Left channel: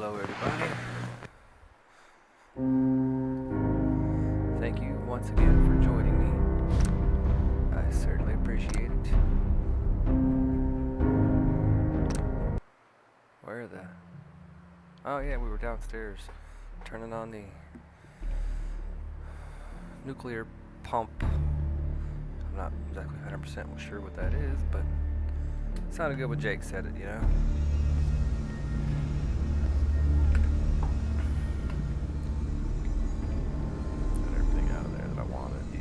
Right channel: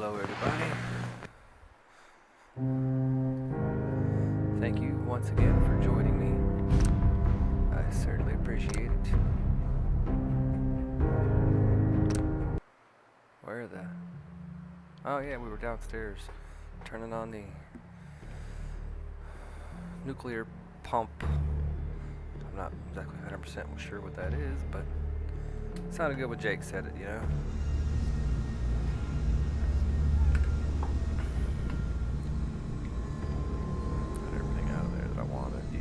Hello everybody. Thank you once again for joining me. I certainly appreciate it. Where are the... Oh yeah, we were downstairs turning on the nuclear pump. I'm not exactly 100% sure what that is, but it sounded good when Jake said it, you know? Got everything out of there that I wanted, yeah.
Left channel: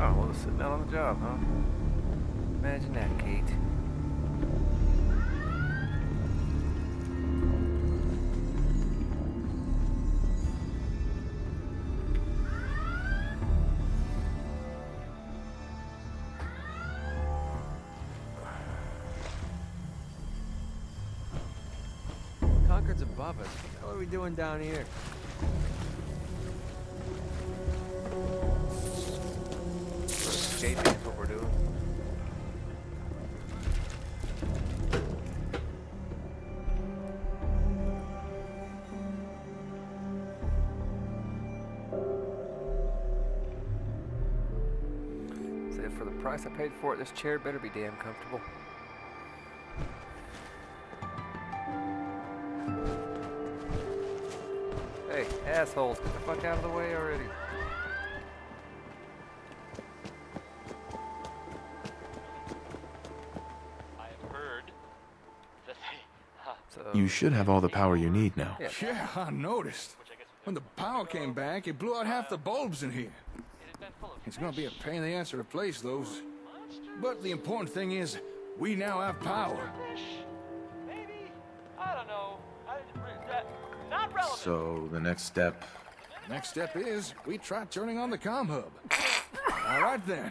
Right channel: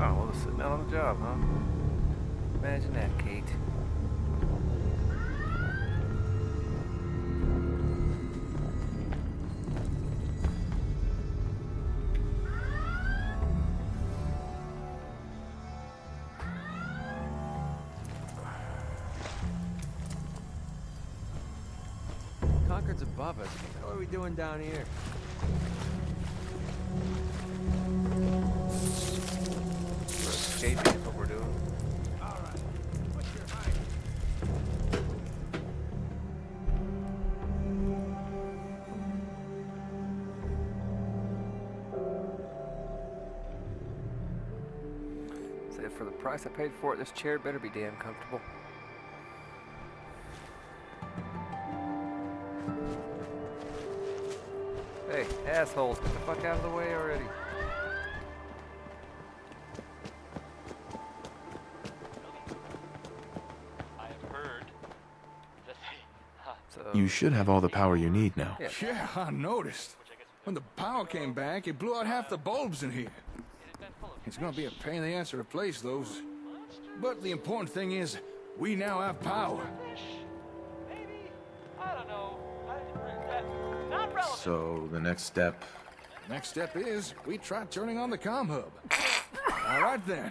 Oh, well, it's sitting out on the job, huh? Imagine that, Kate. Concord's above us. What are we doing down here? We're escaping is what we're doing. So for the price I paid for it, this chair better be damn comfortable. Hey, assholes, get the fuck out of the way already. I have heard that they... So, You should have all the power you need now. yeah. Yeah, I noticed. When the power came back, it blew out half the bulbs in here. It's gonna be a pain in the ass to replace those. But the important thing is, we now have power. Maybe? I don't know. Not relevant. So, the next step... Next step is, we try turning on the comm hub. All right then,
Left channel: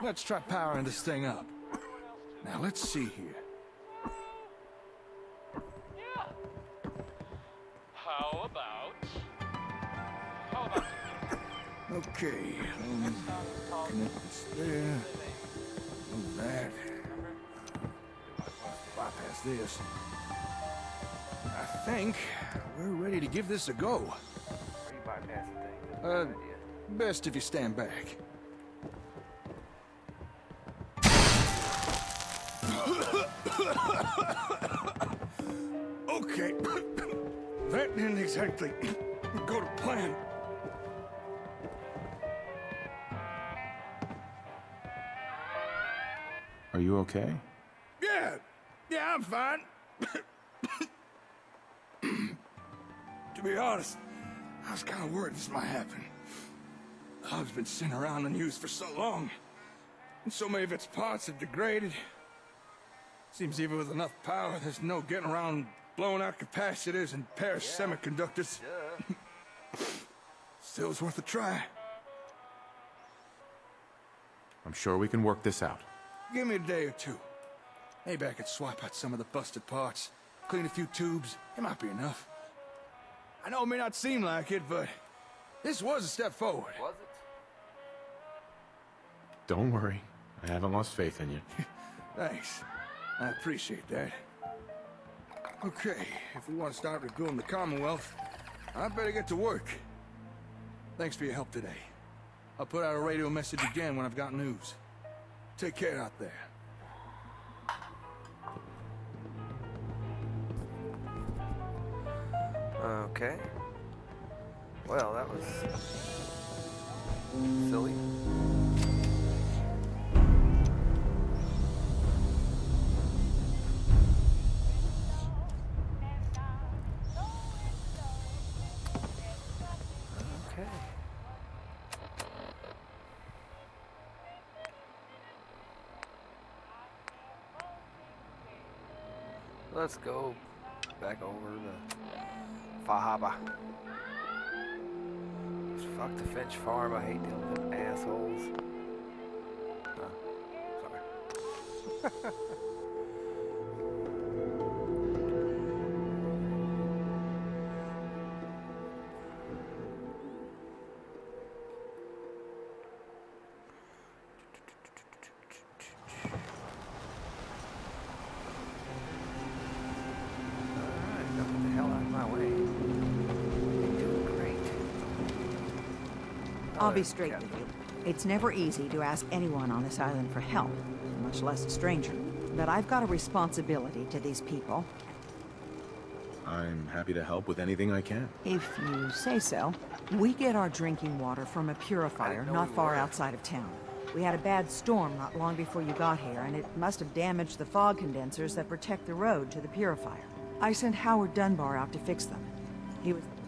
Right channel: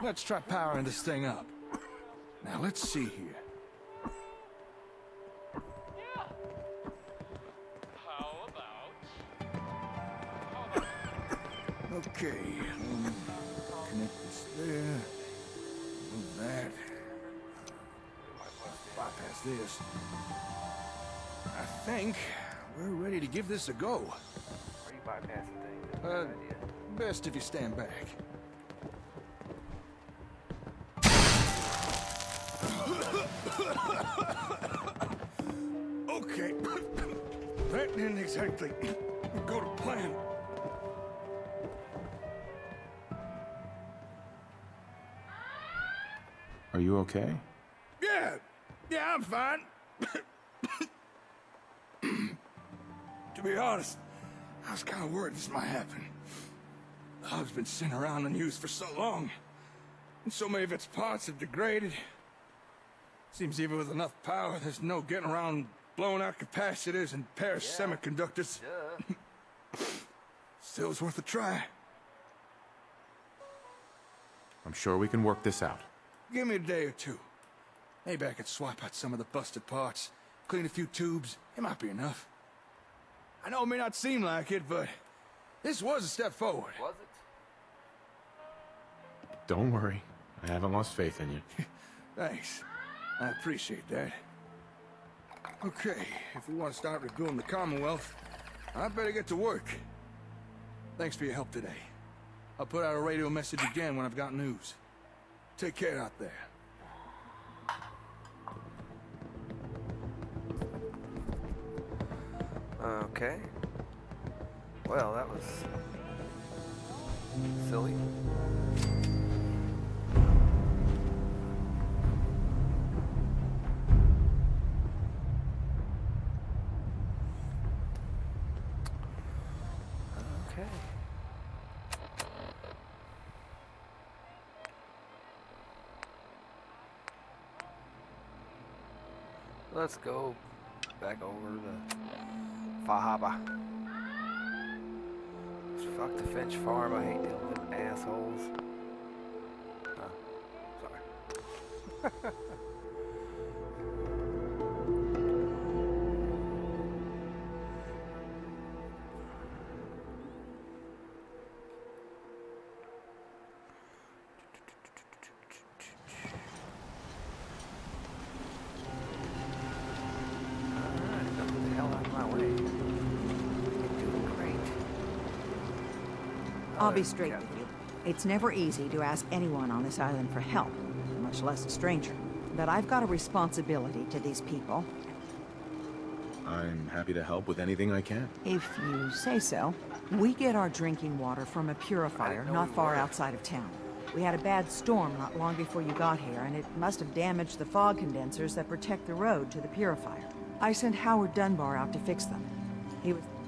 let's try powering this thing up. Now let's see here. Yeah. How about... Okay, connect this there. Move that. Bypass this. I think we're ready to give this a go. Are you bypassing things? That's a good idea. Best if you stand back. Okay. That didn't exactly go to plan. Are you okay? Yeah, I'm fine. To be honest, I was kind of worried this might happen. The hub's been sitting around unused for so long, and so many of its parts have degraded. Seems even with enough power, there's no getting around blowing out capacitors and perished semiconductors. Still, it's worth a try. I'm sure we can work this out. Give me a day or two. Maybe I could swap out some of the busted parts, clean a few tubes. It might be enough. I know it may not seem like it, but this was a step forward. Was it? Don't worry. I haven't lost faith in you. Thanks. I appreciate that. Okay, if we want to start rebuilding the Commonwealth, I better get to work. Thanks for your help today. I'll put out a radio message again when I've got news. Take care out there. Okay. Well, that was silly. Okay. Let's go back over the Fahaba. Fuck the Finch farm. I hate dealing with them assholes. Sorry. I'll be straight with you. It's never easy to ask anyone on this island for help, much less a stranger. But I've got a responsibility to these people. I'm happy to help with anything I can. If you say so. We get our drinking water from a purifier not far outside of town. We had a bad storm not long before you got here, and it must have damaged the fog condensers that protect the road to the purifier. I sent Howard Dunbar out to fix them.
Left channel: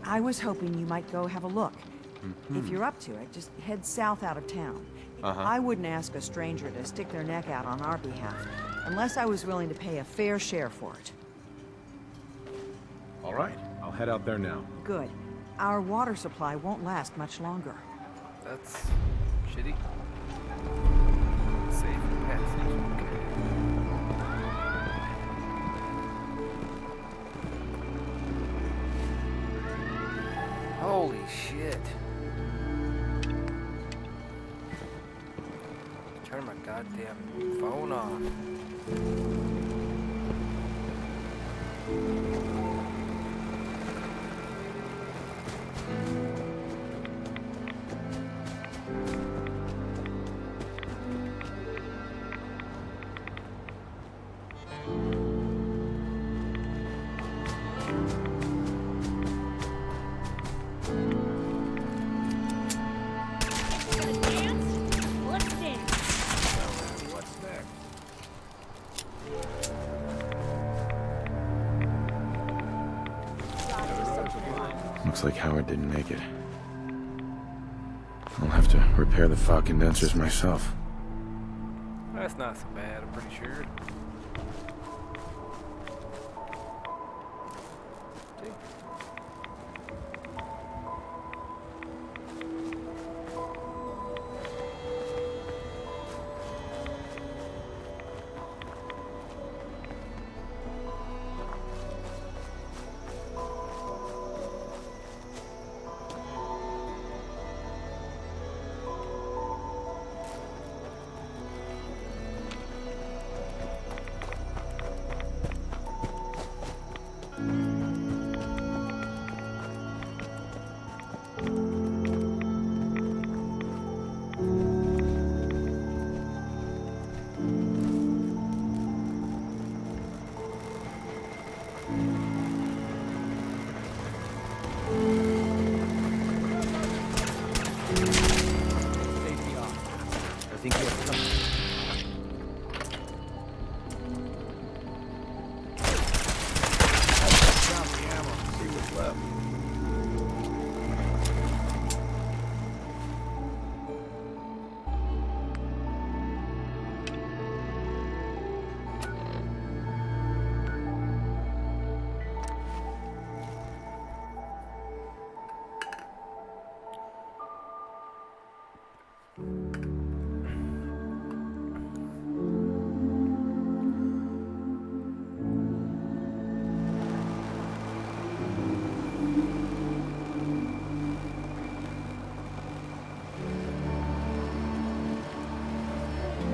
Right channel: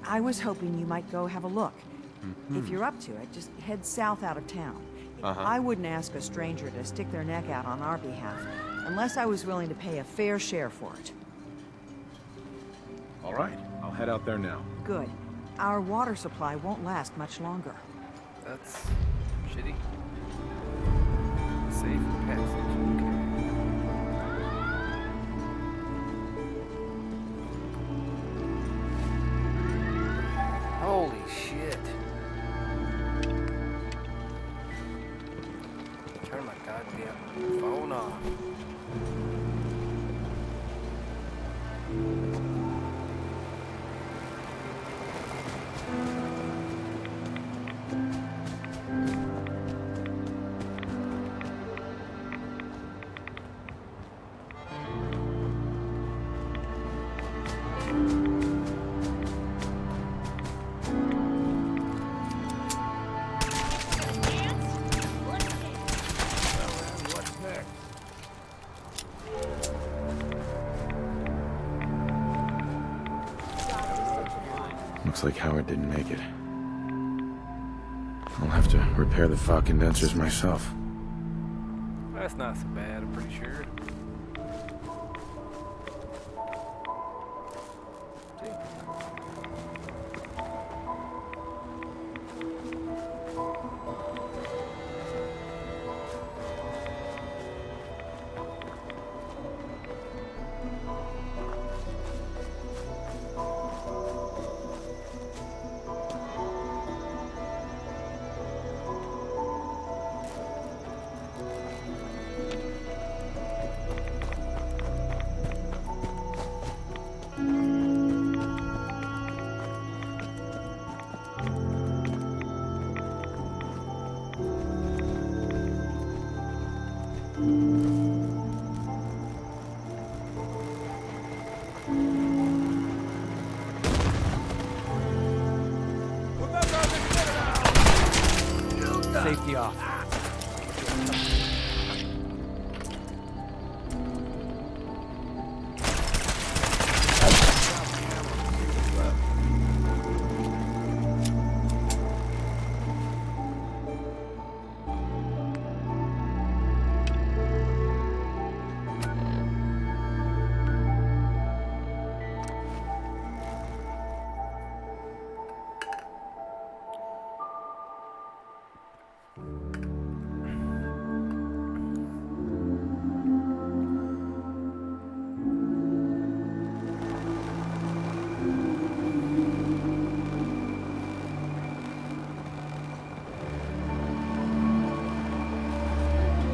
I was hoping you might go have a look. If you're up to it, just head south out of town. I wouldn't ask a stranger to stick their neck out on our behalf, unless I was willing to pay a fair share for it. All right, I'll head out there now. Good. Our water supply won't last much longer. That's shitty. Safe passage. Okay. Holy shit. Turn my goddamn phone off. Looks like Howard didn't make it. I'll have to repair the fog condensers myself. That's not so bad, I'm pretty sure. See? Safety off. Looking good.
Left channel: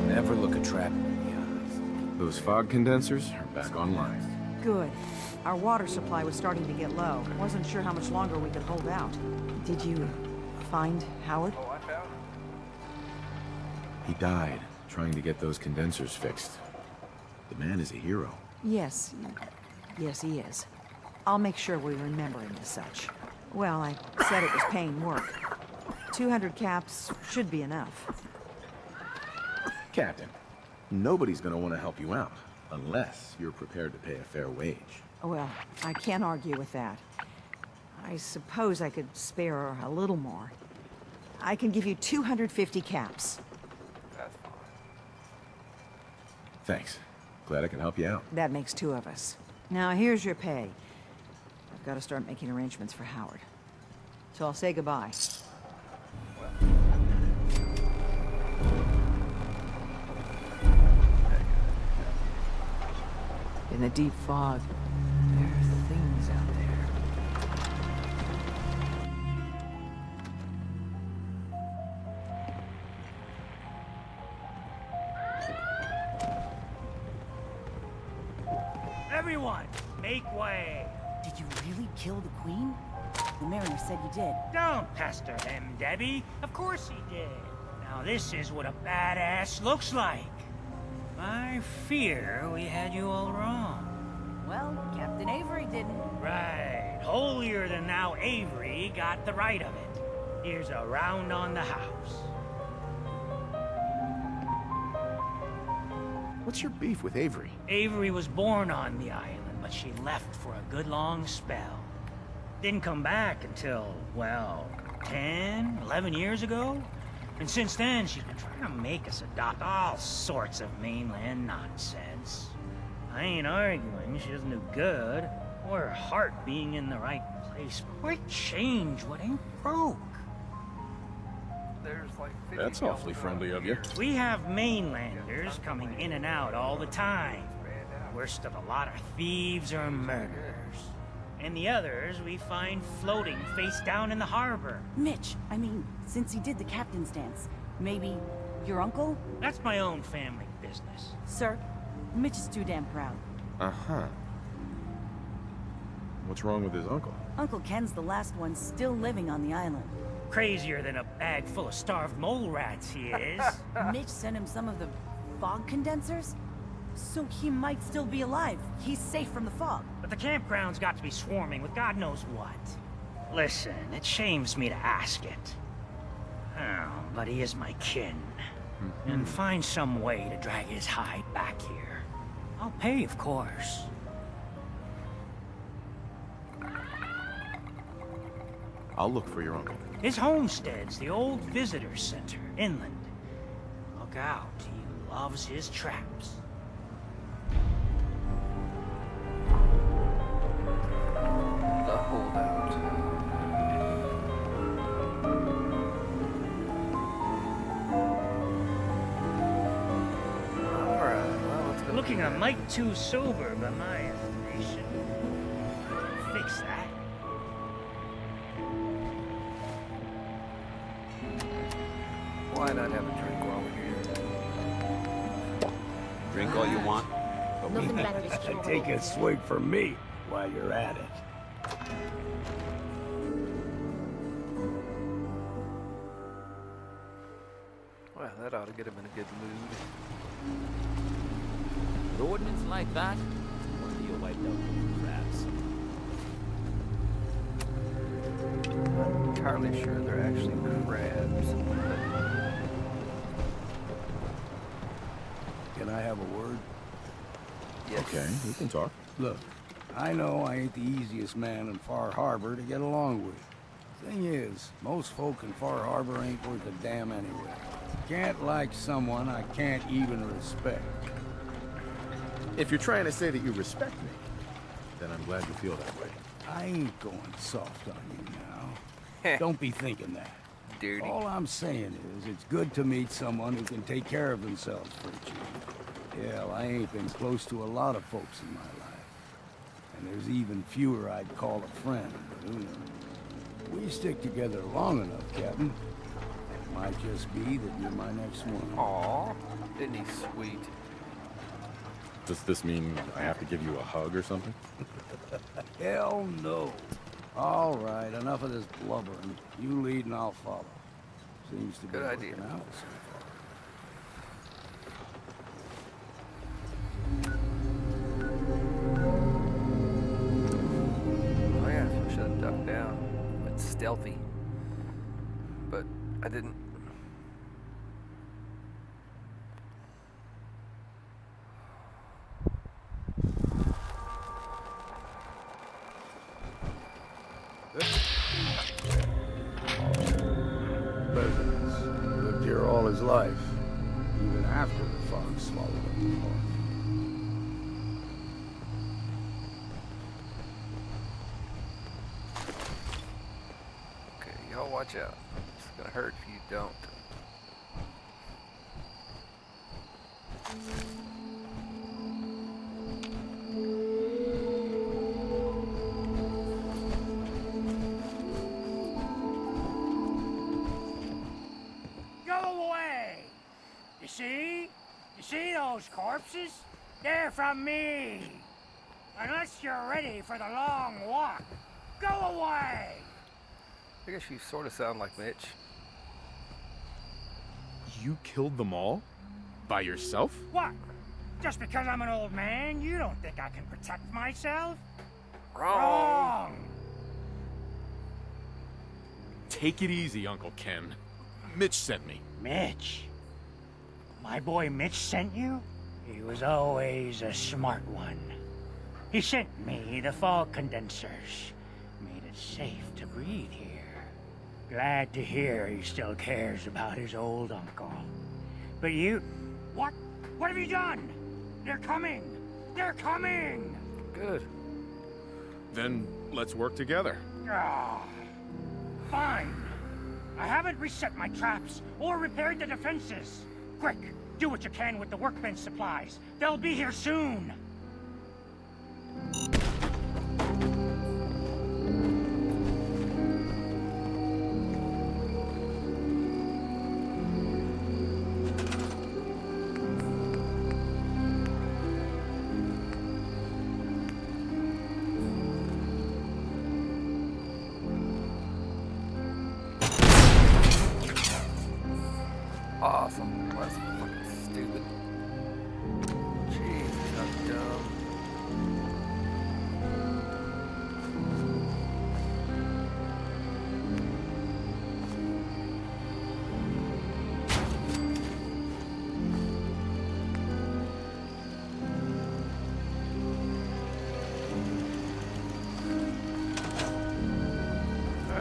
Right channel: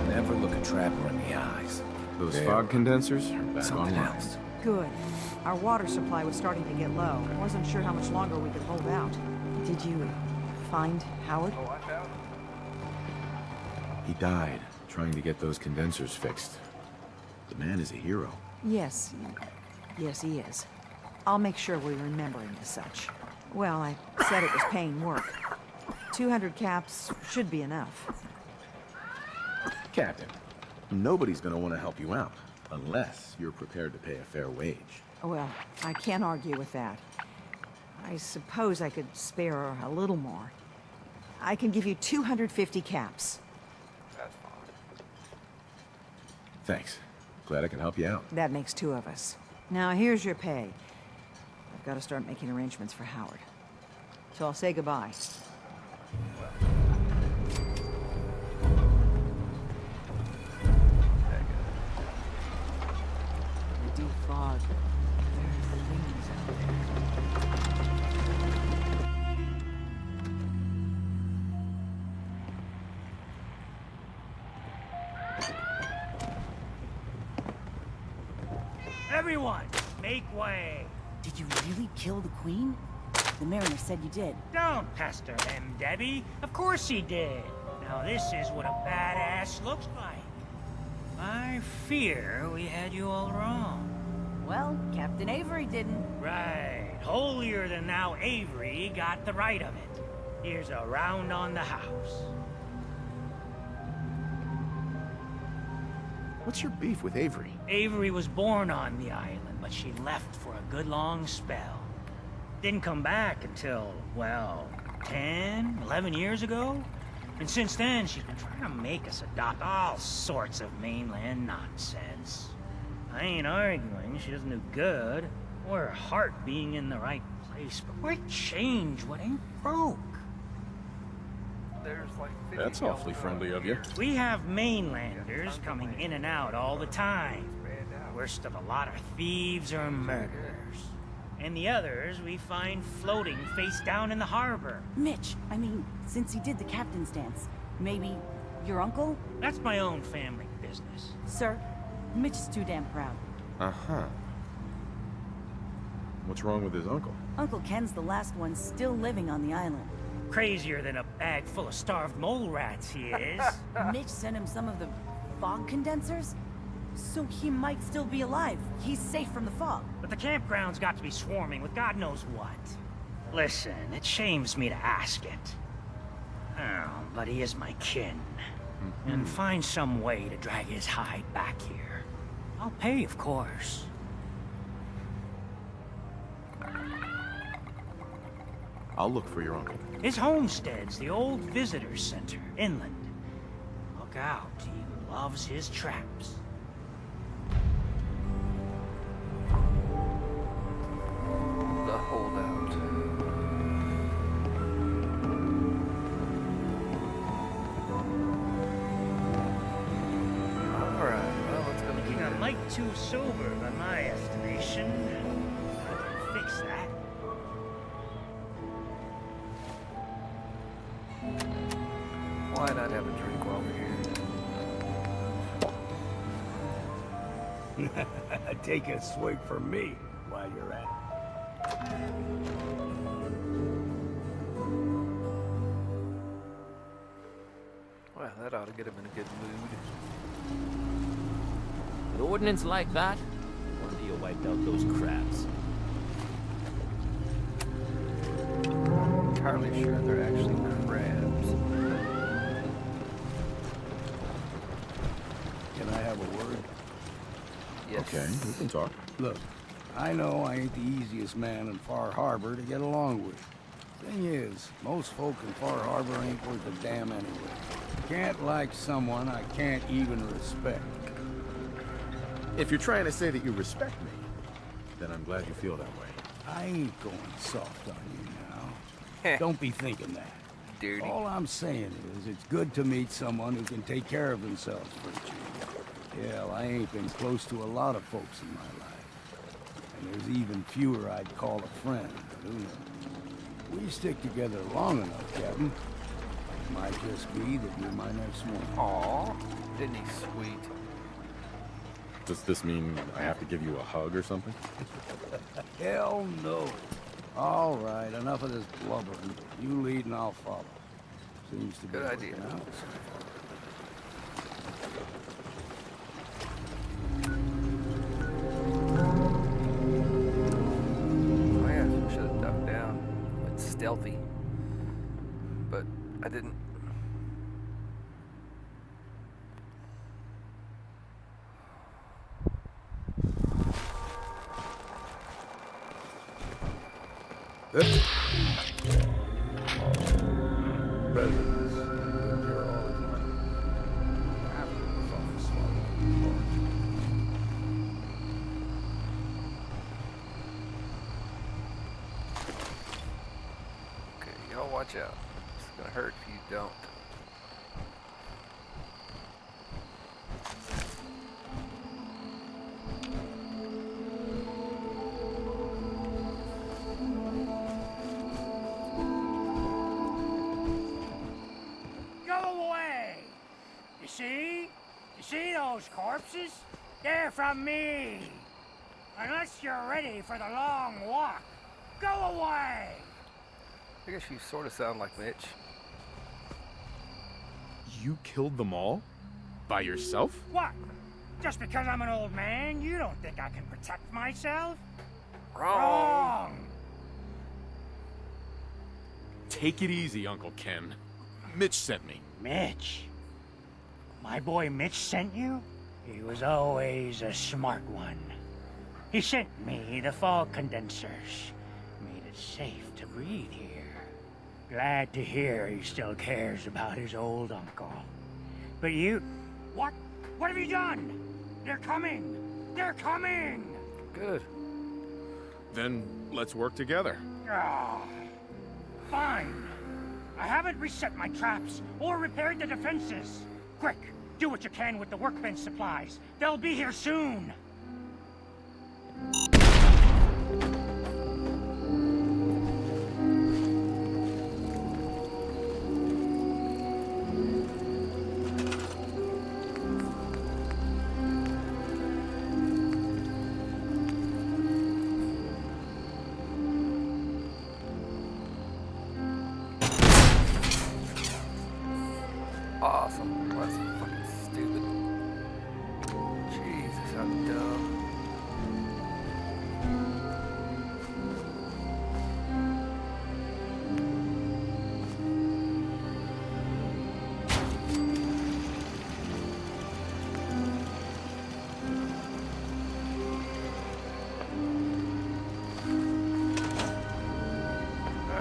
Never look a trapper in the eyes. Those fog condensers are back online. Good. Our water supply was starting to get low. Wasn't sure how much longer we could hold out. Did you find Howard? Oh, I found him. He died trying to get those condensers fixed. The man is a hero. Yes. Yes, he is. I'll make sure we remember him as such. Well, I said it was paying work. 200 caps should be enough. Captain, nobody's gonna want to help you out unless you're prepared to pay a fair wage. Well, I can't argue with that. I suppose I could spare a little more. I can give you 250 caps. That's fine. Thanks. Glad I can help you out. That makes two of us. Now, here's your pay. I've got to start making arrangements for Howard. So I'll say goodbye. In the deep fog, there are things out there. Everyone, make way! Did you really kill the queen? The mariner said you did. Don't pester him, Debbie. Of course he did. Now this is what a badass looks like. I fear we had you all wrong. Well, Captain Avery didn't. Right. Holier than thou Avery got the right of it. Here's a round on the house. What's your beef with Avery? Avery was born on the island, but she left for a good long spell. Didn't come back until, well, 10, 11 years ago. And since then, she's been trying to make us adopt all sorts of mainland nonsense. I ain't arguing she doesn't do good, or her heart being in the right place, but why change what ain't broke? There's like 50 That's awfully friendly of you. We have mainlanders coming in and out all the time. Worst of a lot are thieves or murderers. And the others we find floating face down in the harbor. Mitch, I mean, since he did the captain's dance, maybe your uncle? That's my own family business. Sir, Mitch is too damn proud. Uh-huh. What's wrong with his uncle? Uncle Ken's the last one still living on the island. Crazier than a bag full of starved mole rats, he is. Mitch sent him some of the fog condensers? So he might still be alive. He's safe from the fog. But the campground's got to be swarming with God knows what. Listen, it shames me to ask it. Oh, but he is my kin. And find some way to drag his hide back here. I'll pay, of course. I'll look for your uncle. His homestead's the old visitor center, inland. Look out, he loves his traps. The holdout. Alright, well, let's go. Looking a mite too sober by my estimation. I can fix that. Why not have a drink while we're here? Drink all you want. Take a swig for me while you're at it. Well, that ought to get him in a good mood. With ordnance like that, no wonder you wiped out those crabs. I'm not entirely sure they're actually crabs. Can I have a word? Yes. Okay, we can talk. Look, I know I ain't the easiest man in Far Harbor to get along with. Thing is, most folk in Far Harbor ain't worth a damn anyway. Can't like someone I can't even respect. If you're trying to say that you respect me, then I'm glad you feel that way. I ain't going soft on you now. Don't be thinking that. Dirty. All I'm saying is, it's good to meet someone who can take care of themselves for a change. Hell, I ain't been close to a lot of folks in my life. And there's even fewer I'd call a friend, but who knows? We stick together long enough, Captain. It might just be that you're my next one. Aw, isn't he sweet? Does this mean I have to give you a hug or something? Hell no. All right, enough of this blubbering. You lead and I'll follow. Seems to be Good idea. working out so far. Oh yeah, I should have ducked down. It's stealthy. But I didn't. Presidents lived here all his life, even after the fox swallowed up the park. Okay, y'all watch out. It's gonna hurt if you don't. Go away! You see? You see those corpses? They're from me! Unless you're ready for the long walk, go away! I guess you sort of sound like Mitch. You killed them all? By yourself? What? Just because I'm an old man, you don't think I can protect myself? Wrong. Take it easy, Uncle Ken. Mitch sent me. Mitch? My boy Mitch sent you? He was always a smart one. He sent me the fog condensers. Made it safe to breathe here. Glad to hear he still cares about his old uncle. But you... What? What have you done? They're coming! They're coming! Good. Then let's work together. Ah, fine. I haven't reset my traps or repaired the defenses. Quick, do what you can with the workbench supplies. They'll be here soon. Awesome. Well, that's fucking stupid. Jesus, how dumb.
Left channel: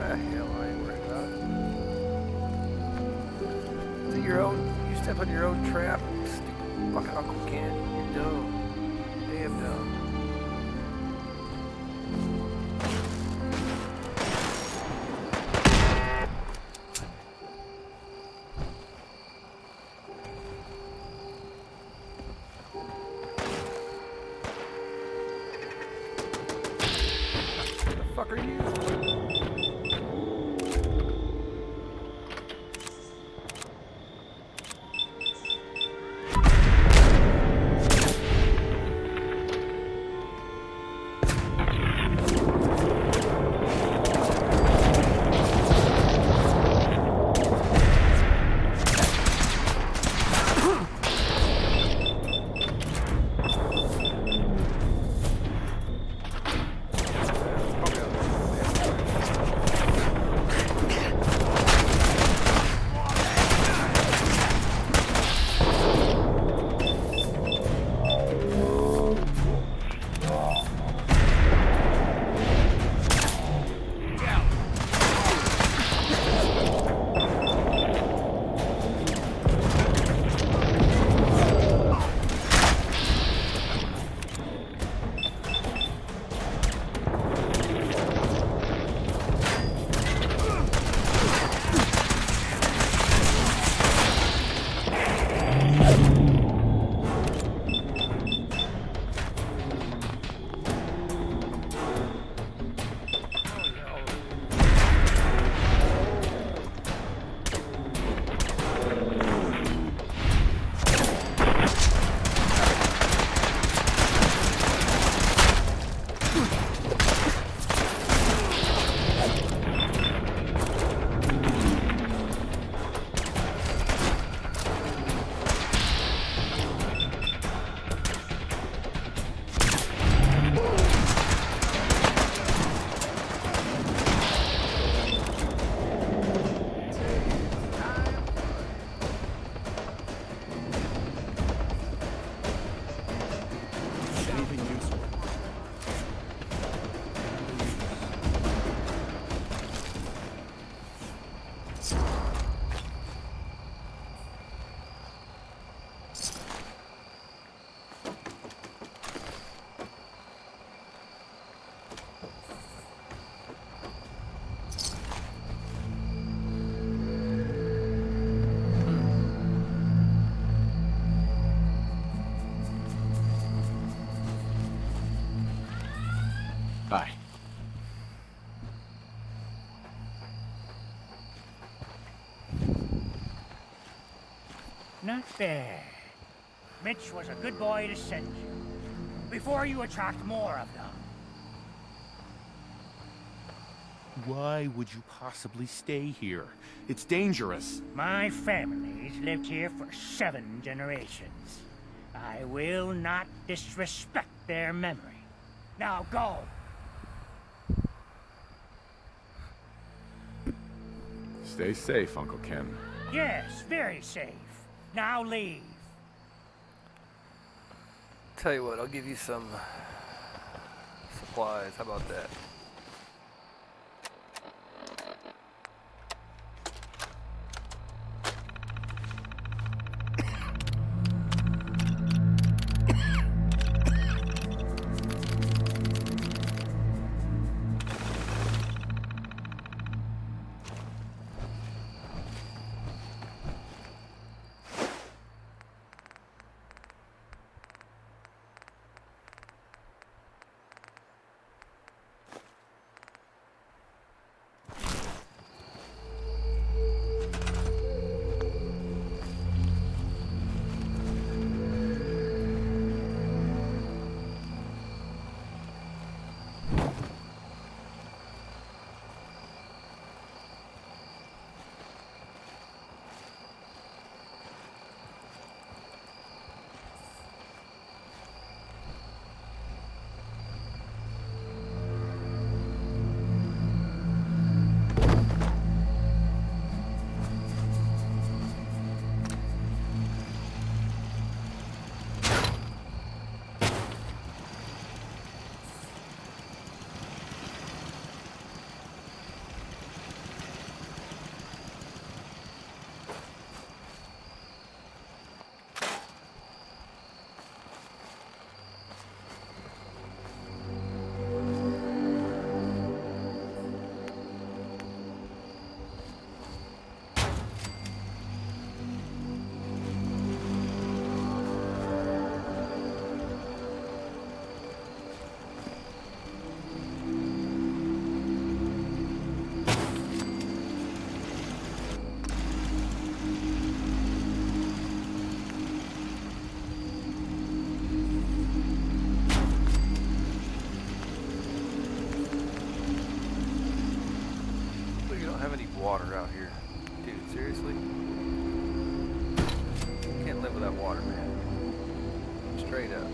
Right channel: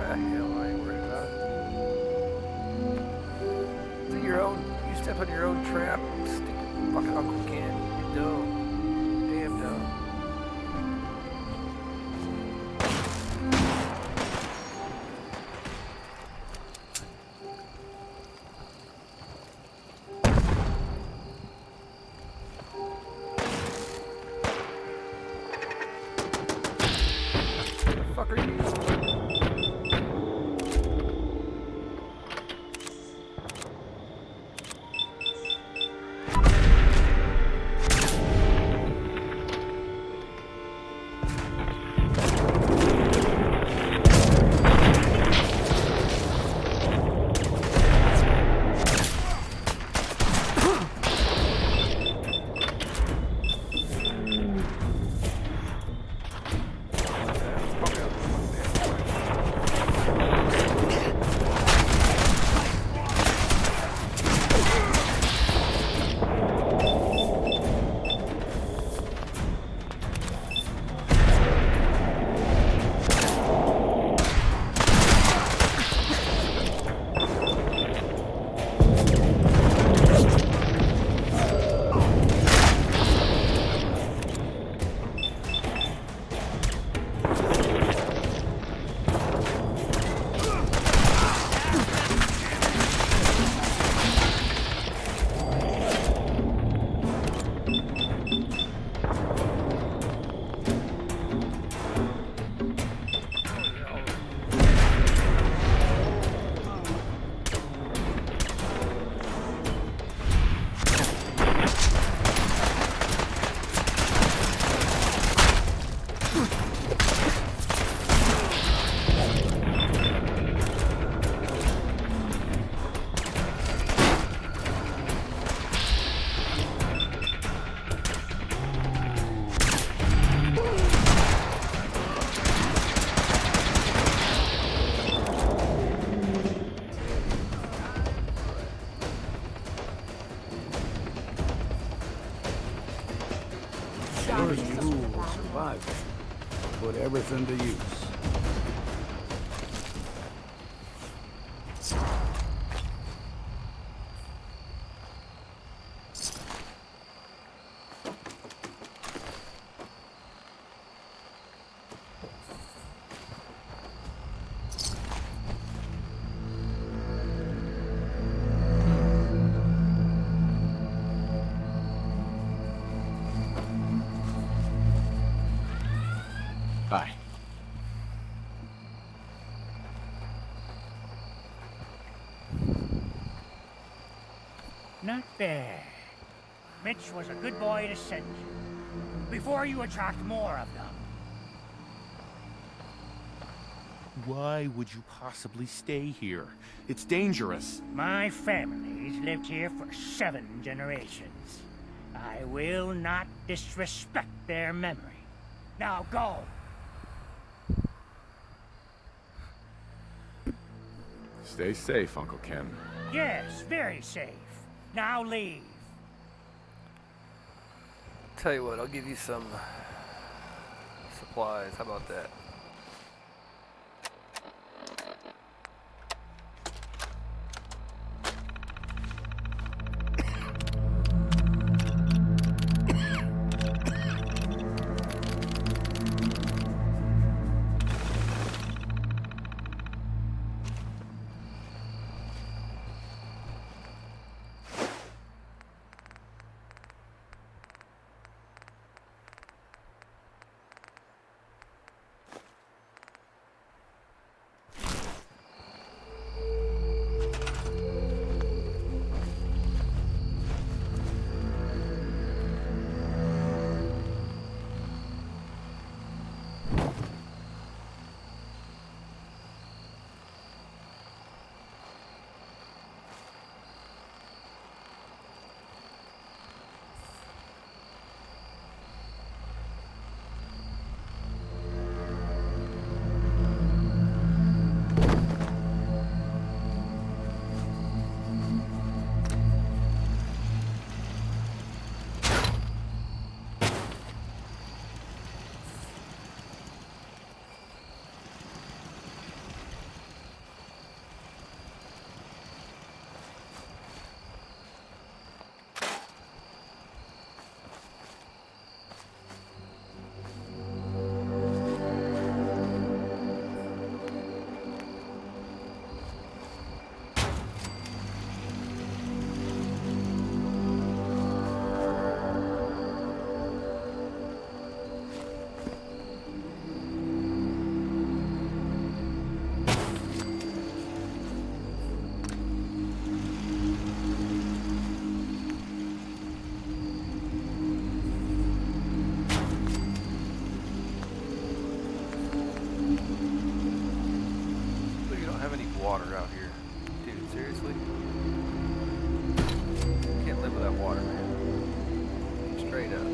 Hell, I ain't worried about it. Is it your own? You step on your own trap, stupid fucking Uncle Ken. You're dumb. You're damn dumb. What the fuck are you? Put everything to use. Hi. Not bad. Mitch was a good boy to send you. Before you attract more of them. Why would you possibly stay here? It's dangerous. My family's lived here for 7 generations. I will not disrespect their memory. Now go! Stay safe, Uncle Ken. Yes, very safe. Now leave. Tell you what, I'll give you some supplies. How about that? Water out here. Dude, seriously? Can't live without water, man. Straight up.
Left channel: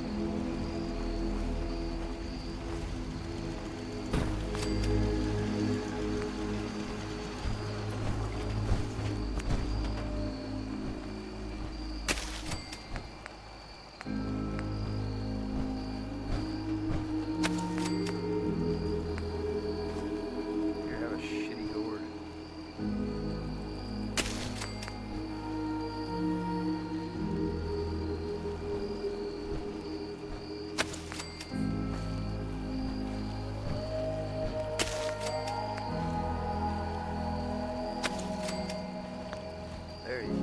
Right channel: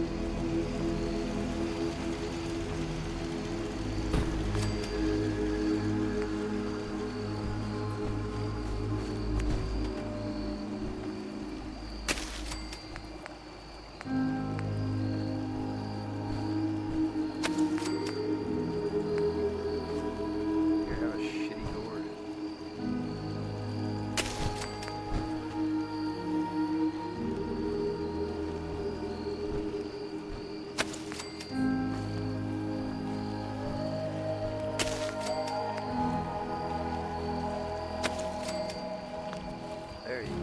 There you go.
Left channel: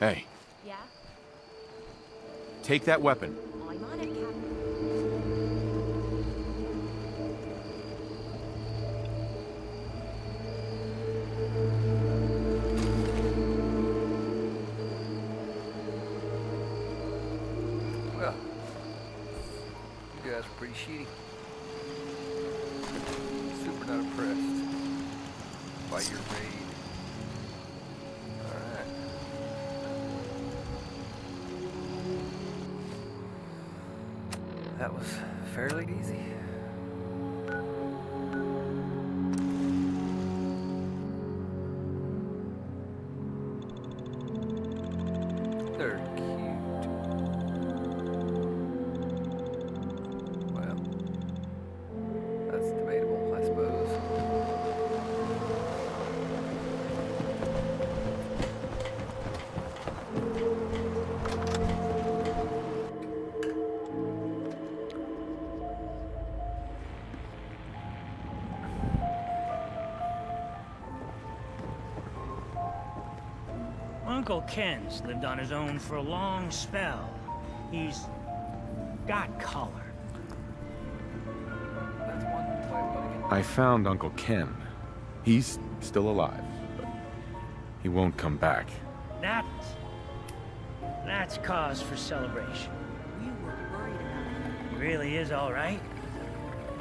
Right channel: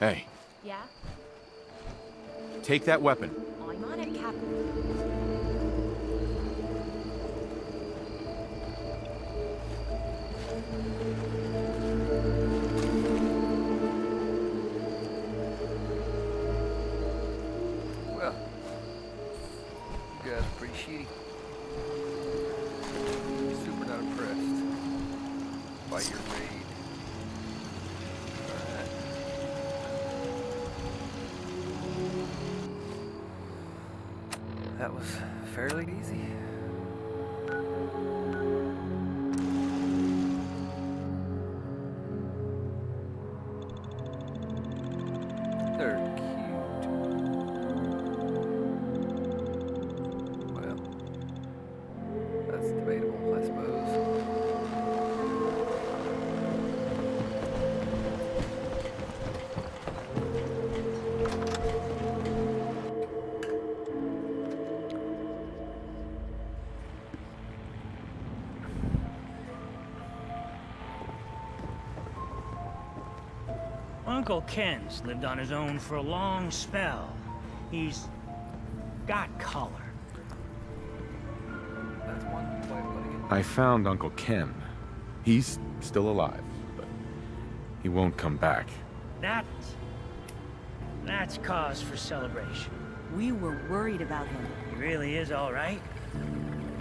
Hey, Yeah? take that weapon. I'm on it, Captain. Well, you guys are pretty shitty. Super not impressed by your raid. Alright. That was fairly easy. They're cute. Well, that's debatable, I suppose. Uncle Ken's lived on his own for a long spell. He's got color. That's one way of putting it. I found Uncle Ken. He's still alive, but He won't come back. That's cause for celebration. We were worried about him. He really is all right?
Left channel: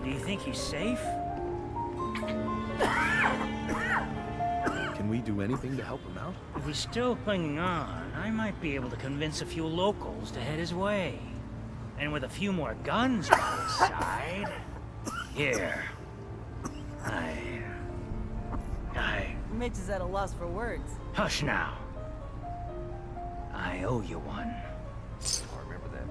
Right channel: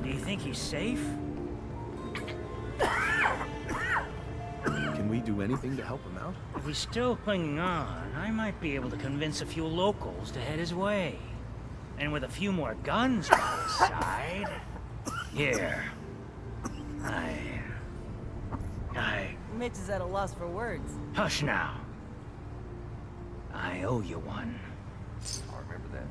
Do you think he's safe? Can we do anything to help him out? If he's still clinging on, I might be able to convince a few locals to head his way. And with a few more guns by his side... Here. Mitch is at a loss for words. Hush now. I owe you one. I'll remember that.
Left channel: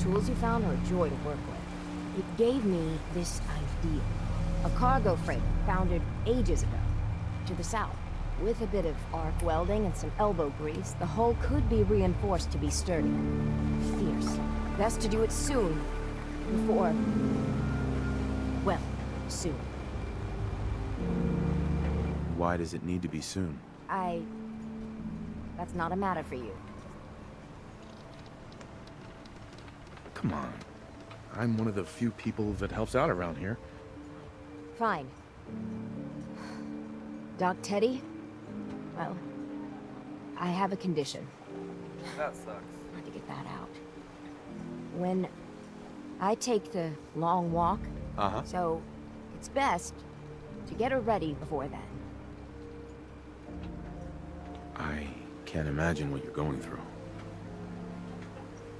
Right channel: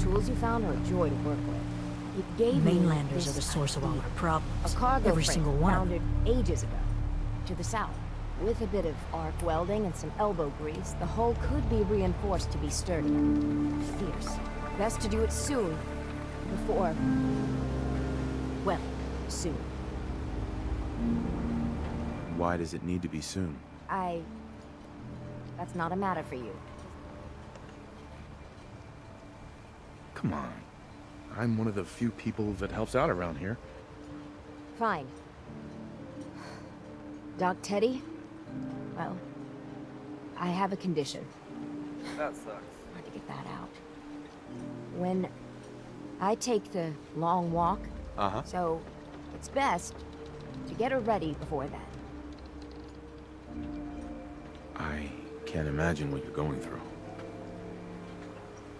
Tools you found are a joy to work with. It gave me Mainlanders this are the source of all idea. our problems. A cargo Every freight single one. founded ages ago, to the south. With a bit of arc welding and some elbow grease, the hull could be reinforced to be sturdier. Fierce. Best to do it soon, before... well, soon. Why does it need to be soon? That's not a matter for you. Come on. I'm one of the few people that helps out around here. Fine. Doc Teddy? Well, I have a condition. That sucks. Hard to get that out. When I take the long walk, so it's best to get her ready before then. I can't imagine what you're going through.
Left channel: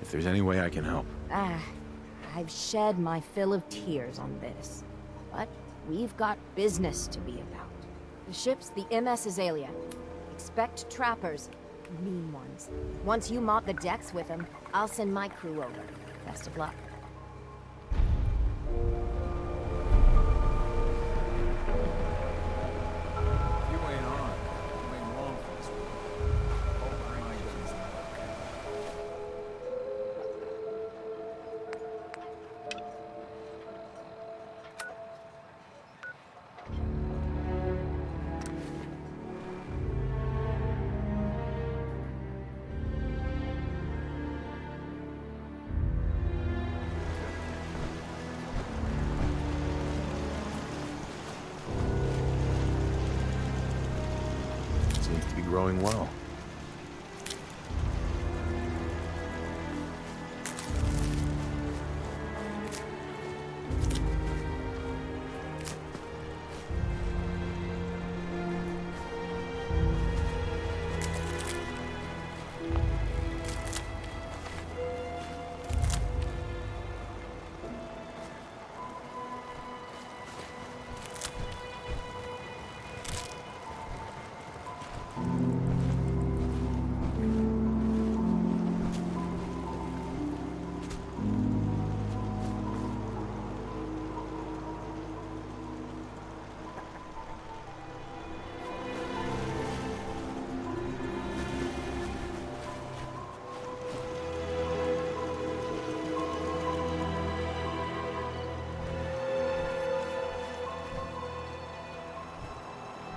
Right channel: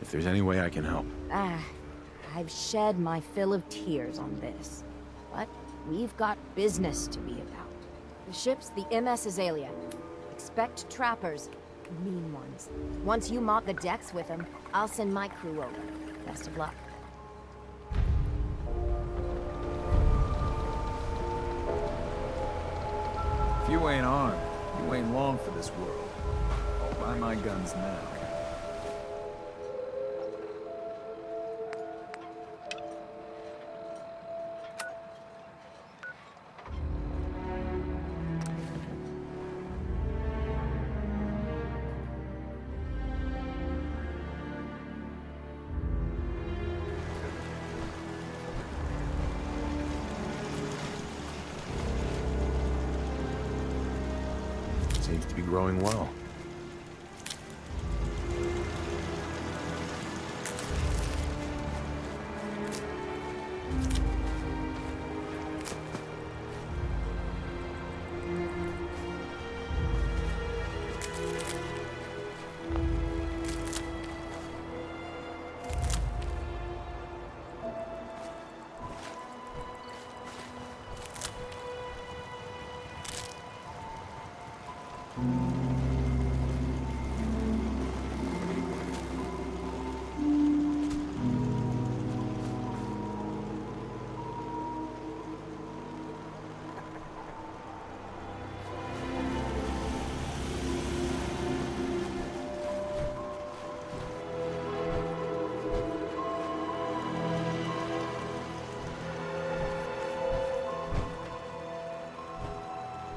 If there's any way I can help. I've shed my fill of tears on this. But we've got business to be about. The ship's the MS Azalea. Expect trappers, mean ones. Once you mop the decks with them, I'll send my crew over. Best of luck. If you ain't on, you ain't long for this world. I'll buy my guns now. Seems to be growing well.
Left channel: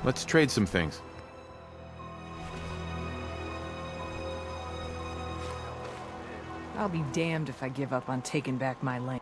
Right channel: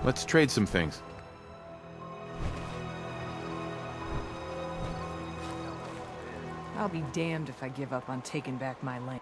Let's trade some things. I'll be damned if I give up on taking back my land.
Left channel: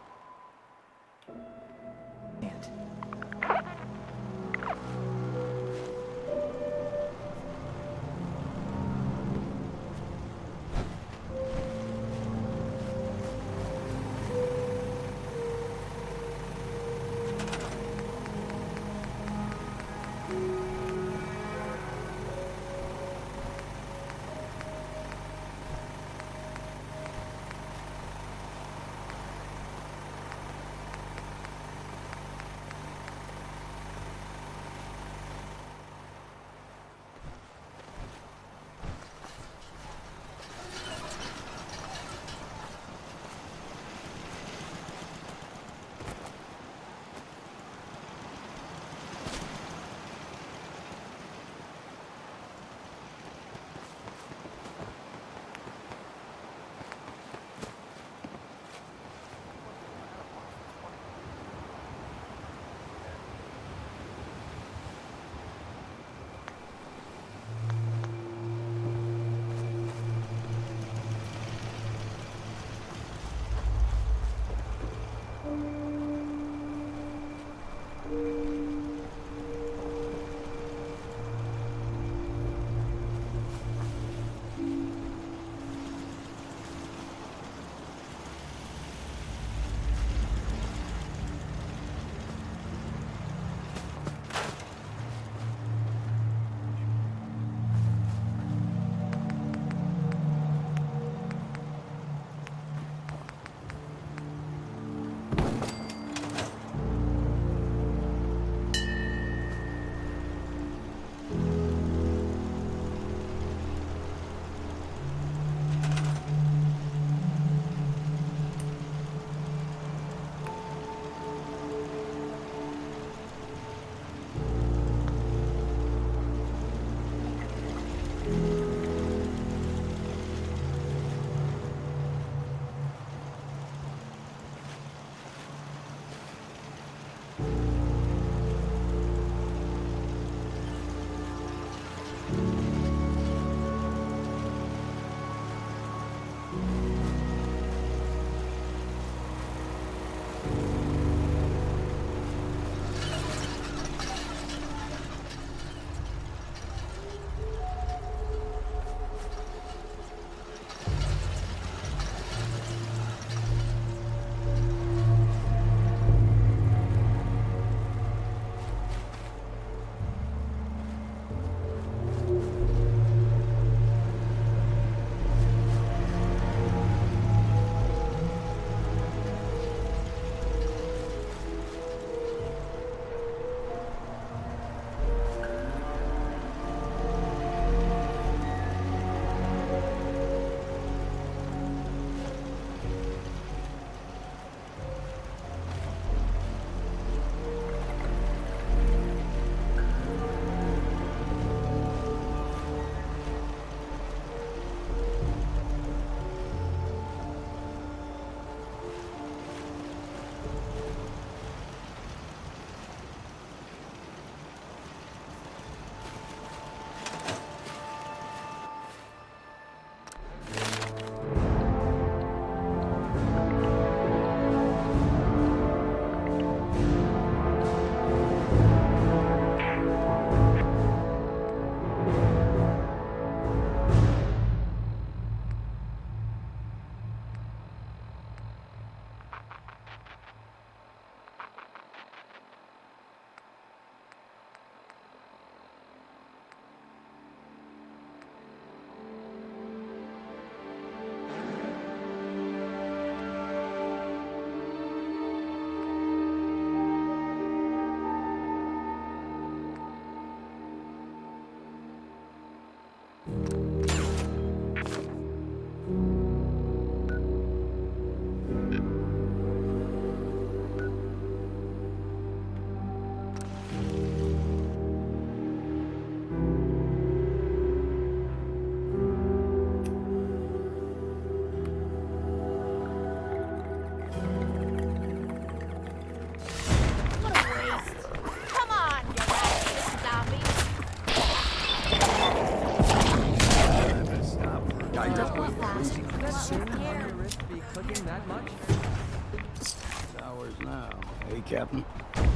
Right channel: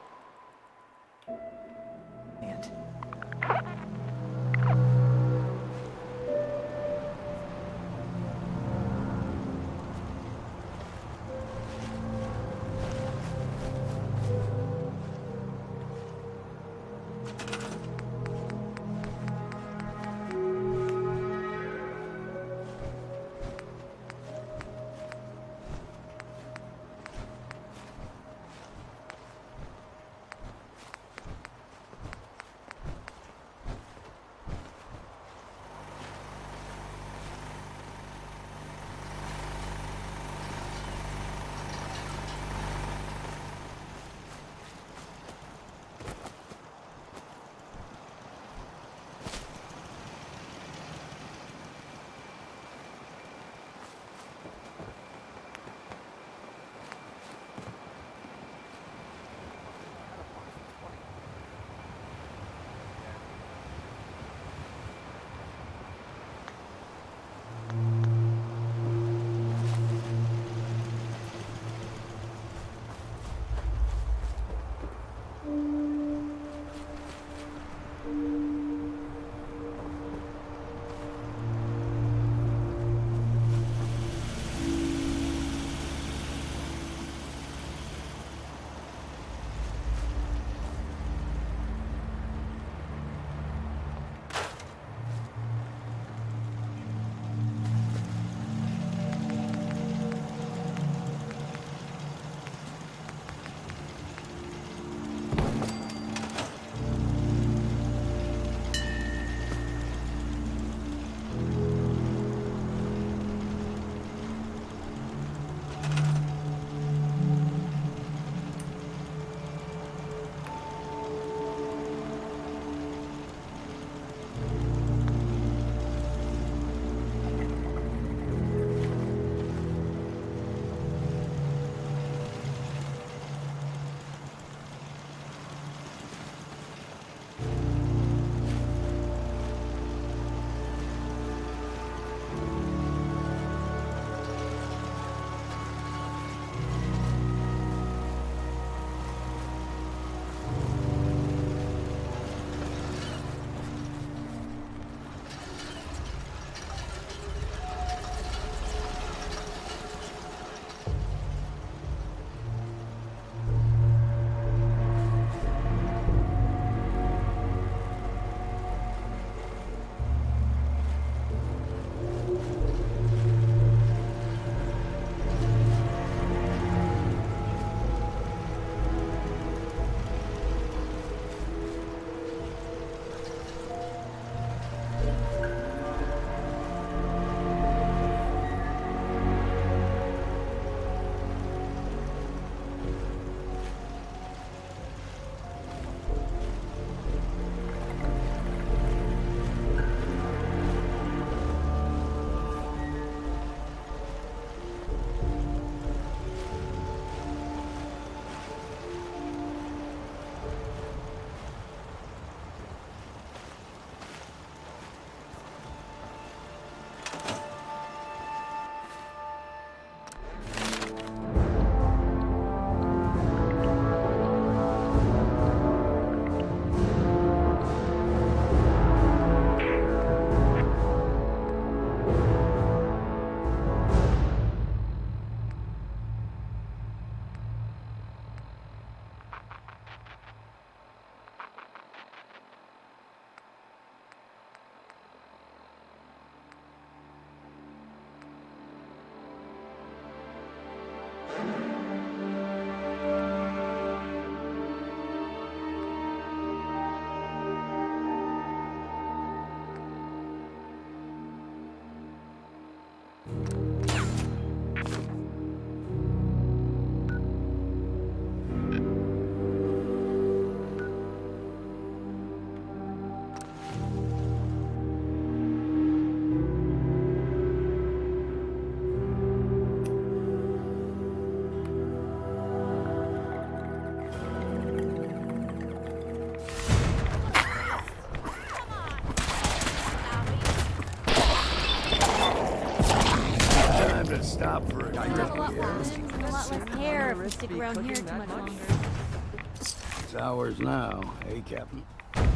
It's ours now, eh, Captain? I'm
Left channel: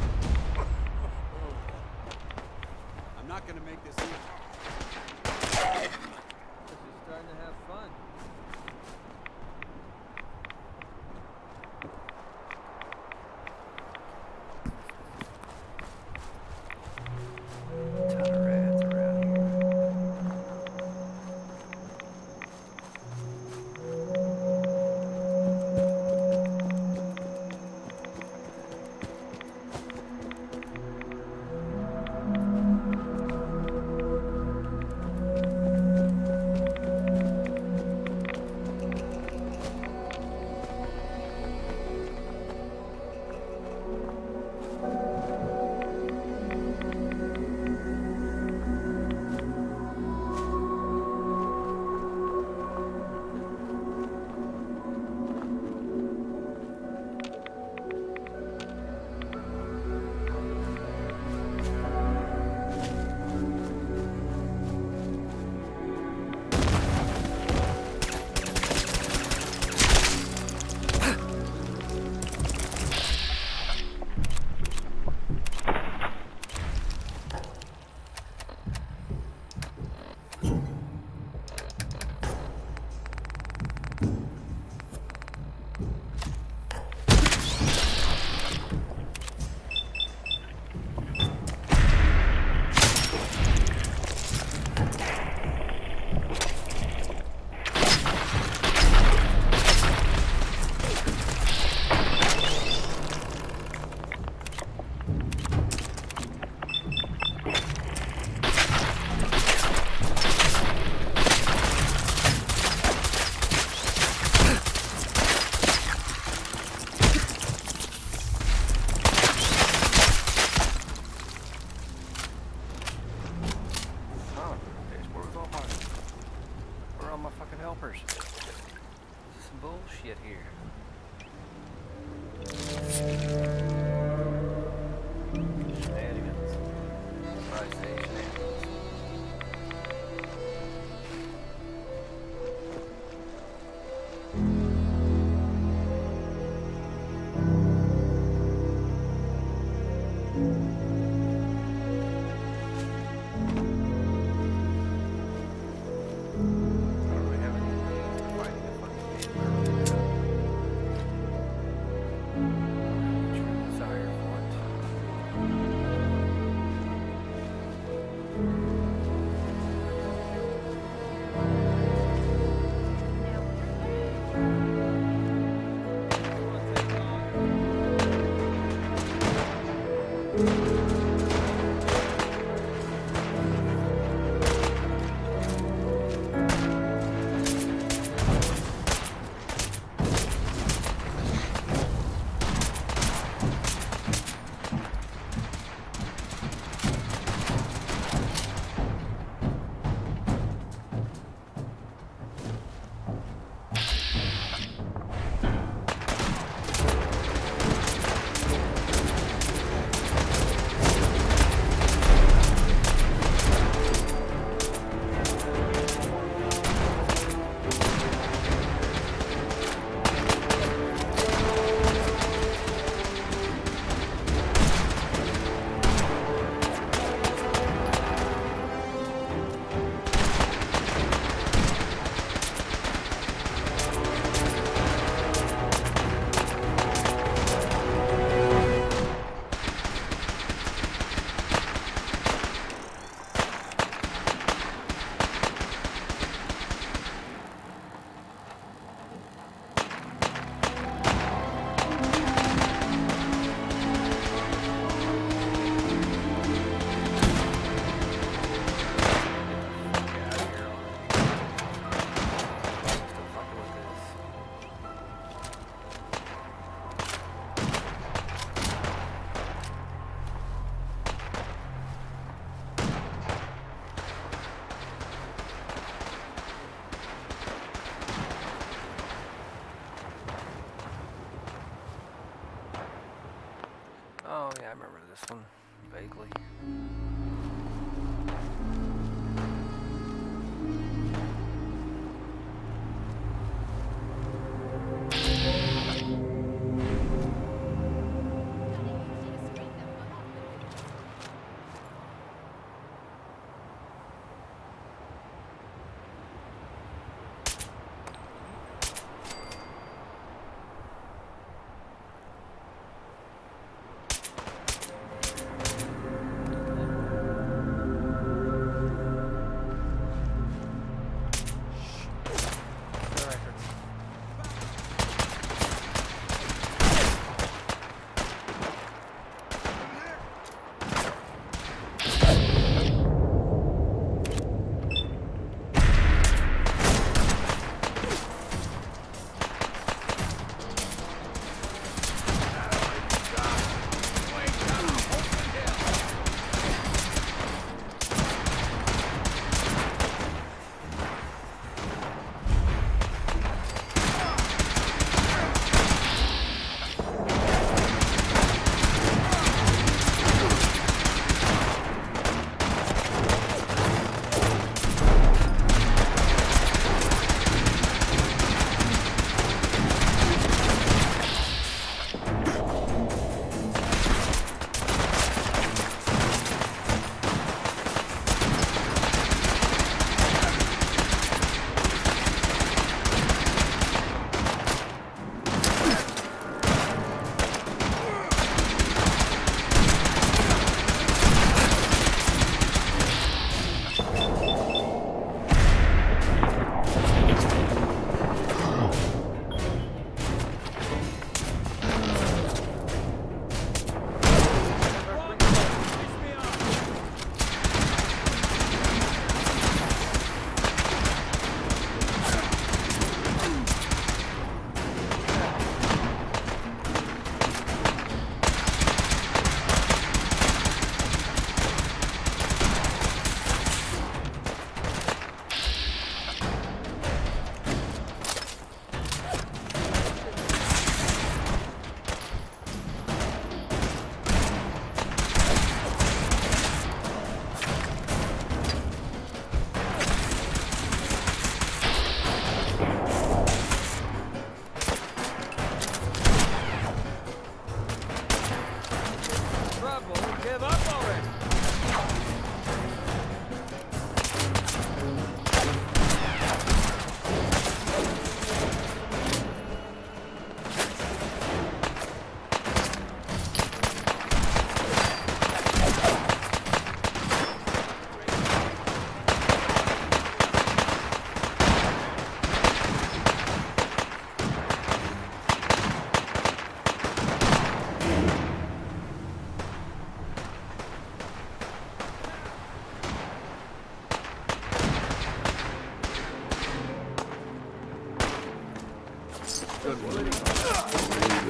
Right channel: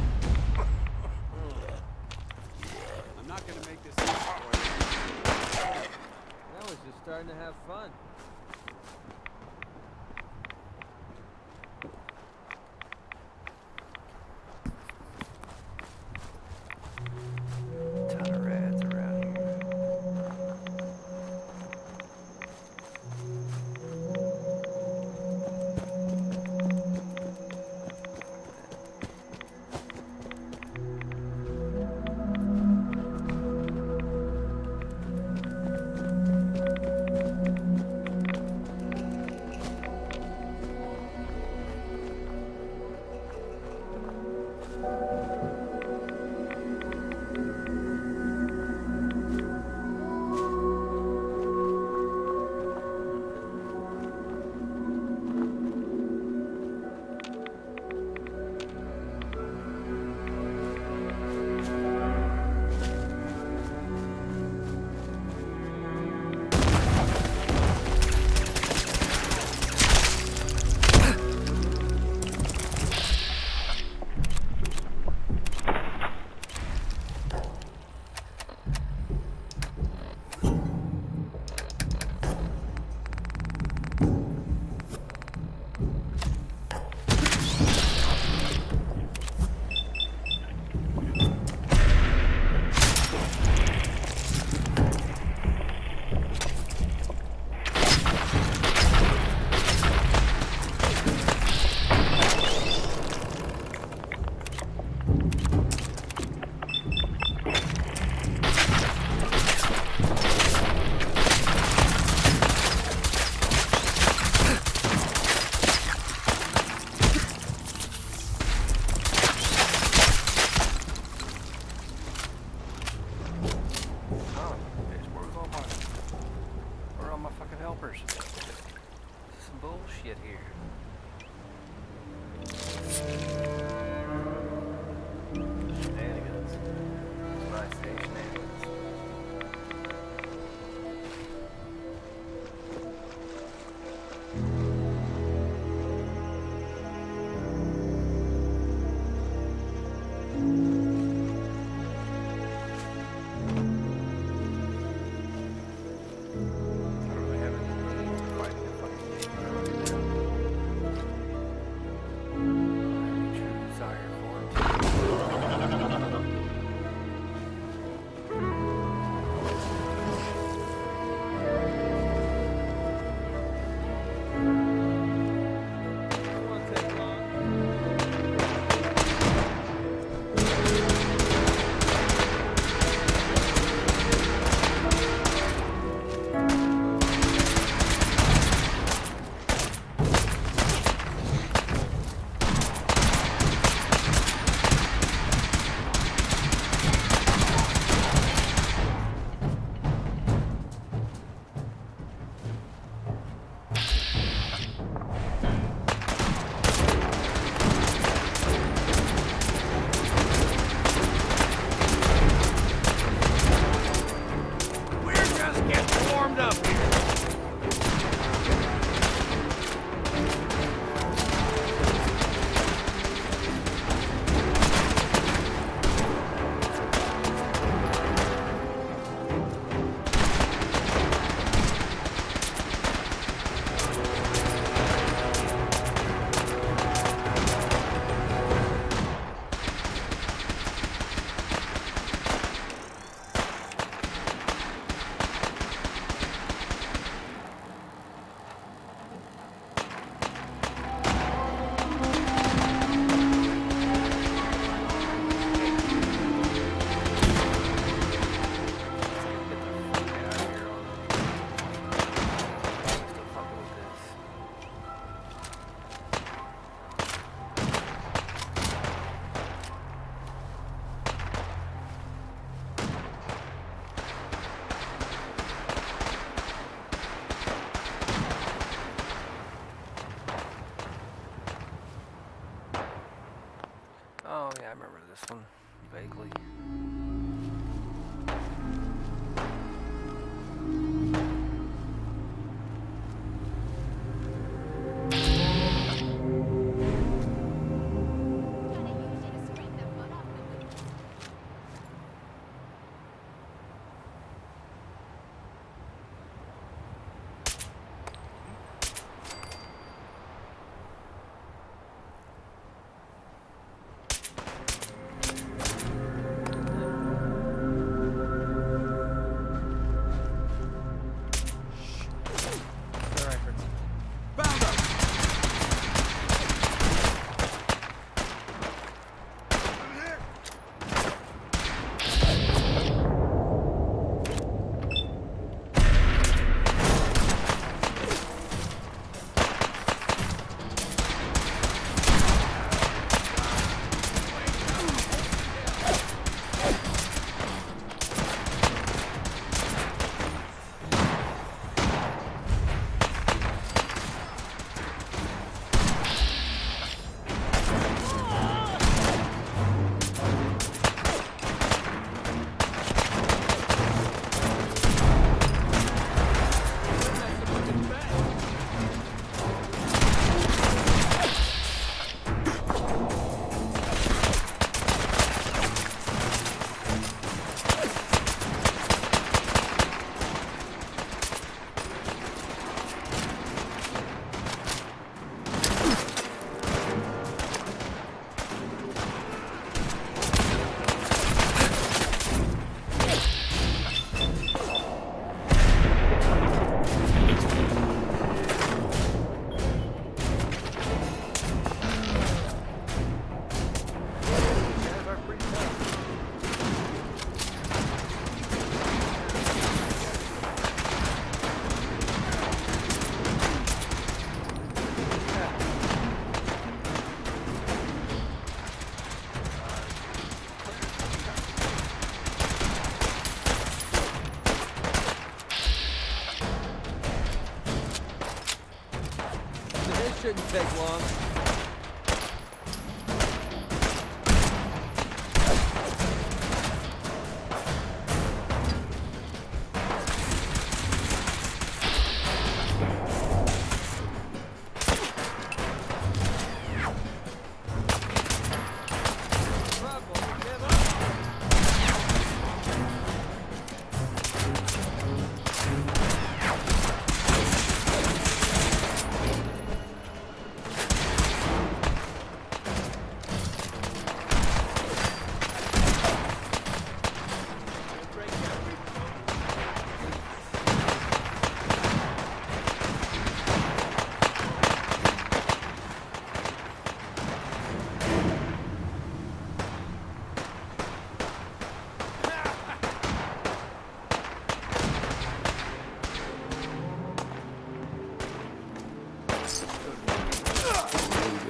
not gonna make this easy for you. I was just starting to have fun. Ton of rats around here. Helpers. Some bullshit here. Shenanigans. That's what I say, shenanigans.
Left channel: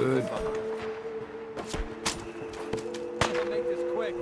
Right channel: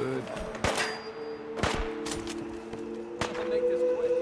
Good. I'll make this quick.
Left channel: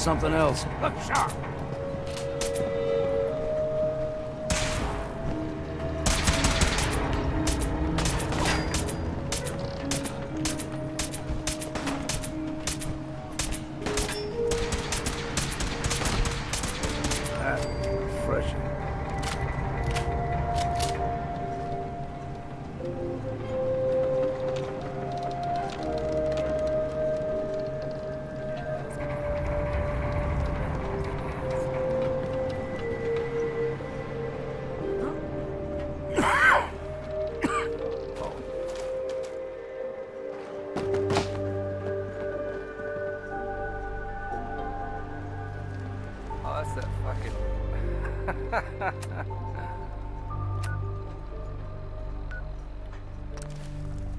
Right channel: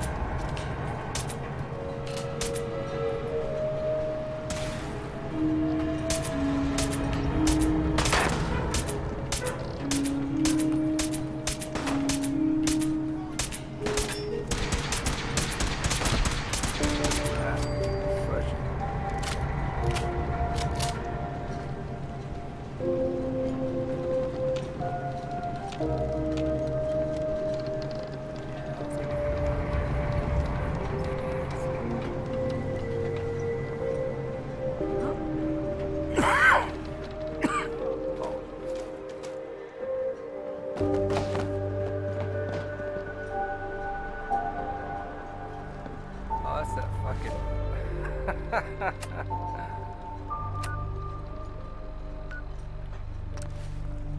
Something else. Fresh. Oh, that's that fucking...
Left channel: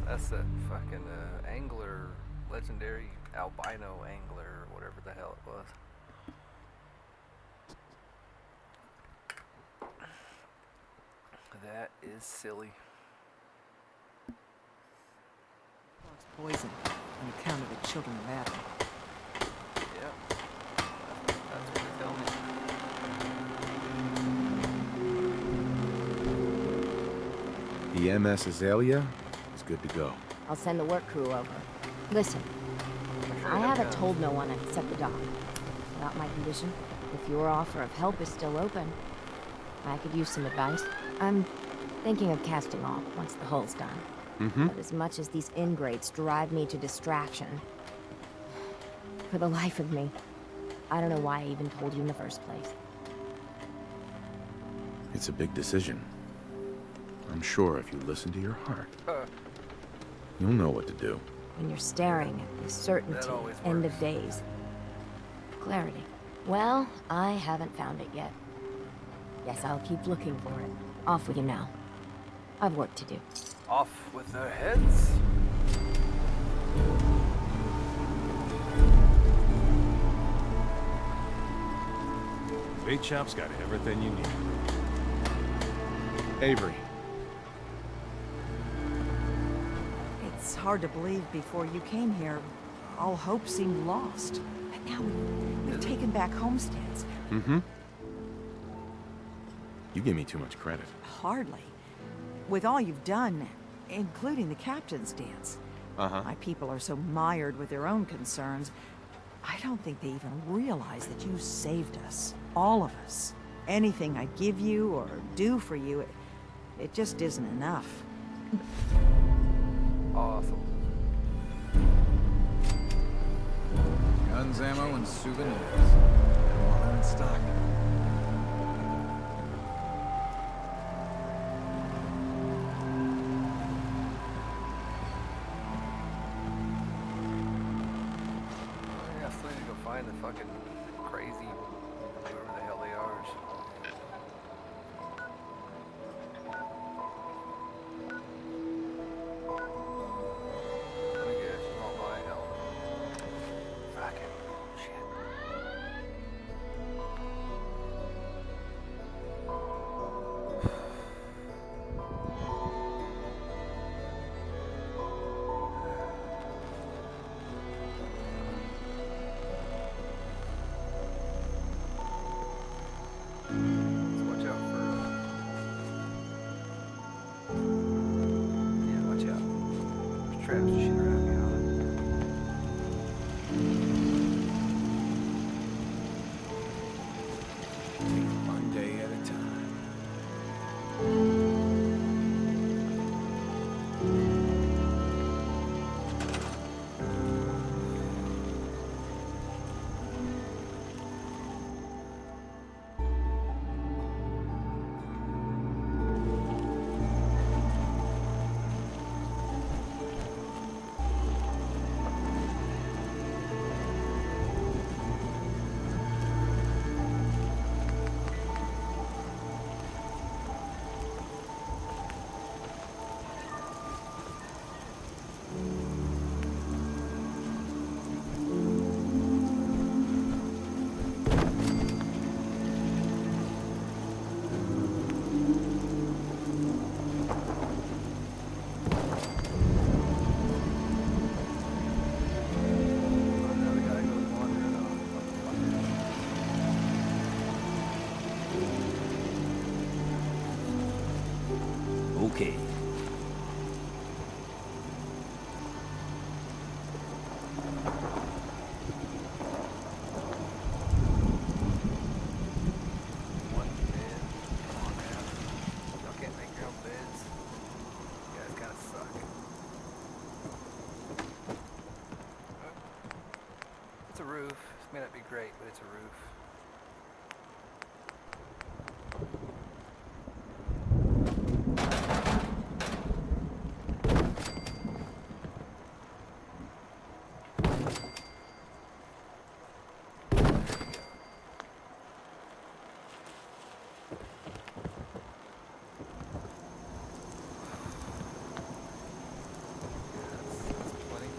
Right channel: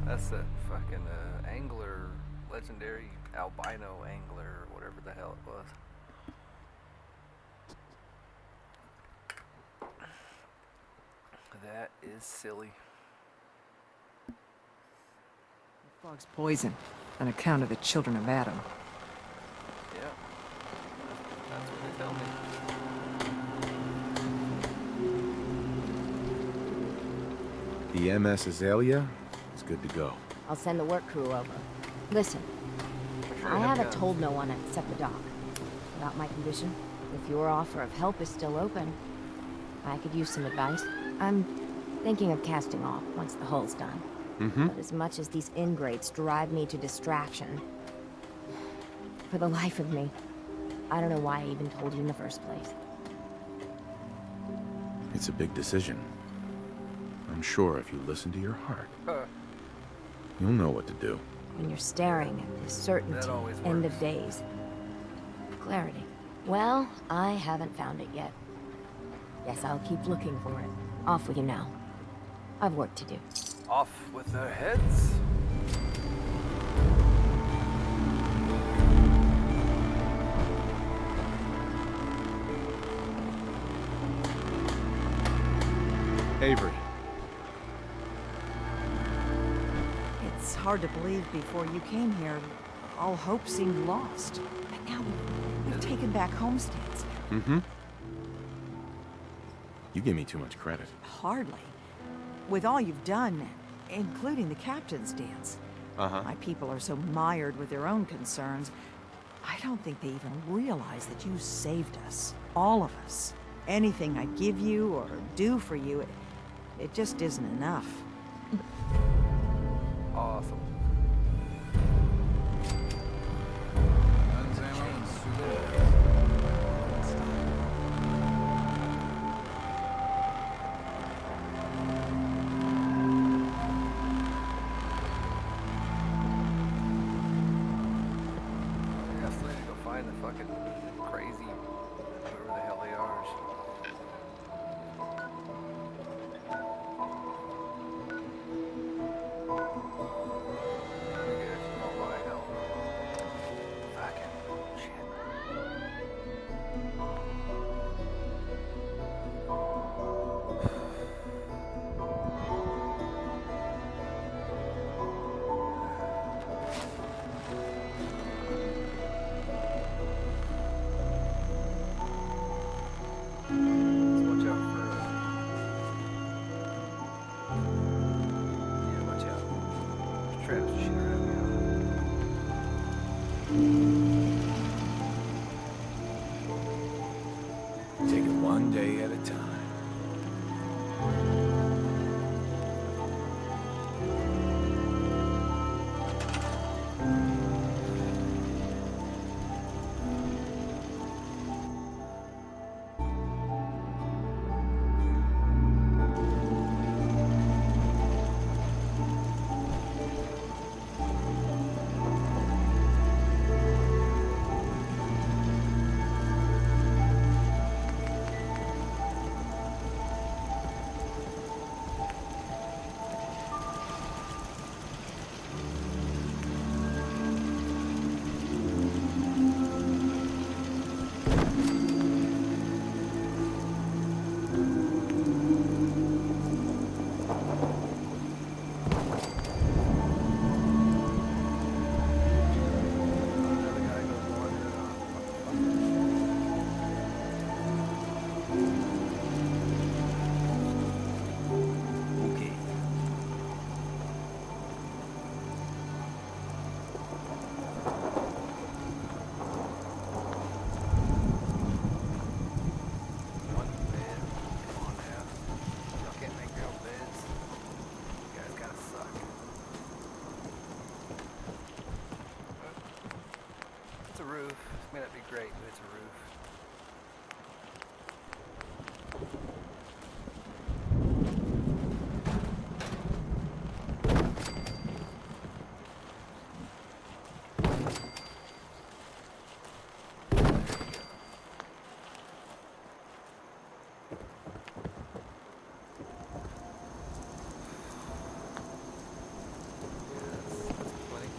That's that fucking angler, legendary albino angler, or whatever the hell it was. That is silly. Frog's poison, on account of the children of Adam. Yeah, that's what they tell me. The MS Azalea is good to go. I'll send the work crew over. Listen, I haven't told no one except the doc about my condition. If your offer of help is still open, I could use some advice. I'm thinking of casting off once the hull's done. But as much as these ingrates drive me to distraction, for the life of me, I don't know why I even told you in the first place. It's a big decision. I'm sure if you listen to your heart, you'll know what to do. When you're staring at this certainty, always end works. of days. Clarity. Well, I haven't found it yet. Guess I'll keep looking for it. Off with you now. I've work to do. Off with their heads. Big Chop's got everything you need. Avery. It's hard to believe before you came here, all hope seemed lost. But now we've taken back homesteads. Mm-hmm. You give me too much credit. Hardly. With all you've done, including the captain's dance. Uh-huh. My people are so mired with their own concerns, I don't think they even realize that you saved us. All of us. Anything I give you or do for you, it just isn't enough. Awesome. Guns, ammo, and souvenirs. All in stock. I still need to go find the fucking crazy, whoever the hell they are. I guess not my hell. Fucking shit. Let's watch out for yeah, watch out. There's traps and shit around me. Take it one day at a time. Another guy goes wandering off. Okay. One bed. Come on now. Y'all can't make your own beds. You guys kinda suck. It's a roof. This may not be great, but it's a roof. There you go. That's plenty.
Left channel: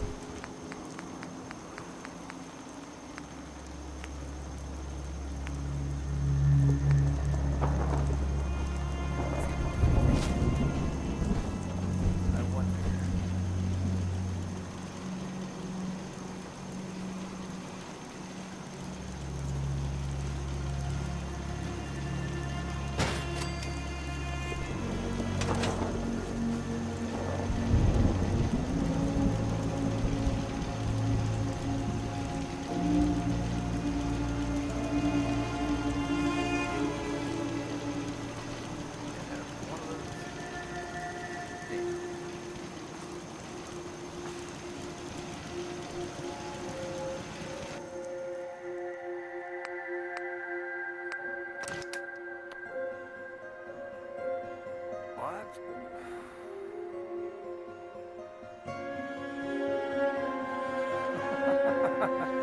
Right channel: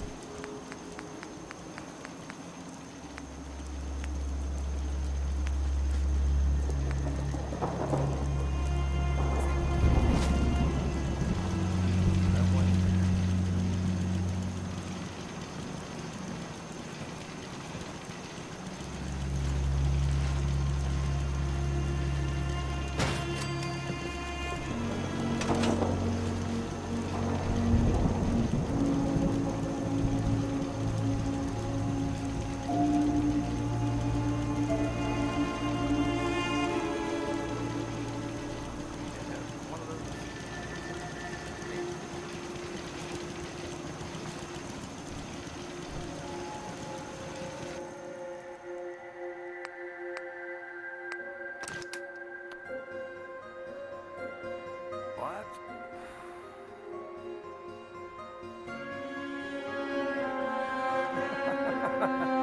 What the fuck?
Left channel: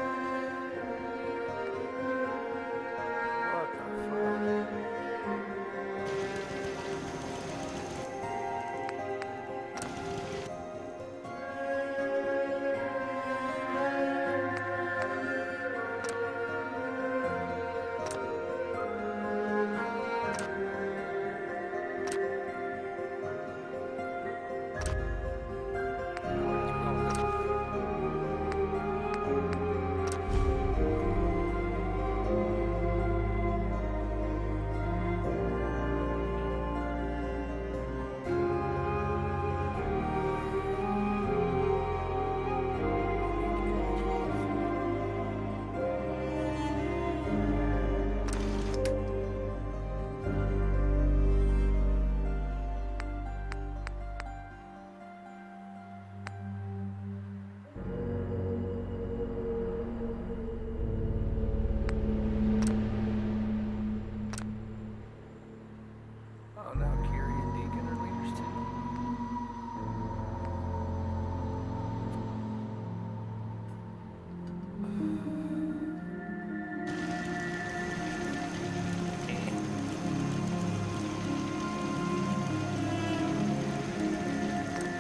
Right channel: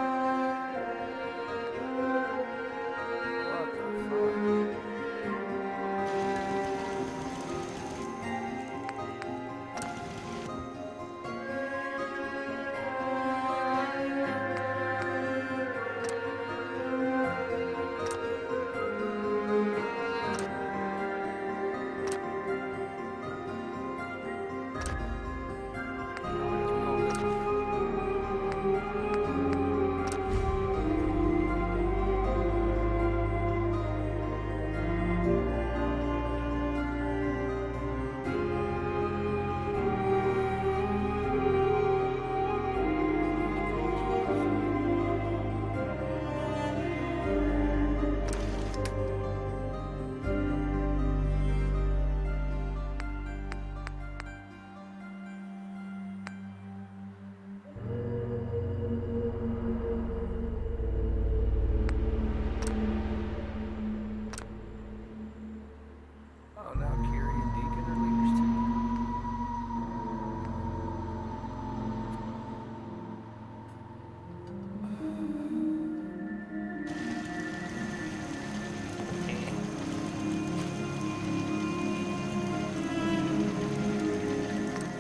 Oh, now Kiri and Deacon are leaders too.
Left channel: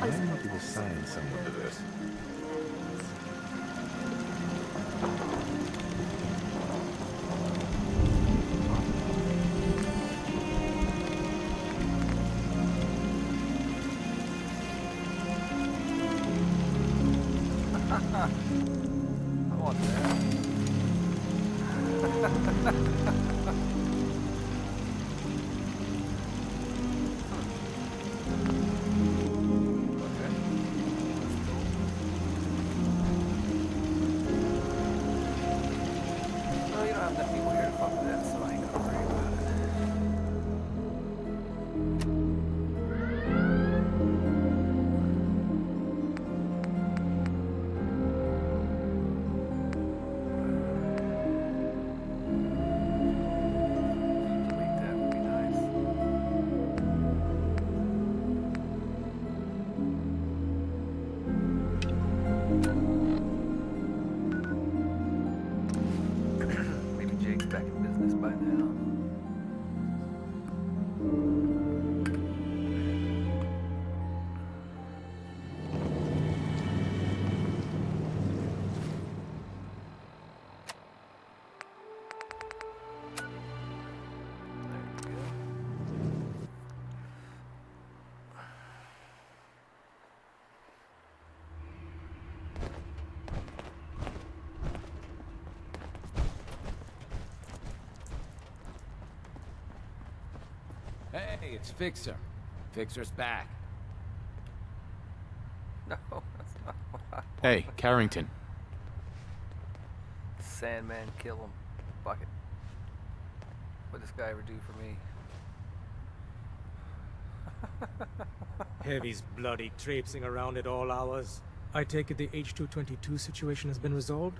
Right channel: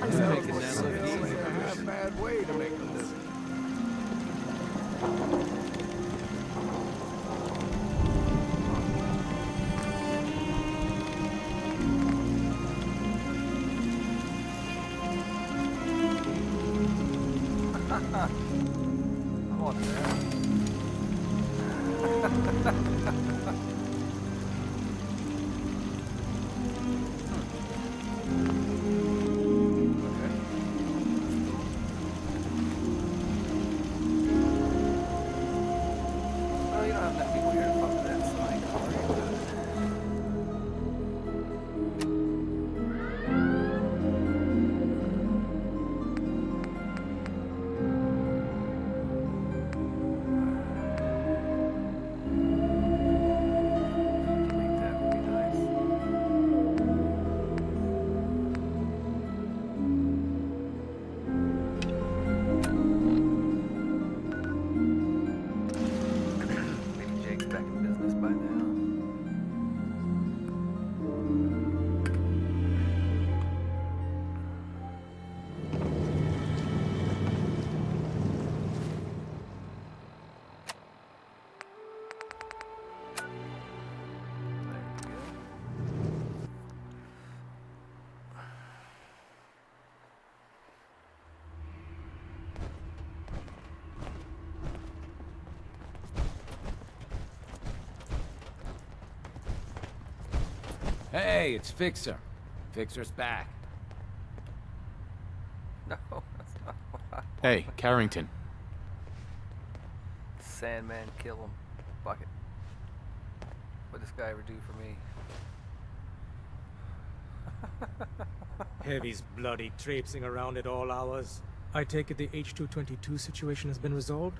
I'm making a science of this. I want that. Okay. That's cool. Well, you don't have enough people here to fuck with that, so I ain't gonna worry about it. Delete that would be nice. Maybe Jake's back in business by now. There we go. Hey, it's Fixer. Fixer's back. No, that's not what I Hey, Carrington. Sandman, kill him. Fuck it. What'd this guy ever do for me? Heavy's bloody traipsing around at all hours. I take it the H-222 situation has been resolved?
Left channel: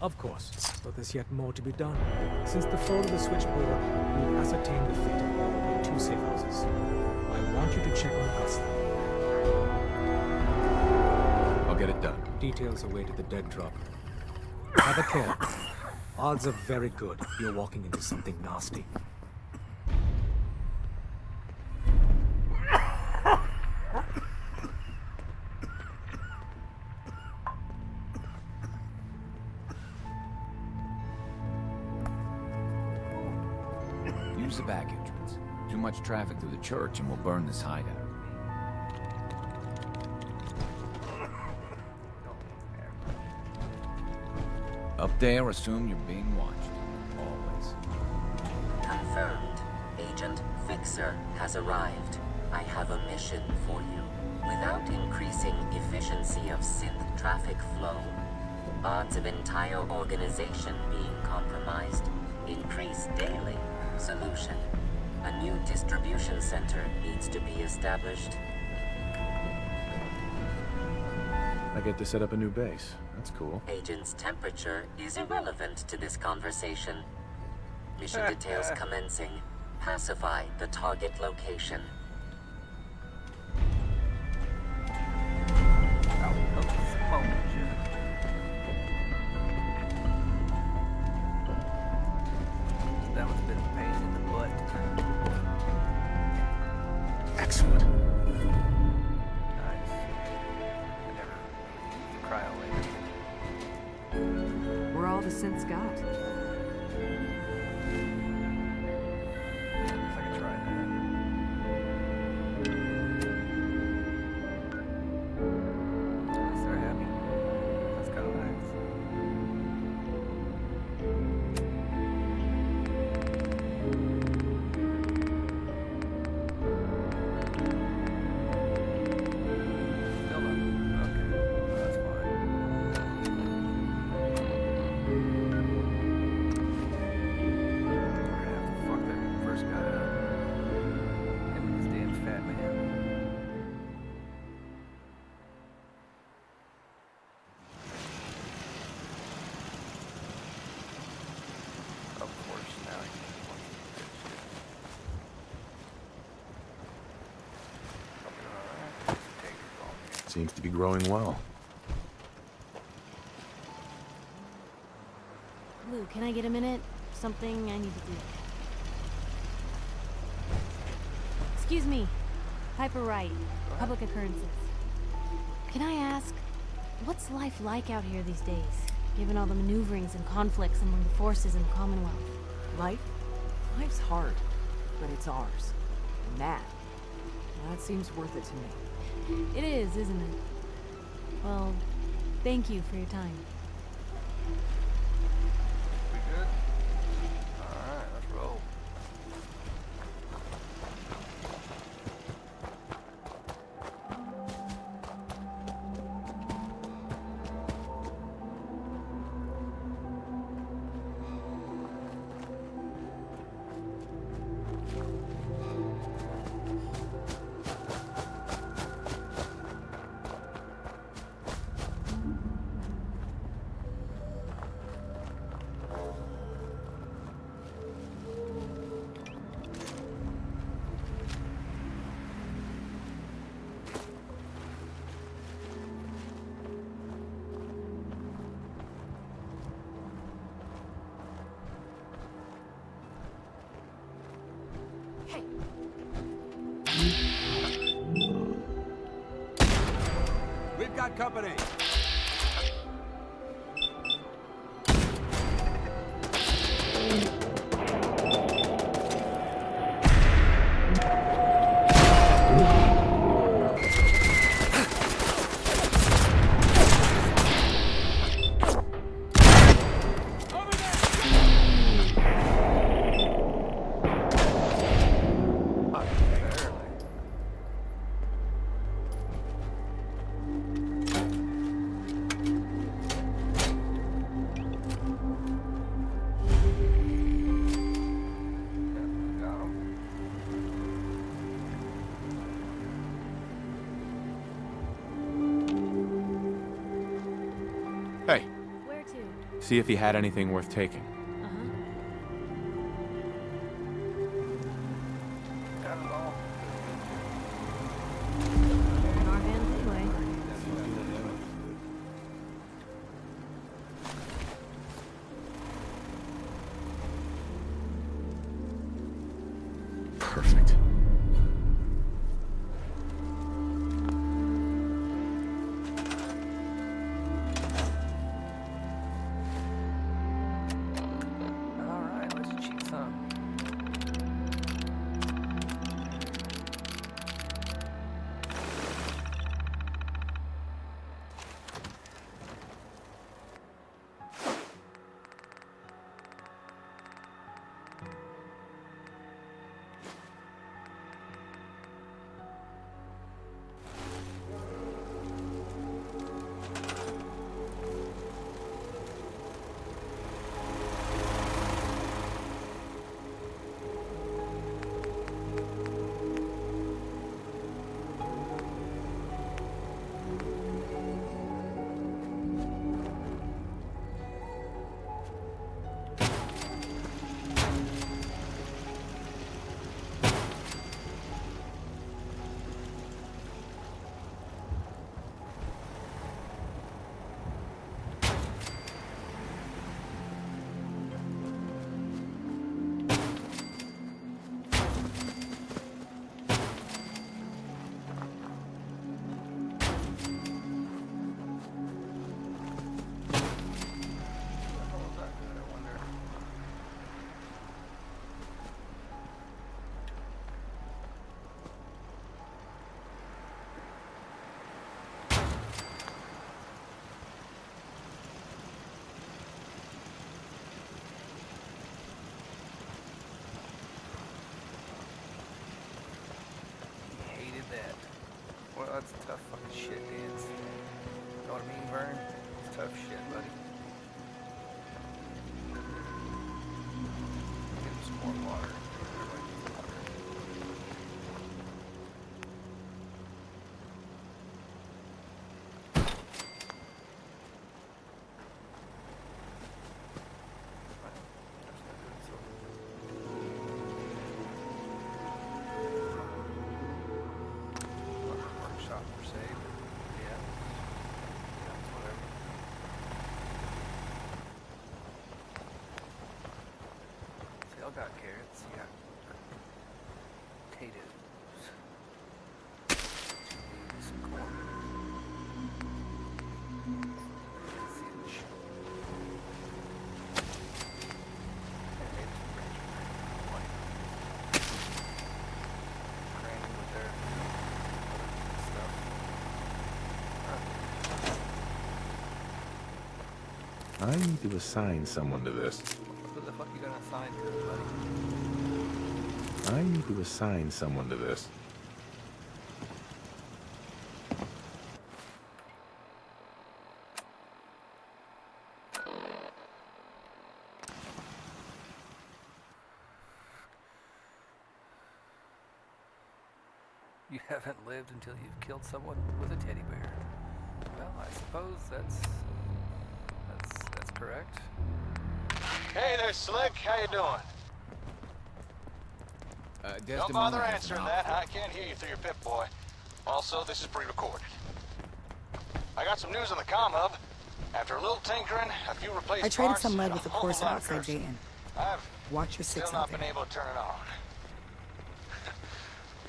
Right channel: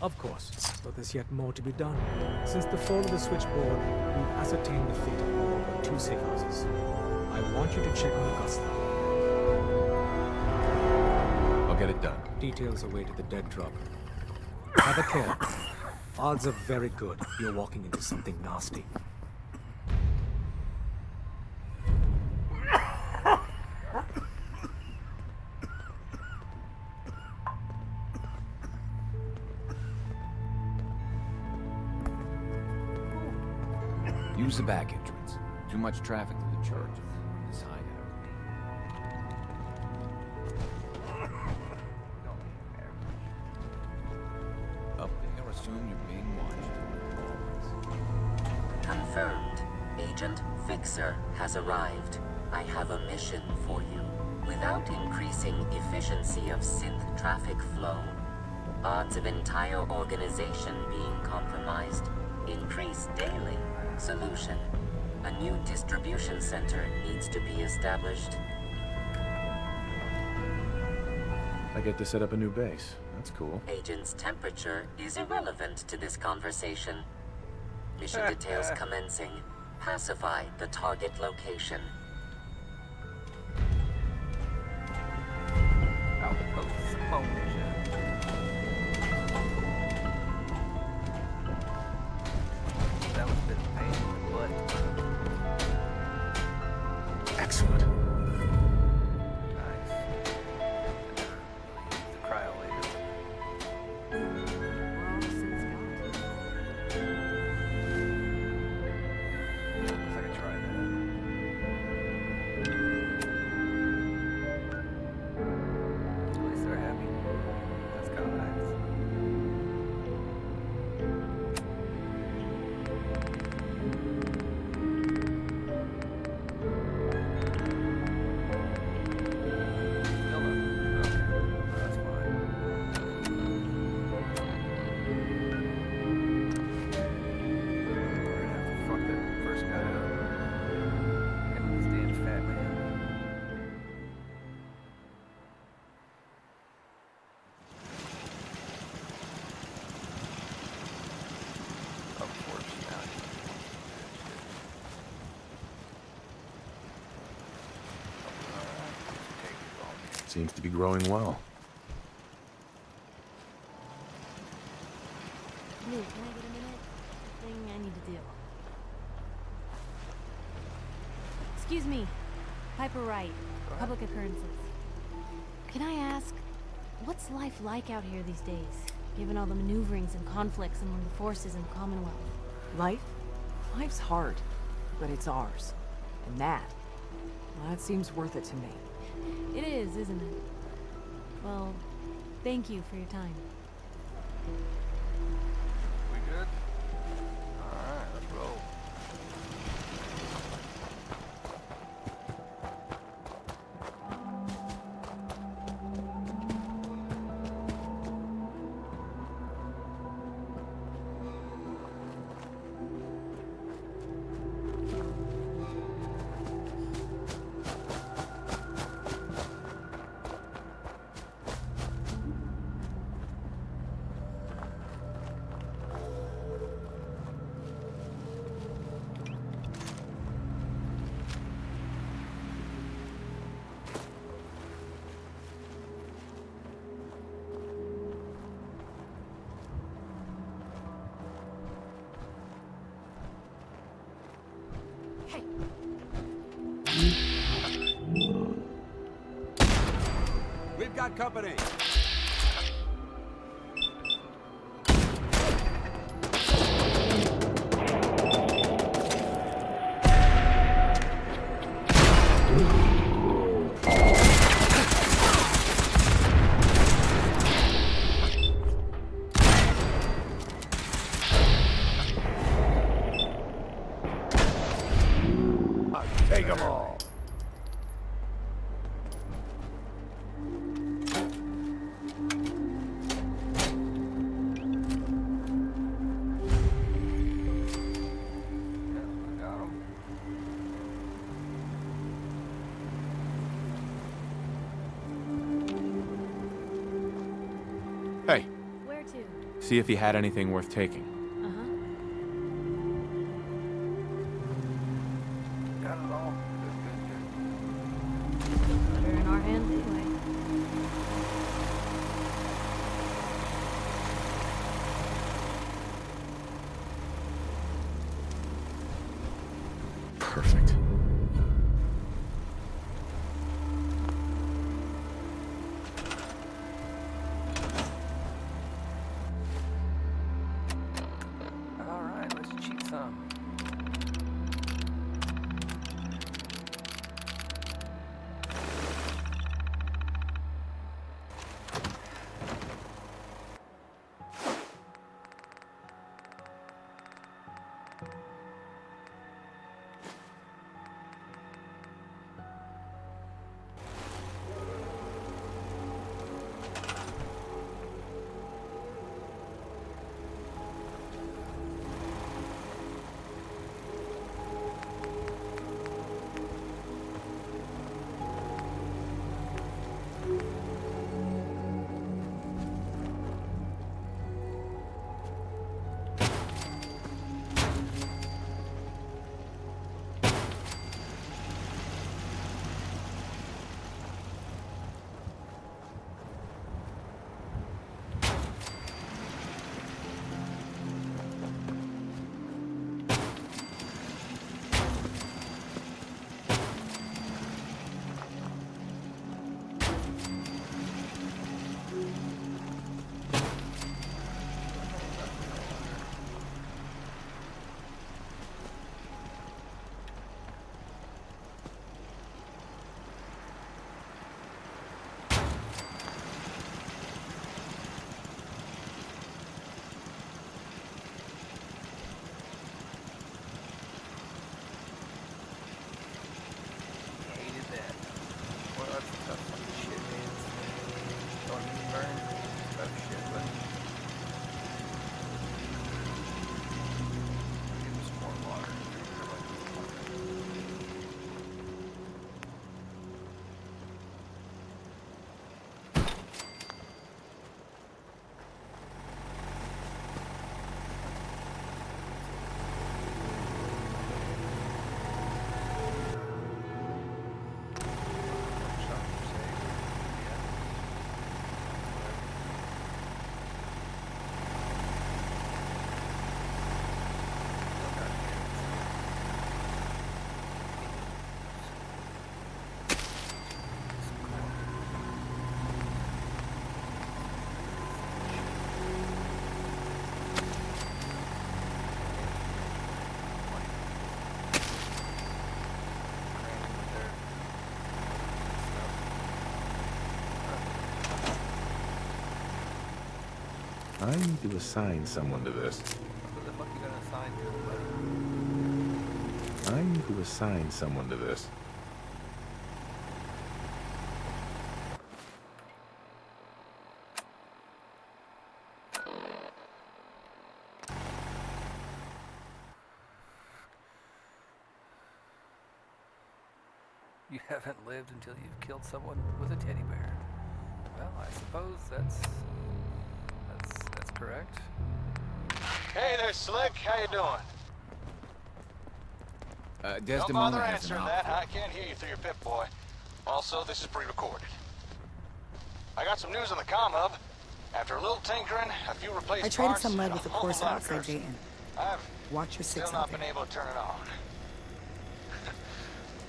Of course, but there's yet more to be done. Since the fall of the switchboard, we've ascertained the fate of all but 2 safe houses. I want you to check on Augusta. I'll get it done. Details await at the dead drop. Have a care. Odds are very good you're walking into something nasty. Use the back entrance. Too much traffic through the church and we'll burn this hideout. Up there, assume you're being watched. Always. Confirmed. Agent Fixer has arrived. I have a mission for you. Without increasing efficiency of synth traffic flow, odds of entire organization being compromised increase daily. Solution. A new distribution center needs to be established. I get to set up a new base. That's cool. Agent's temperature is irrelevant to this conversation. Mission details commencing. Pacify the target location. Outpost Monja. seems to be growing well. Lou, can I get a minute? Something I need to do. Excuse me. Piper Wright, Public Occurrences. Can I ask, what's life like out here these days, given all the maneuverings and conflicts among the forces in the Commonwealth? Life? Life's hard, but it's ours. And that seems worth it to me. It is, isn't it? Well, thank you for your time. We good? Alright, let's roll. We've got company. Take 'em all. Got him. Hey, Where to? see if he had anything worth taking. Uh-huh. Got it all. They're in our hands anyway. Perfect. Alright, let's cheat some. Well, that's tough fucking shit, man. You know what I mean, Vern? It's tough shit, buddy. Give him some more water. Everybody needs water. Workshop per se. Yeah. I need to assign someone to this. Who the fuck you gonna assign to it, buddy? I need to assign someone to this. You haven't lived until you've killed someone with a teddy bear. Well, I suppose that's correct. Hey there, Slick. How you doing? Don't bother answering that. I can't hear you through your pip, boy. Also, this is pre-recorded. I got some news on the comm hub. After a little tinkering, a few replaced I traded parts, some lead and with the a whole course lot of outside cursing. Dayton. I've Watch your six still out not there. been able to turn it on.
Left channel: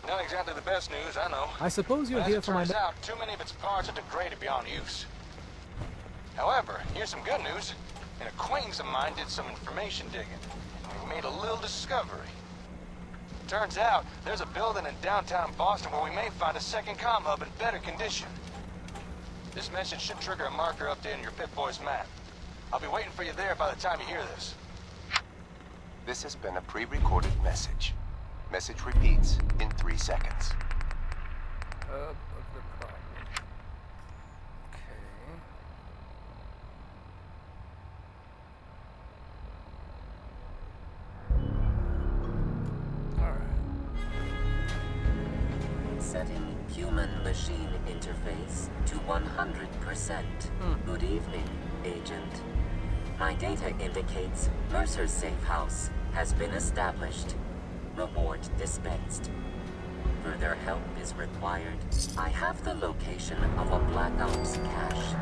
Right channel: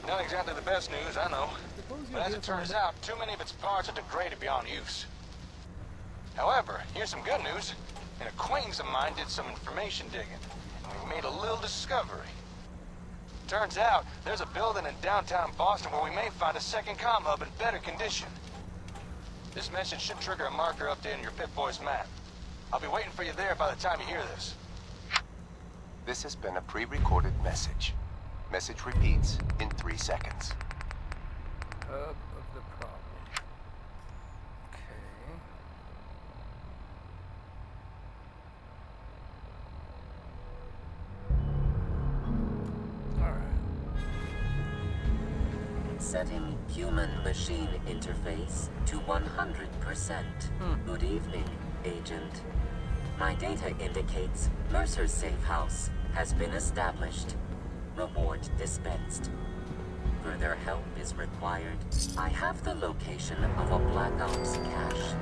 Not exactly the best news, I know. I suppose you're But as here it for my... turns out, too many of its parts are degraded beyond use. However, here's some good news. An acquaintance of mine did some information digging, and we made a little discovery. Turns out, there's a building in downtown Boston where we may find a second comm hub in better condition. This message should trigger a marker update in your Pip-Boy's map. I'll be waiting for you there by the time you hear this. This has been a pre-recorded message. Message repeats in 3 seconds. Hub of the problem. Okay. Alright. Setting human-machine interface to 100%. Good evening, Agent. My data indicates Mercer's safe house has been established. Reward dispensed. Further help is required. I have the location of a Black Ops cache.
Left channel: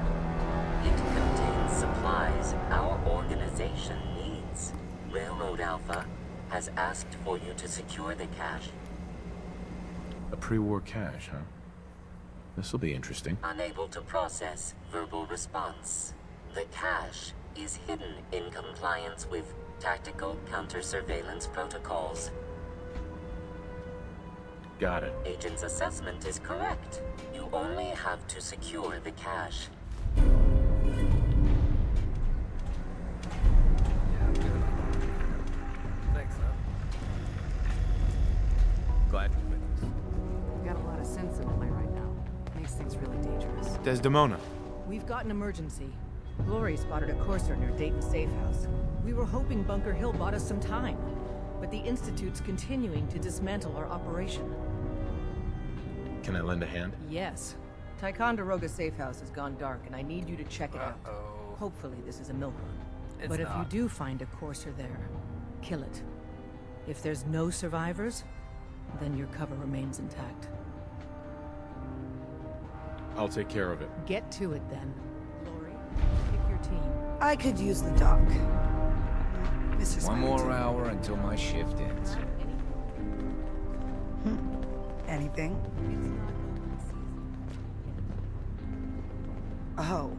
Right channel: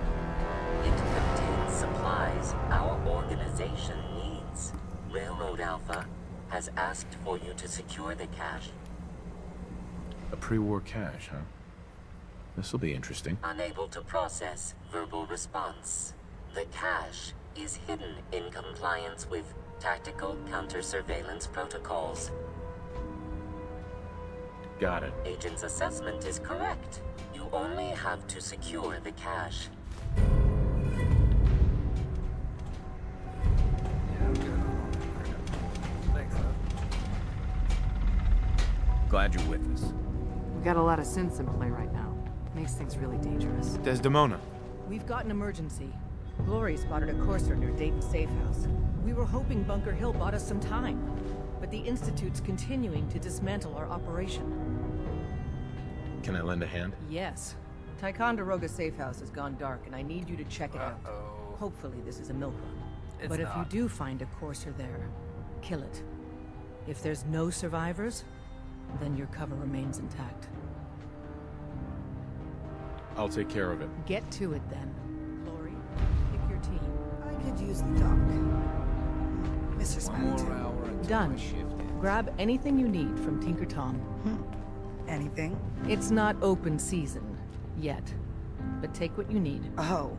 It contains supplies our organization needs. Railroad Alpha has asked for you to secure the cache. A pre-war cache, huh? This'll be interesting. Unable to process verbal response. The cache is hidden in compliance with tactical counter-surveillance protocols. Got it. Agent's assessment is correct. You only have to secure the cache. Yeah, I'm good. Thanks, though. Glad you're with us. We've got a lot of synths in play right now. Makes things really dangerous. Desdemona. We've got an emergency. Glory spotted a courser near Dayton Safe House. We were hoping Bunker Hill bought us some time, but the Institute's continuing to dismantle our operation. Can I lend a hand? Yes. Ticonderoga Safe House has gone dark, and I need you to check it out. Hopefully this is a milk run. It's But if you not. do find a courser there, kill it. If there's no survivors, then your cover remains intact. I'll take care of it. Get to it then. Glory, pick your team. I could use the dock. Mr. One more hour until Done. my shift ends. Grab anything you need from Tinker Tom. Anything? It's not open season yet, but take what you need. Oh,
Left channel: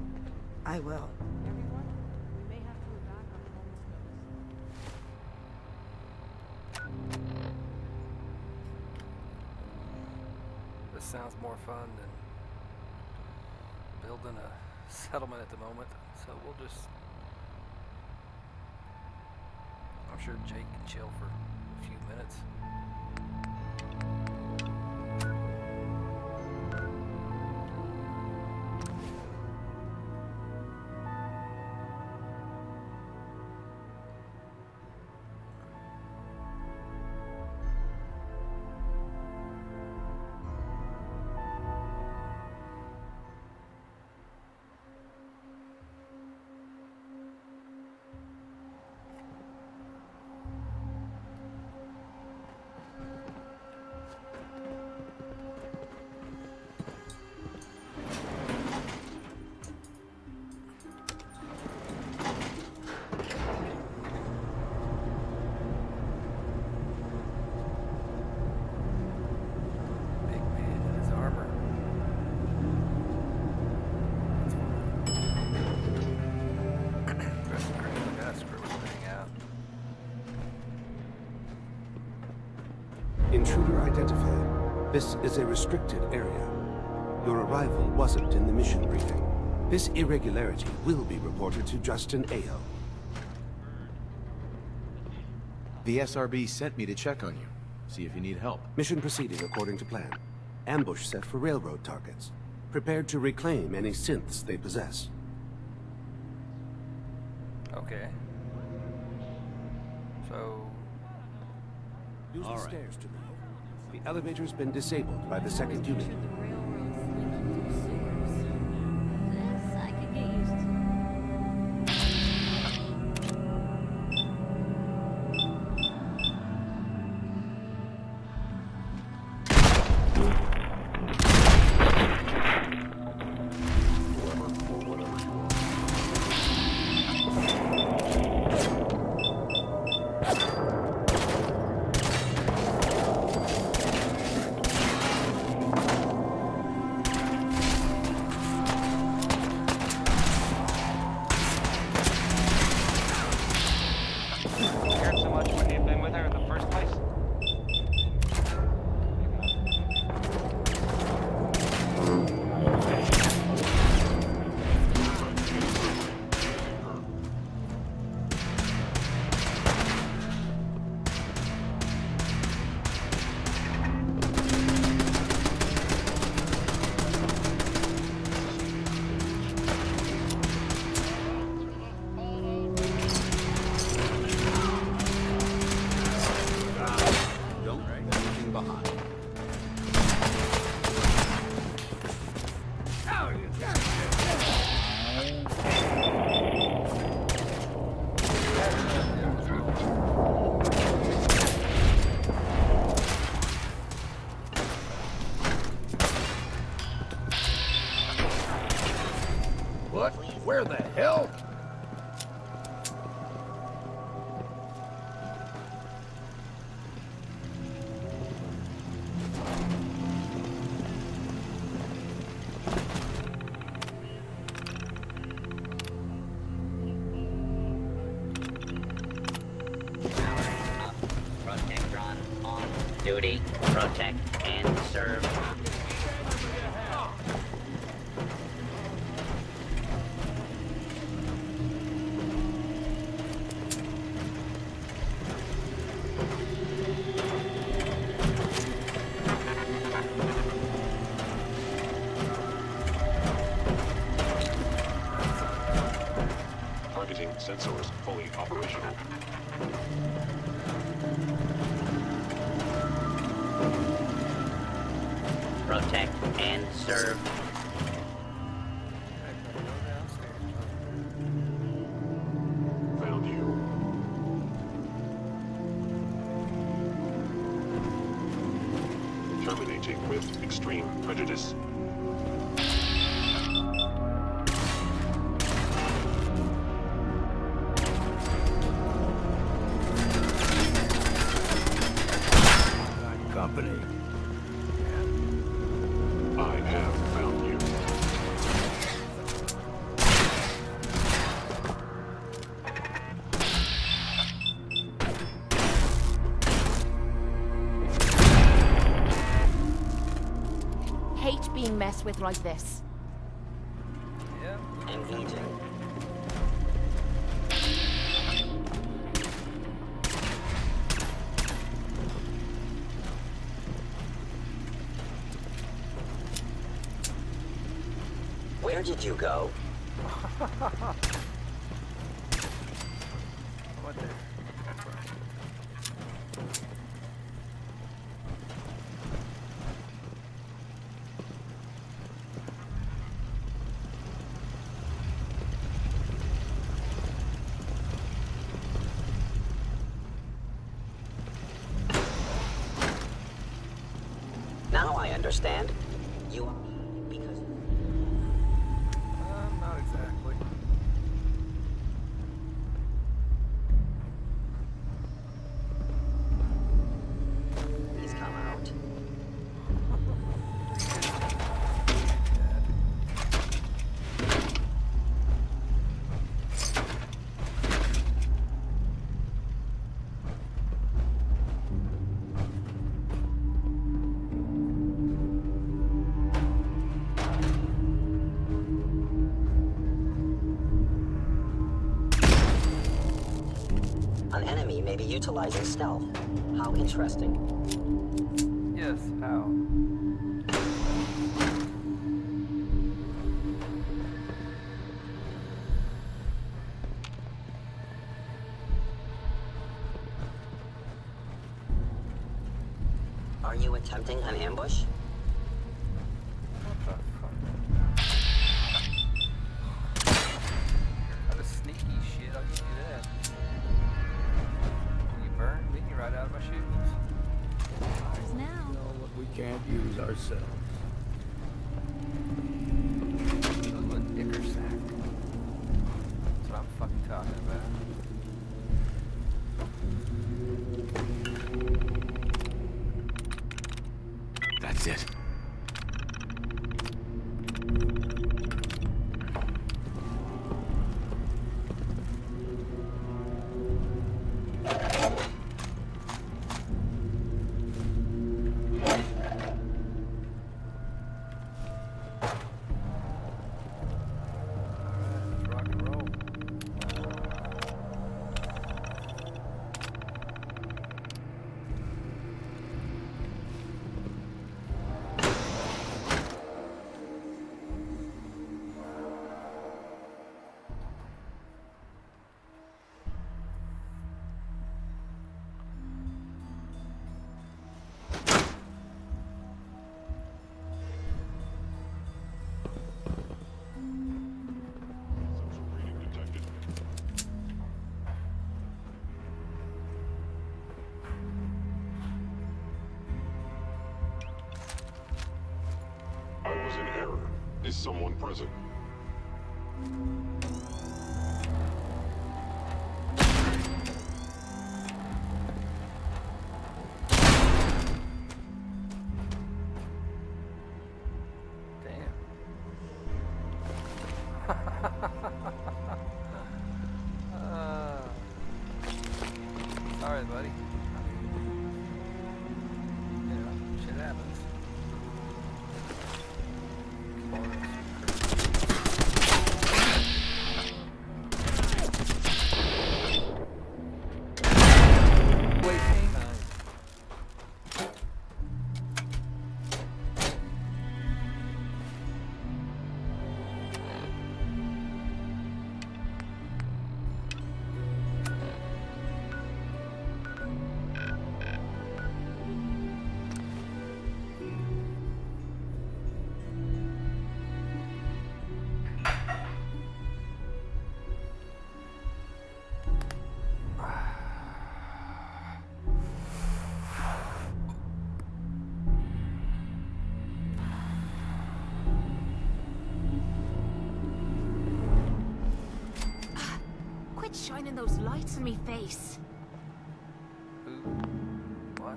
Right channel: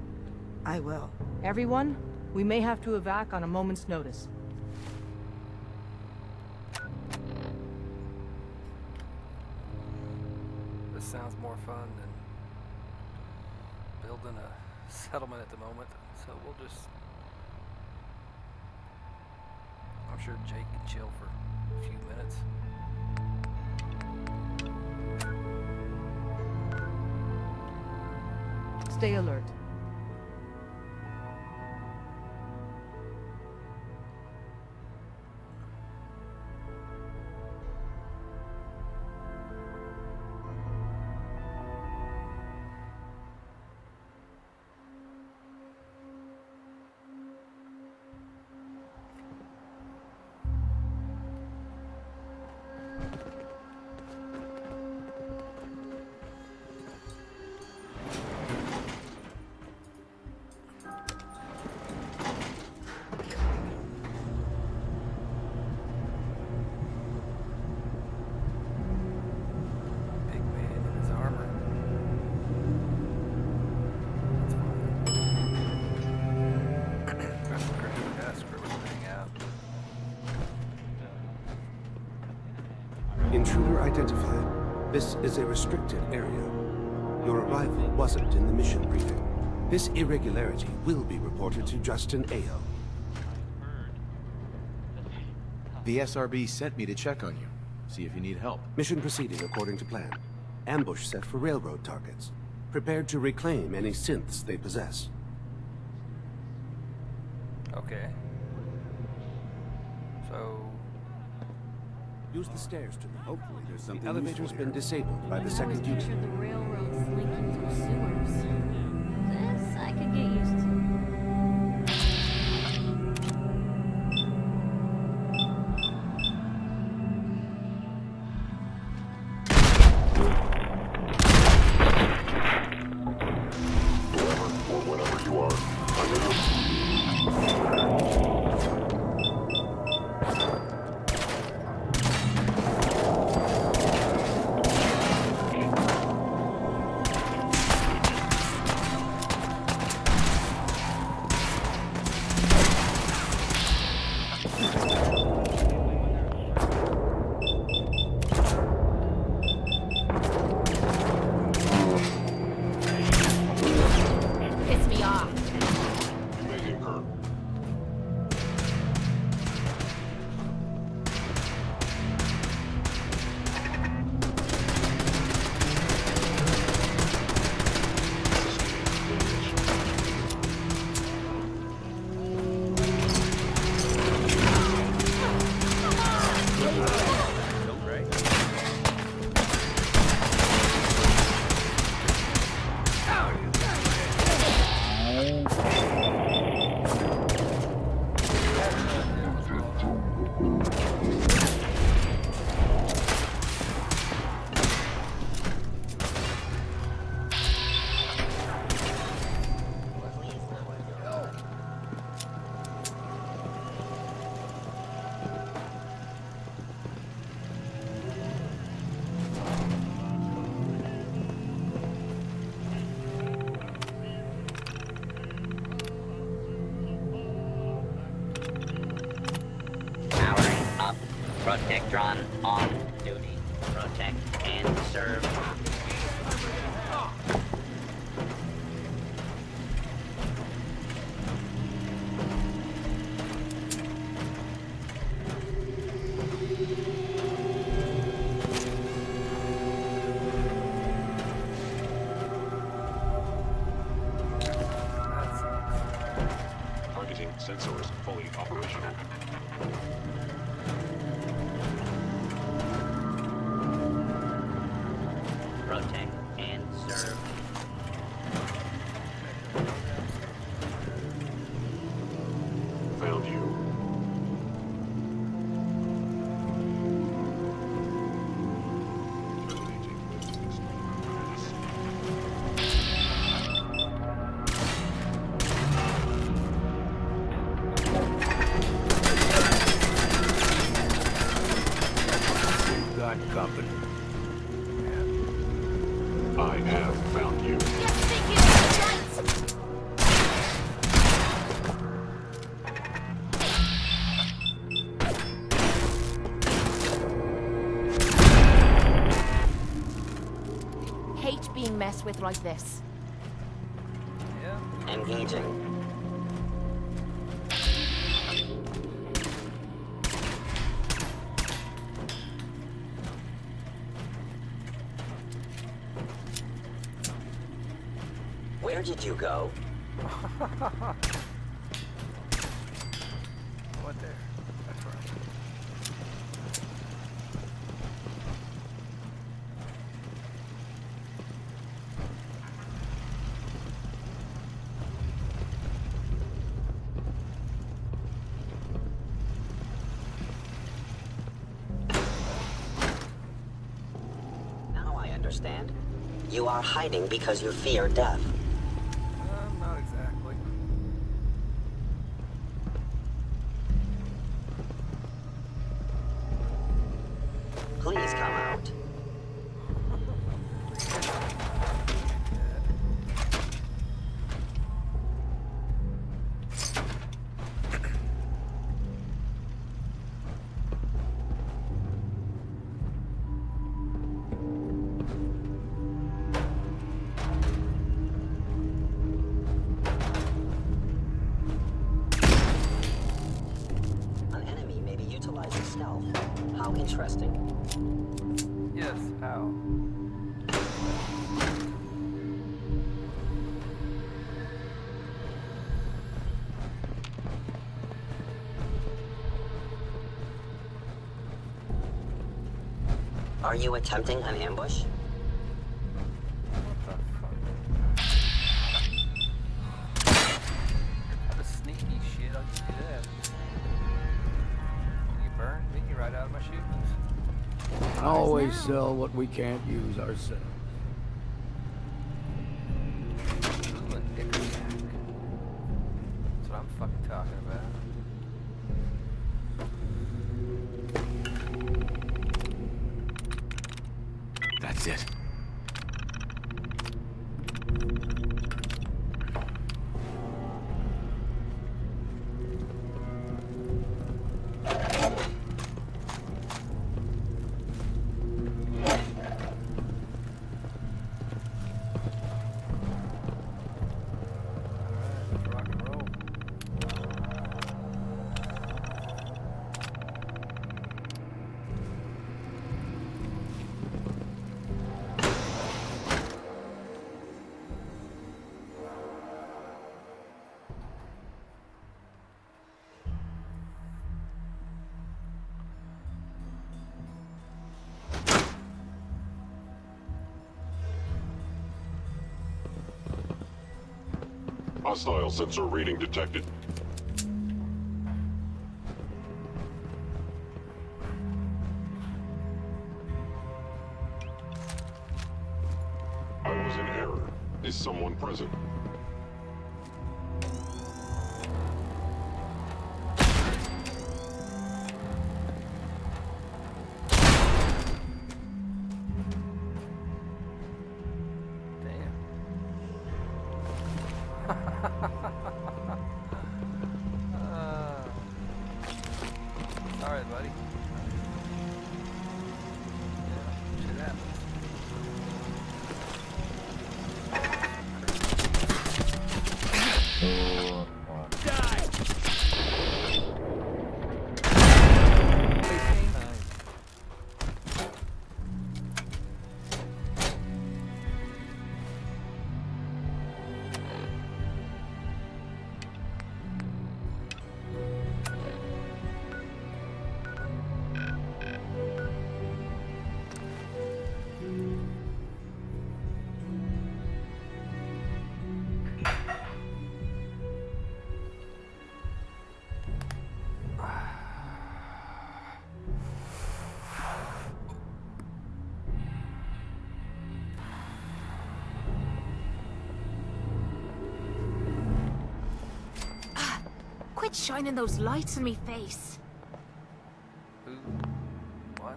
I will. Everyone, we may have to evac on a moment's notice. This sounds more fun than building a settlement at the moment, so we'll just... I'm sure Jake can chill for a few minutes. Stay alert. Big man in his armor. That's fine. Press the grab, I gotta screw everything out. Intruder identified. This is a restricted area. Your arrival wasn't in the mission briefing. This irregularity will be reported to Justin Ayo. The SRB sent me to check on you, see if you need help. Mission proceeding according to plan. Ambush set for railroad targets. Prepared to reclaim any synths they possess. Okay. So... Use the stairs to move. The elevator's been disabled by the second unit. Picture the railroad slinking through sewers. This I could get used to. Where the hell? Powering up. Protectron on duty. Protect and serve. Targeting sensors fully operational. Protect and serve. Found you. Terminating with extreme prejudice. Got company. I have found you. Hate being messed with like this. Yeah. Engaging. Where did you go? What there? That's right. Now I understand. You are hiding because you fear death. Not exactly. Please come out. enemy may be utilizing stealth. How interesting. Yes, how? Are you attempting an ambush? What the fuck? That was sneaky shit. How'd you do that? You burned me right out of my shoes. Always sell what we can't use ourselves. Ooh, a dicker sack. That's what I'm fucking talking about. That's it. Hostile sensor reading detected. I was in error. Is someone present? Sorry, buddy. Yeah, shit happens. Quit shining those lights in me face. Who? What?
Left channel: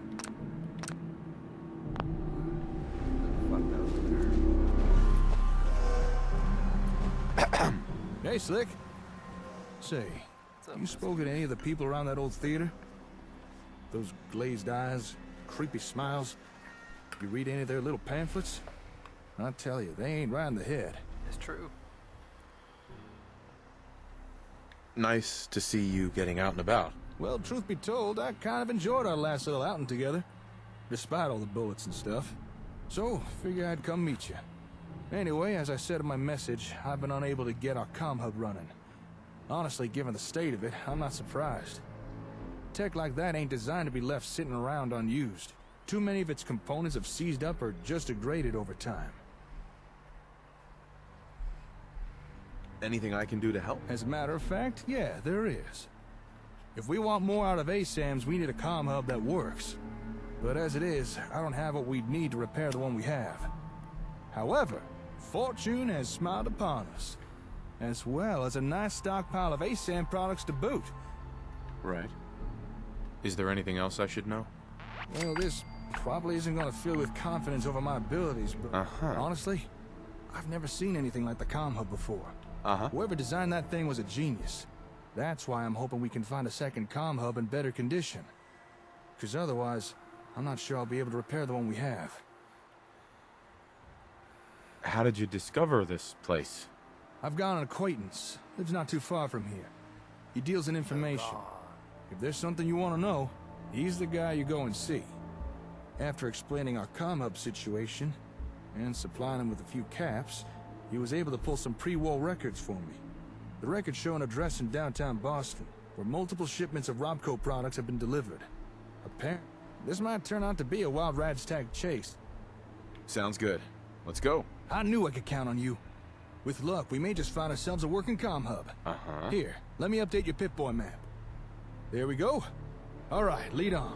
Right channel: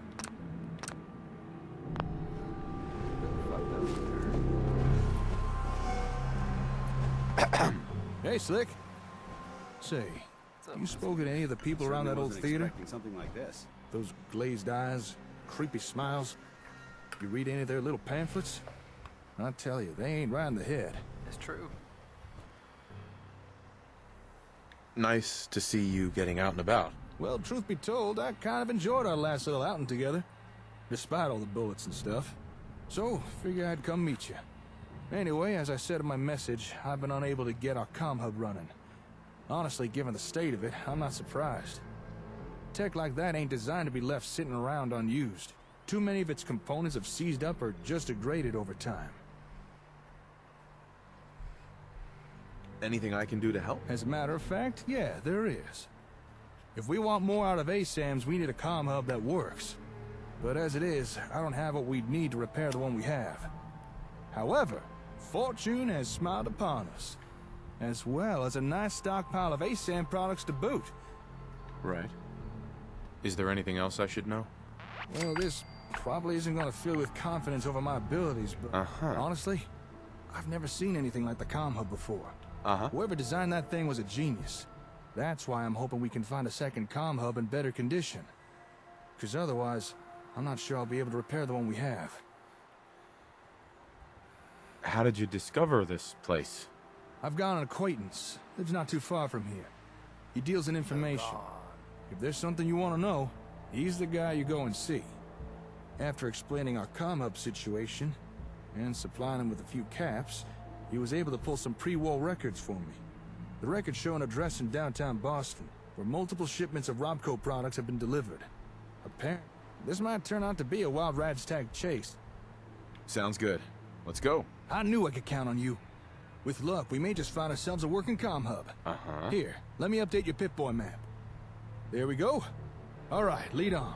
Who the fuck that was there? Hey, Slick. Say, you spoken to any of the people around that old theater? Something like this. Those glazed eyes, creepy smiles. You read any of their little pamphlets? I tell you, they ain't right in the head. It's true. Nice to see you getting out and about. Well, truth be told, I kind of enjoyed our last little outing together, despite all the bullets and stuff. So, figure I'd come meet you. Anyway, as I said in my message, I've been unable to get our comm hub running. Honestly, given the state of it, I'm not surprised. Tech like that ain't designed to be left sitting around unused. Too many of its components have seized up or just degraded over time. Anything I can do to help? As a matter of fact, yeah, there is. If we want more out of ASAMs, we need a comm hub that works. But as it is, I don't have what we'd need to repair the one we have. However, fortune has smiled upon us, as well as a nice stockpile of ASAM products to boot. Right. Is there anything else I should know? Well, this probably isn't going to fill with confidence over my abilities, but honestly, I've never seen anything like the comm hub before. Whoever designed that thing was a genius. That's why I'm hoping we can find a second comm hub in better condition. Because otherwise, I'm not sure I'll be able to repair the one we have. How did you discover this place? I've got an acquaintance. Lives not too far from here. He deals in information. If there's something you want to know, he's the guy you go and see. After explaining our comm hub situation, and supplying him with a few caps, he was able to pull some pre-war records for me. The records show an address in downtown Boston, where multiple shipments of Robco products have been delivered. Apparently, this might turn out to be a wild rat's tag chase. Sounds good. Let's go. I knew I could count on you. With luck, we may just find ourselves a working comm hub. Uh-huh. Here, let me update your Pip-Boy map. There we go. All right, lead on.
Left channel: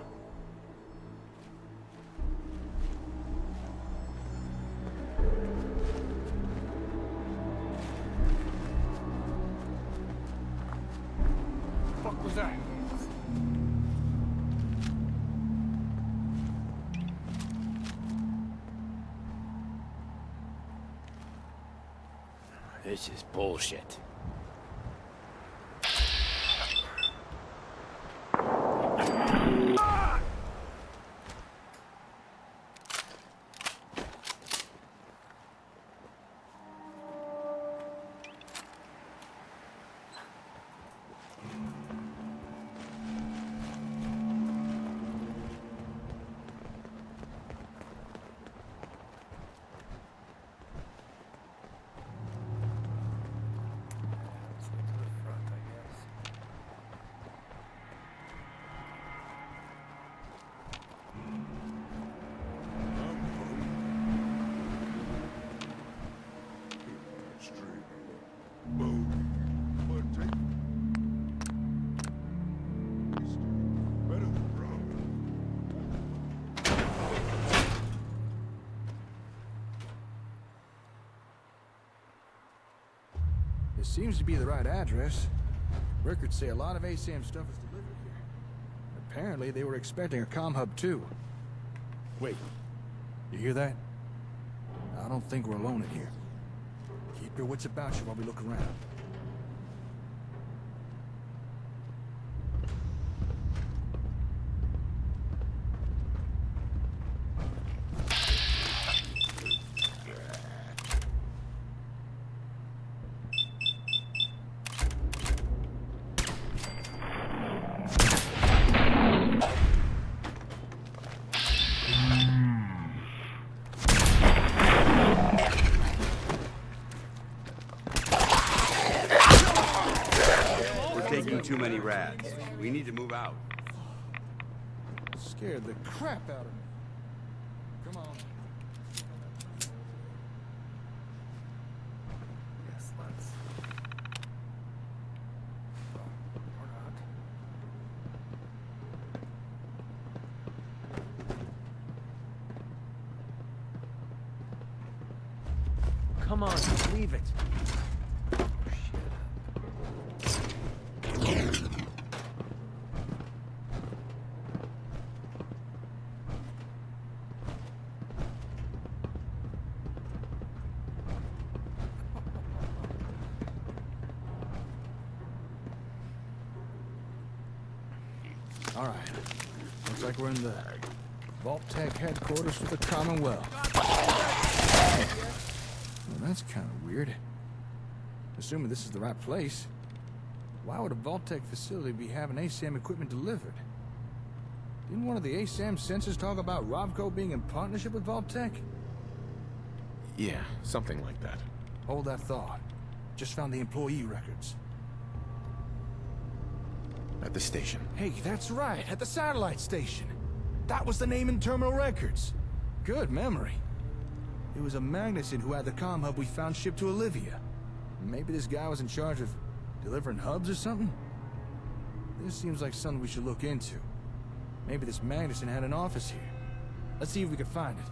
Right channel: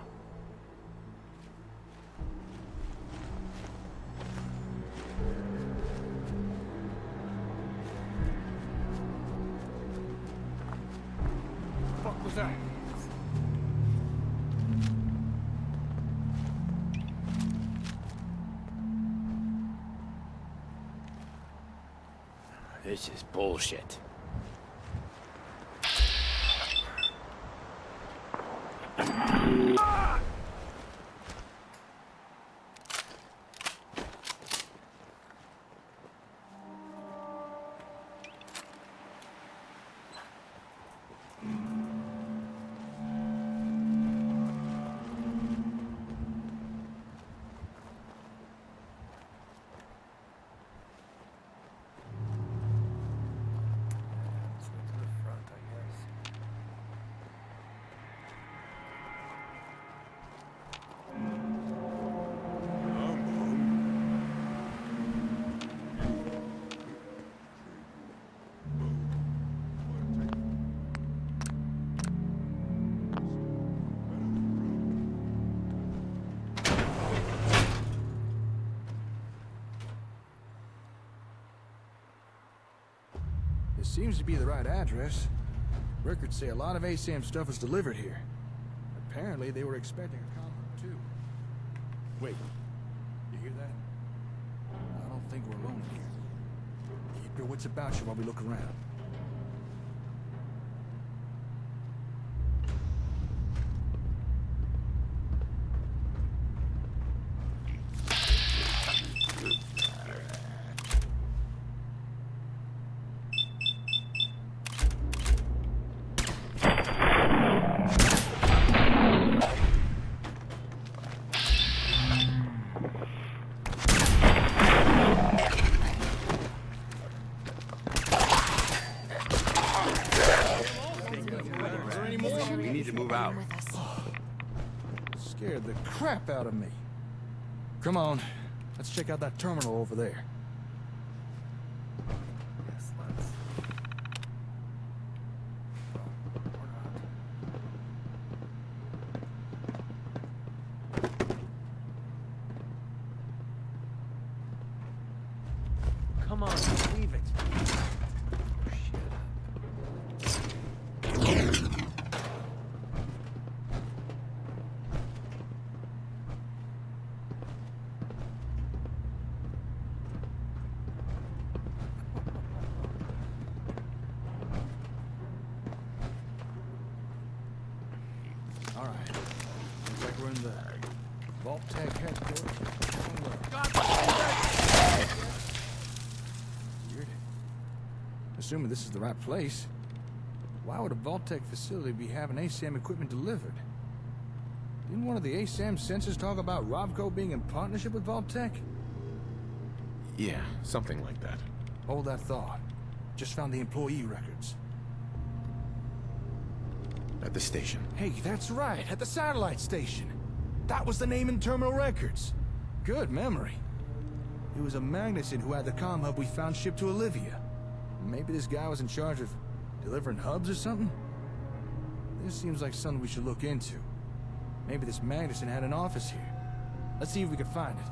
What was that? This is bullshit. Let's go to the front, I guess. This seems to be the right address. Records say a lot of ASAM stuff is delivered here. Apparently, they were expecting a comm hub too. Wait, you hear that? I don't think we're alone in here. Keep your wits about you while we look around. Too many rats. We need to move out. Scared the crap out of me. Come on, let's check out that terminal over there. Yes, let's. Oh, or not. Come on, leave it. All right, looks like we're in the Vault-Tec headquarters for the Commonwealth. Well, that's kind of weird. Assuming this is the right place, why would a Vault-Tec facility be having ASAM equipment delivered? Didn't one of the ASAM sensors talk about Robco being in partnership with Vault-Tec? Yeah, something like that. Hold that thought. Just found the employee records. At the station. Hey, that's right, at the satellite station. That was the name in terminal records. Good memory. It was a Magnuson who had the comm hub we found shipped to Olivia. Maybe this guy was in charge of delivering hubs or something? This seems like something we should look into. Maybe this Magnuson had an office here. Let's see if we can find it.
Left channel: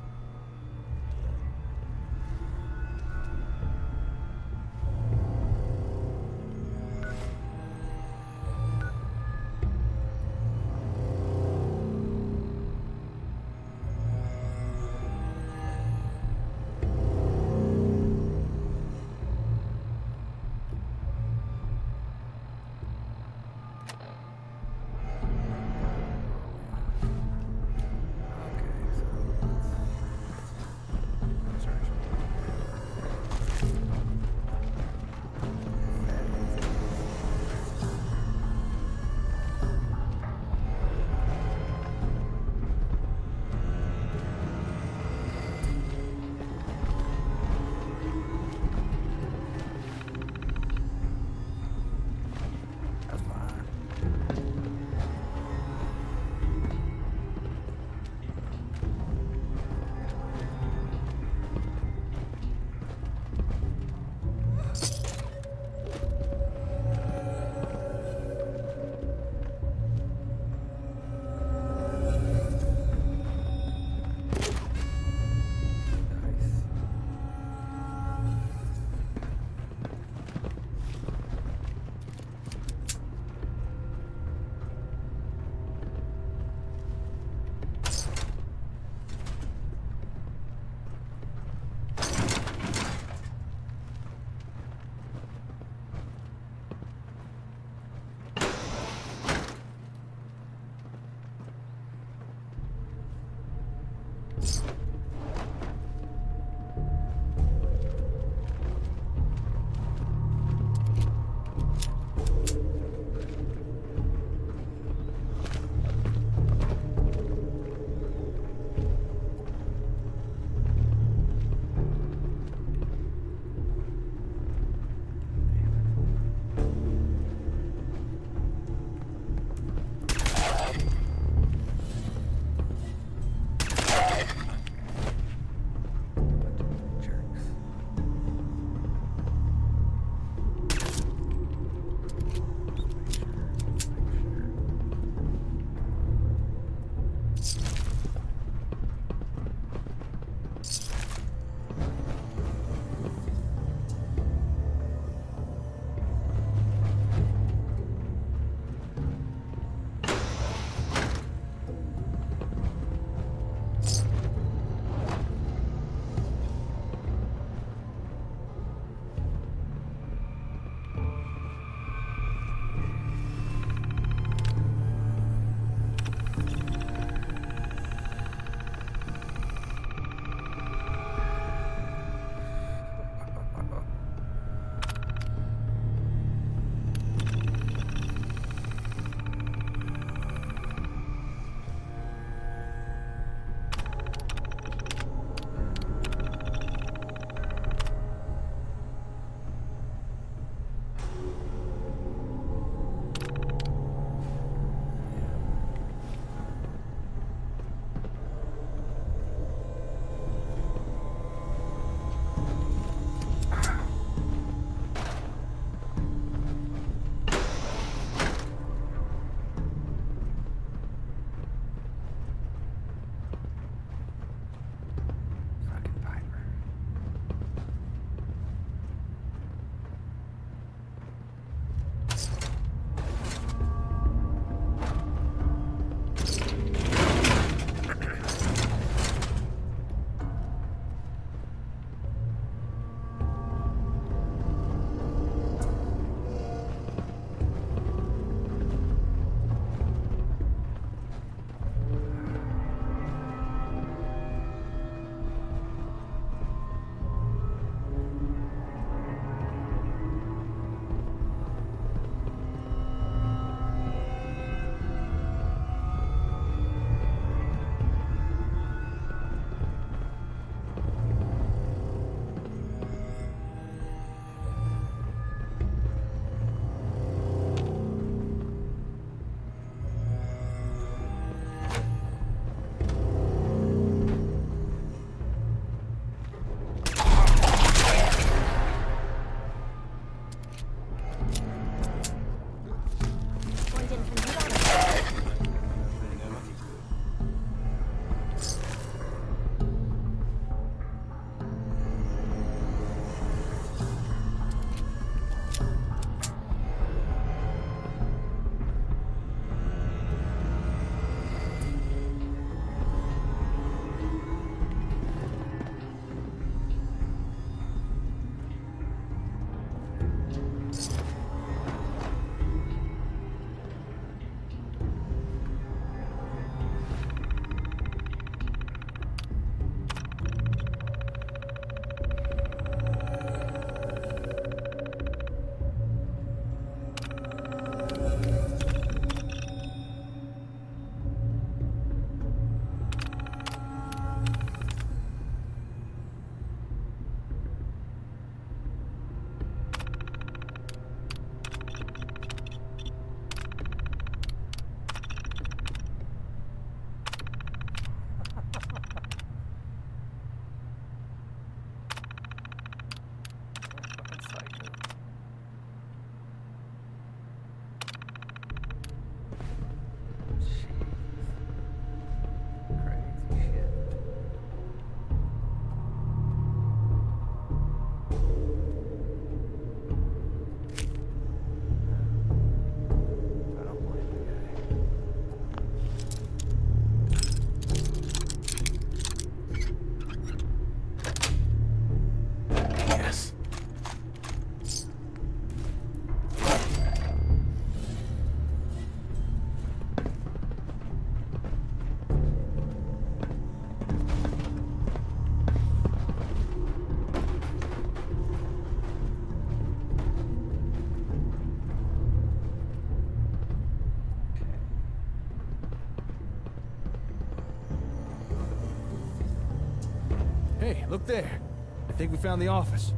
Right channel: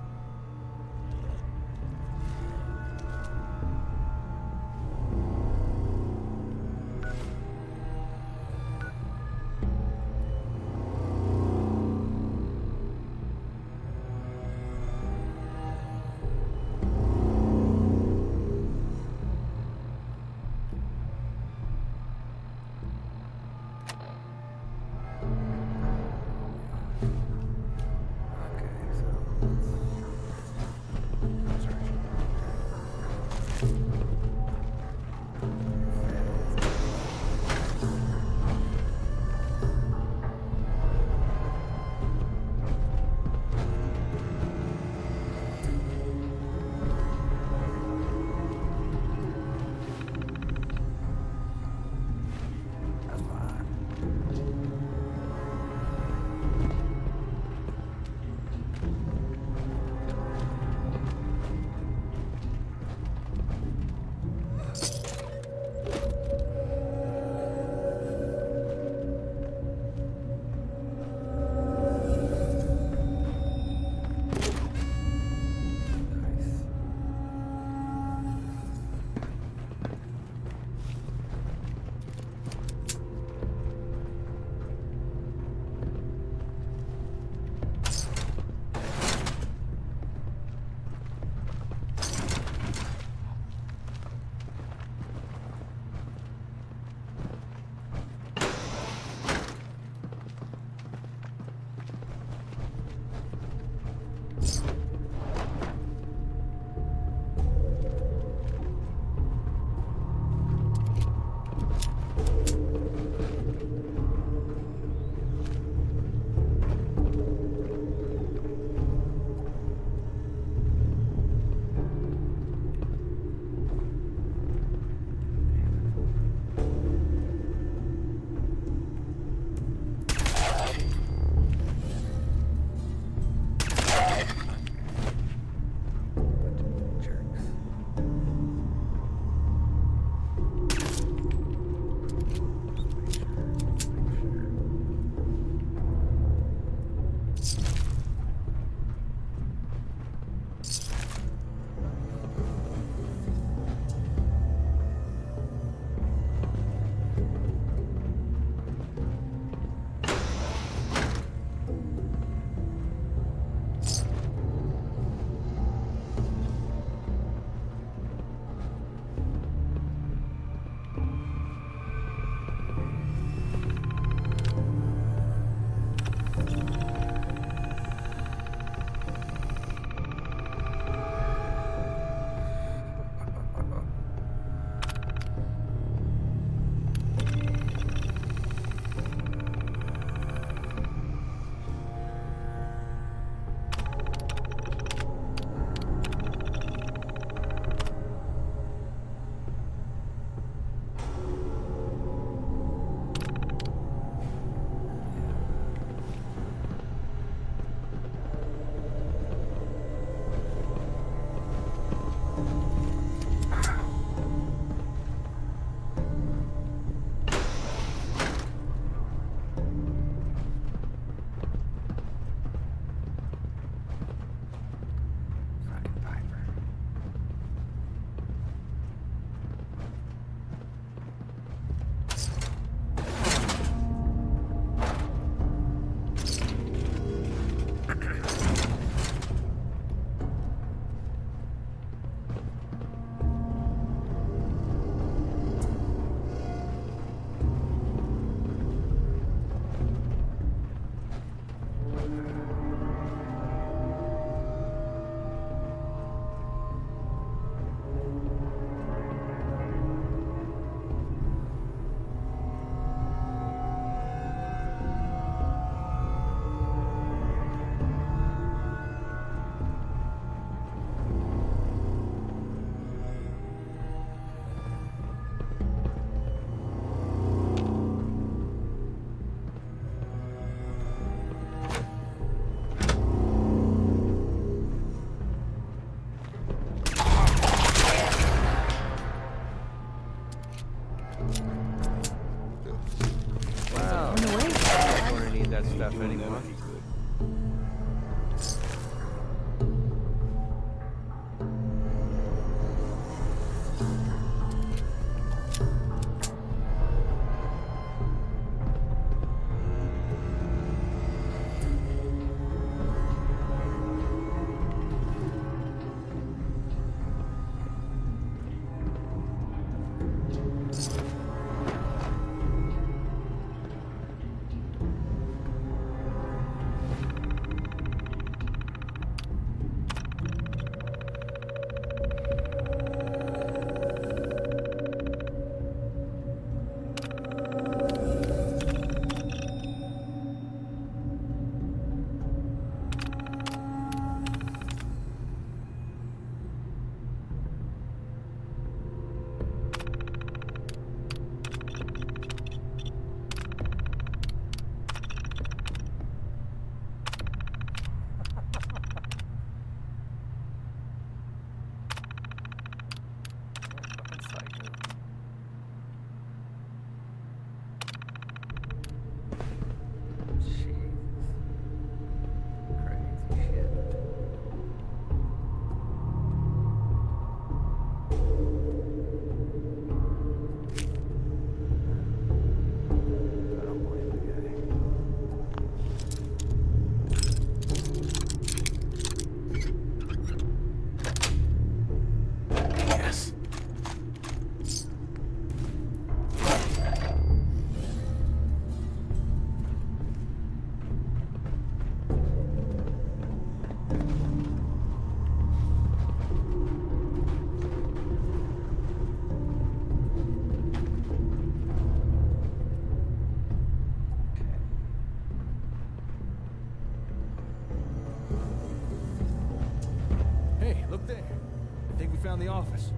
Look there. I think we found the office.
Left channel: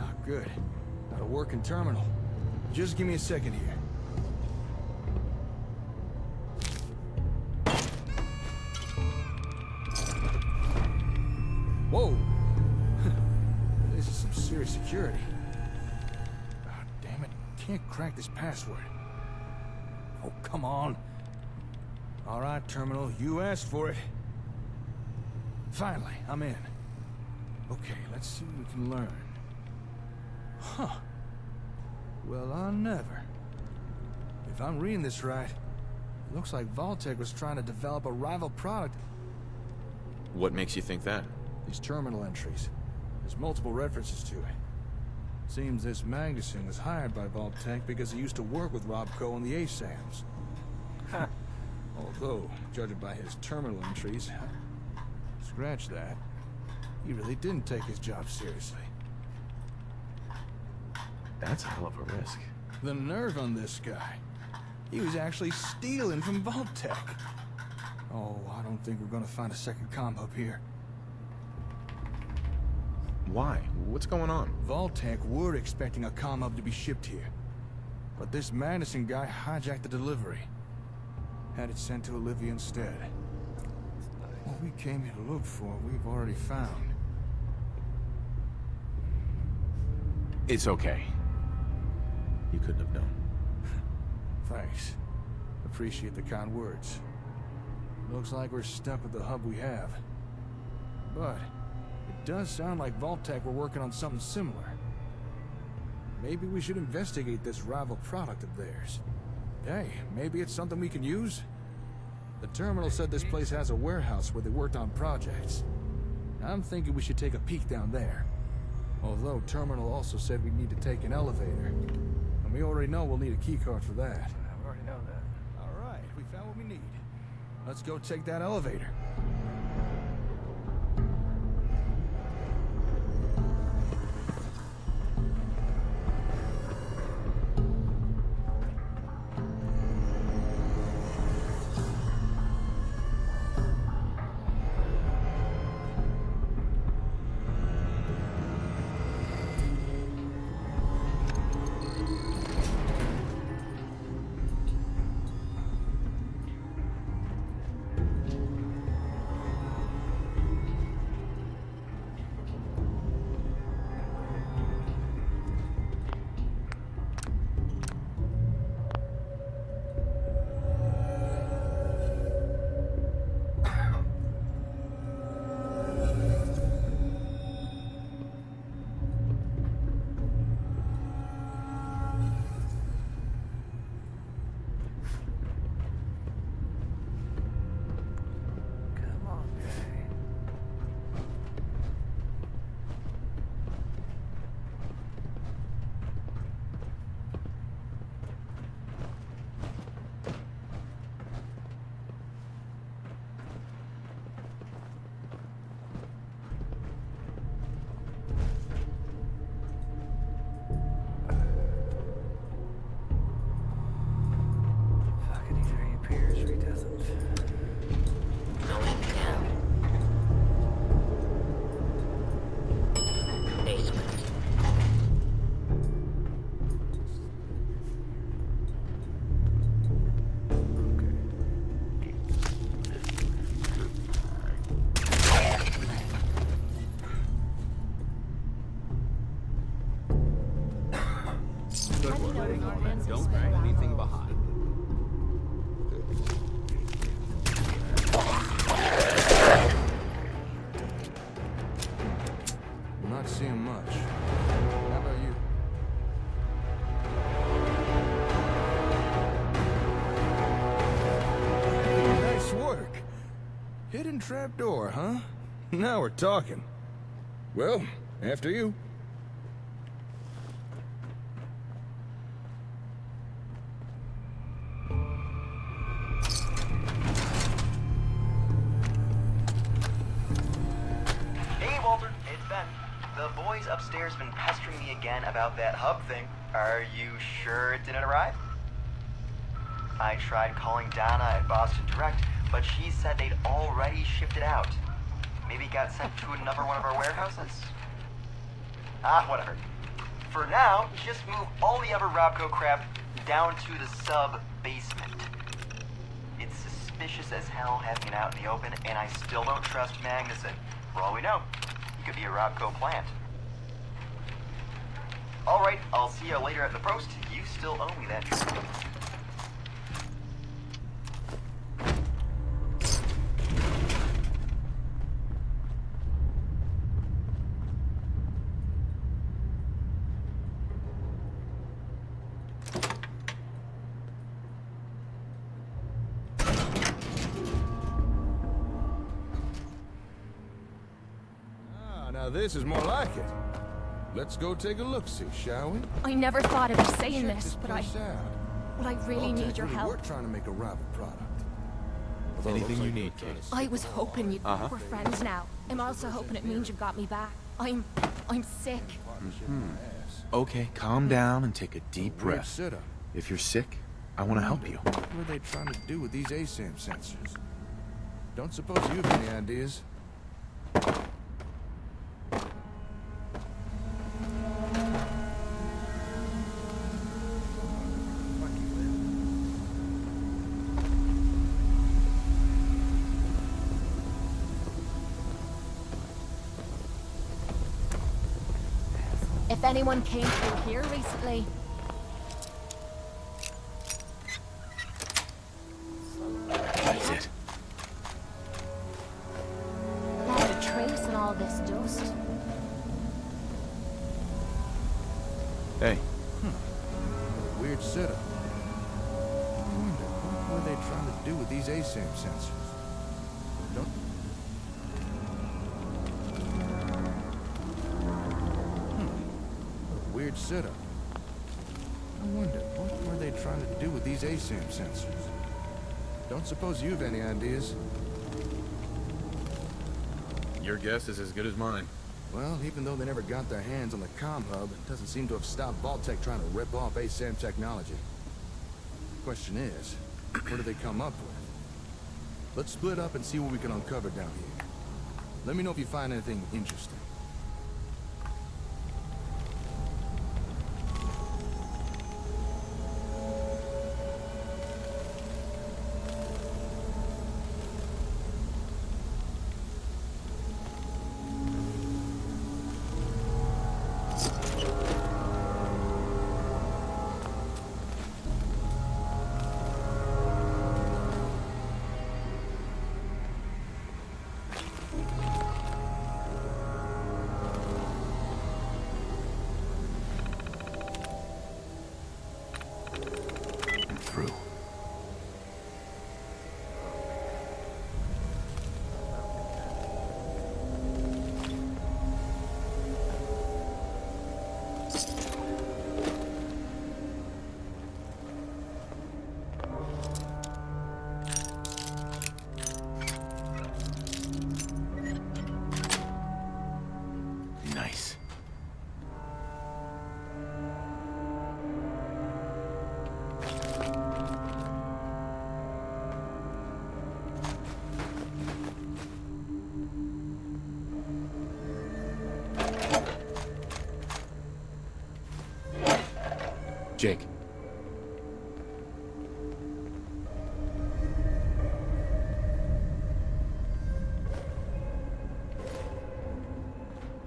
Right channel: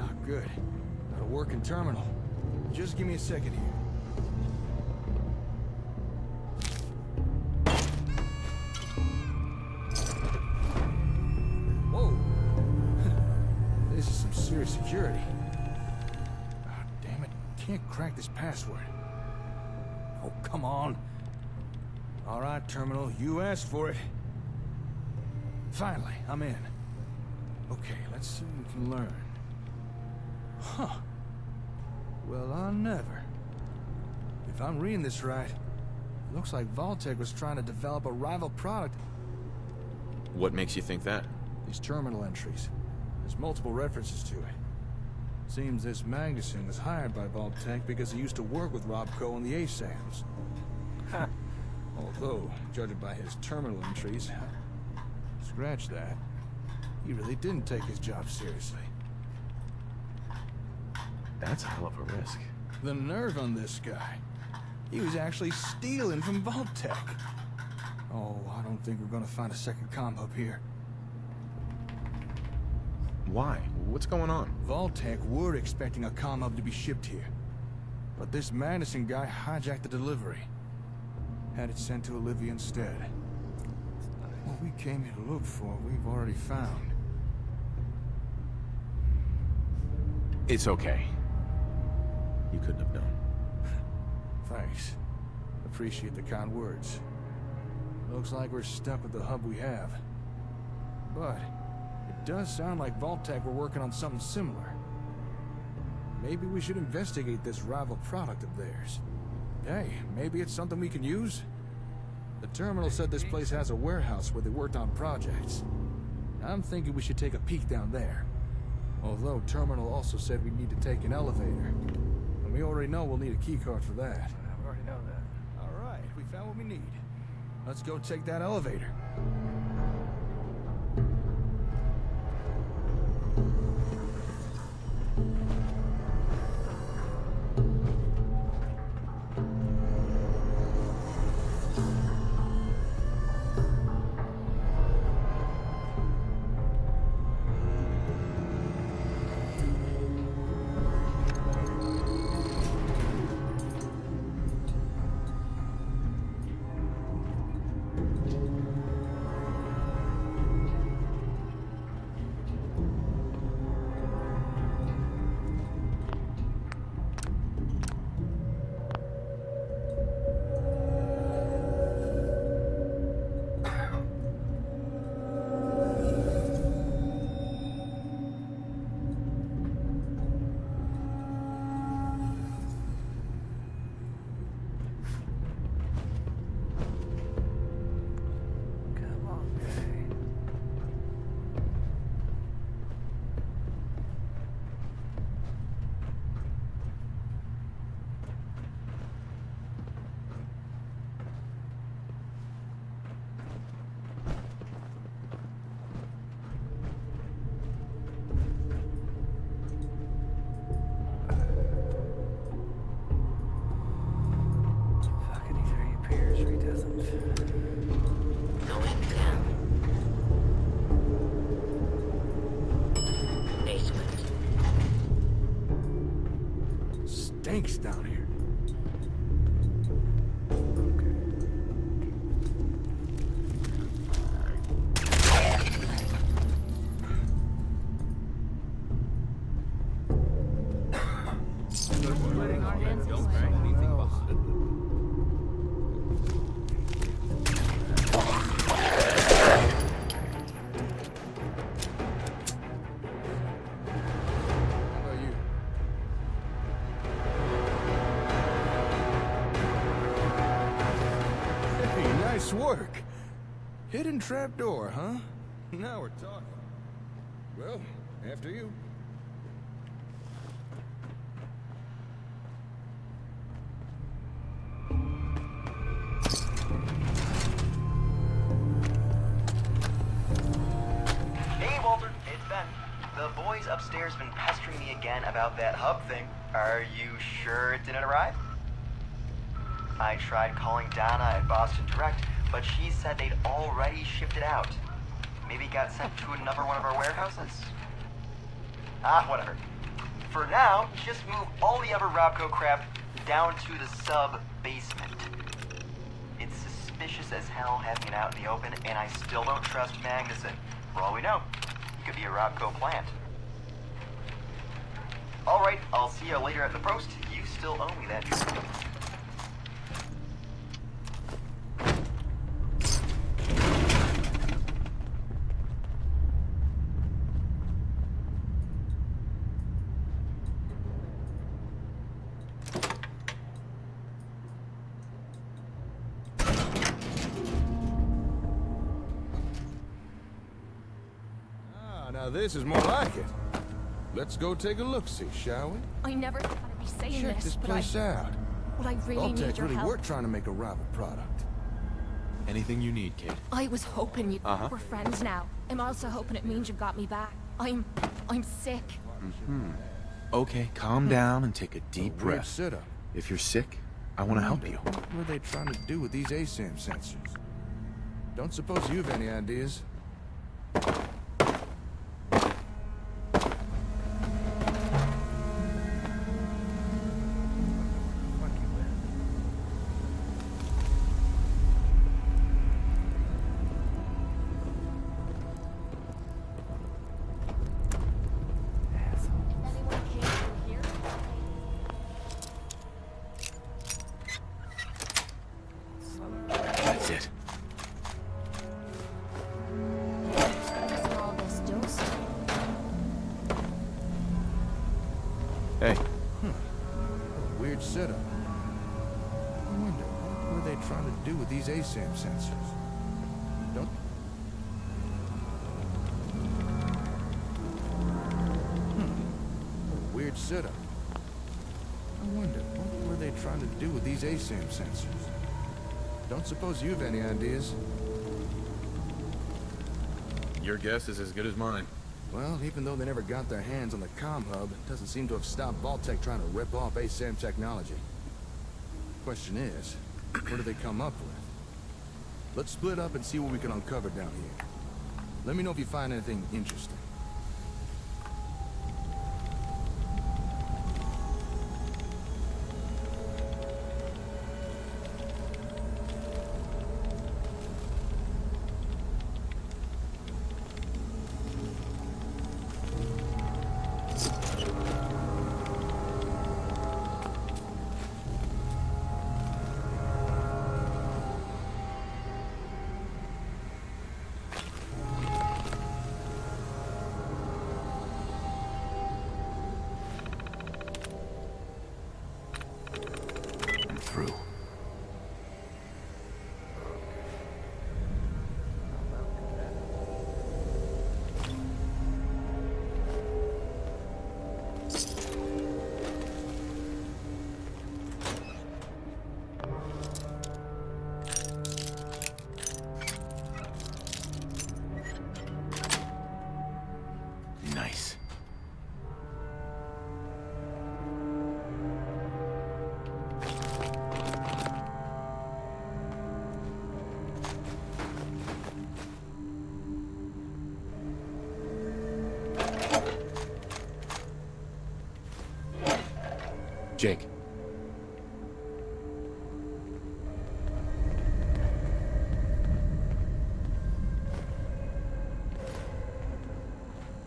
Ah, good. Got a working terminal. Just give me a second here. Whoa! This is some serious security. Oh, damn it. Can't crack this password. Oh, come on. All right, terminal. You asked for it. Finally, I'm in. Okay, let's see what we can learn. Huh. Well, I'll never. If I'm reading this right, it looks like Vault-Tec was trying to develop a rival product. What makes you think that? These terminal entries. There's multiple references to it. Seems this Magnuson was hired by Vault-Tec because he used to work with Robco on the ASAMs. Although, judging by his terminal entries, scratch that, he really didn't take his job seriously. That's a hell of a risk. The nerve on this guy. He was actually stealing from Vault-Tec. Oh, I don't think we're gonna find a second comm hub here. Why? What's going on? Vault-Tec were expecting a comm hub to be shipped here. But this Madison guy hijacked the delivery. Had it sent to Olivia instead. What we came here to look for, we've already found. It's okay. You couldn't have known. Thanks. Appreciate the kind words. Looks like we're stuck with the hub we have. But it does sound like Vault-Tec were working on something similar. Maybe we should investigate this rival product of theirs. Hey, maybe it's something we can use? The terminal said this place has a warehouse where they worked on projects. I'm thinking we should take a peek down there. Although terminal also said we need to take an elevator. And we already know we'll need a keycard for that. We already know that. Alright, we found what we need. Let's go take that elevator. Going down. Basement. Stinks down here. Don't leave anything behind. Not seeing much. How about you? Hey, nice work. Hidden trapdoor, huh? Now we're talking. Well, after you. Hey, Walter, it's Ben. The boys upstairs been pestering me again about that hub thing. Are you sure it didn't arrive? I tried calling Donna at Boston Direct, but she said they'd already shipped it out. Maybe it got sent to another one of our warehouses? Whatever. For now, just move all the other Robco crap down to the sub-basement. It's suspicious as hell having it out in the open, and I still don't trust Magnuson. For all we know, he could be a Robco plant. Alright, I'll see you later at the post. You still owe me that drink. Now this is more like it. Let's go take a look-see, shall we? I never thought I'd be saying Check this, this but place out. I really Vault-Tec need your really help. were trying to make a rival product. Anything you need, Kate. I was hoping we're friends now. I'm also hoping it means you've got me back. I'm sick. Okay, calm down and take a deep Weird breath. setup. If you're sick, I want to help you. What were they trying to do with these ASAM sensors? Don't suppose you have any ideas? If anyone came through here recently, That's it. not a trace in all this dust. Hey, What a weird setup. I wonder, what were they trying to do with these ASAM sensors? Don't... What a weird setup. I wonder, what were they trying to do with these ASAM sensors? Don't suppose you have any ideas? your guess is as good as mine. Well, even though they never got their hands on the comm hub, it doesn't seem to have stopped Vault-Tec trying to rip off ASAM technology. Question is, what do they come up with? Let's split up and see what we can uncover down here. Let me know if you find anything interesting. Through. Nice. Jake.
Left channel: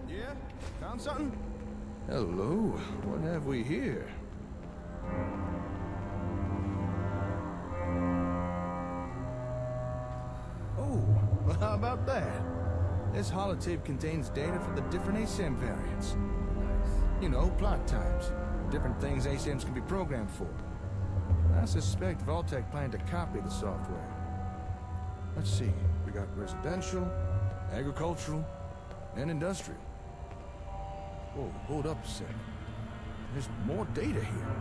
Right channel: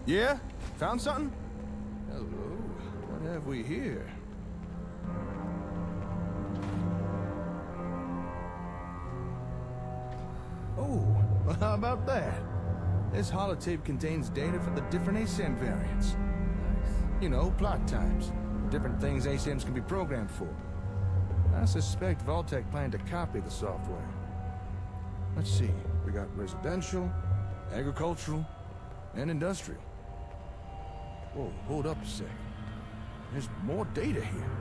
Yeah? Found something? Hello, what have we here? Oh, well, how about that? This holotape contains data for the different ASAM variants. Nice. You know, plot types. Different things ASAMs can be programmed for. I suspect Vault-Tec planned to copy the software. Let's see, we got residential, agricultural, and industrial. Whoa, hold up a sec. There's more data here.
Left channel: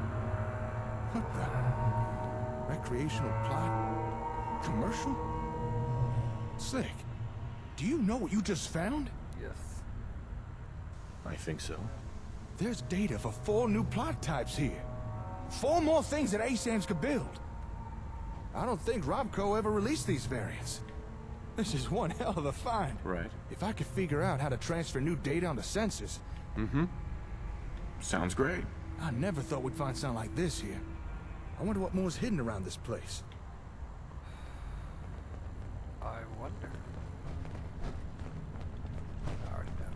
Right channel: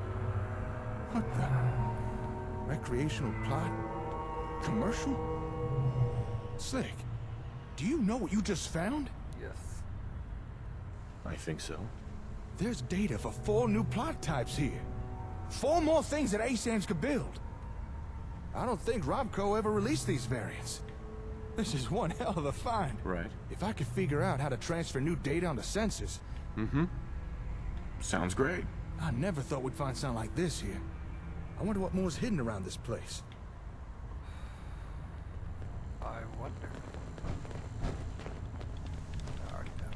What the? Recreational plot? Commercial? Slick, do you know what you just found? Yes. I think so. There's data for 4 new plot types here. 4 more things that ASAMs could build. I don't think Robco ever released these variants. This is one hell of a find. Right. If I could figure out how to transfer new data onto sensors... Mm-hmm. Sounds great. I never thought we'd find something like this here. I wonder what more's hidden around this place. I wonder. I already know.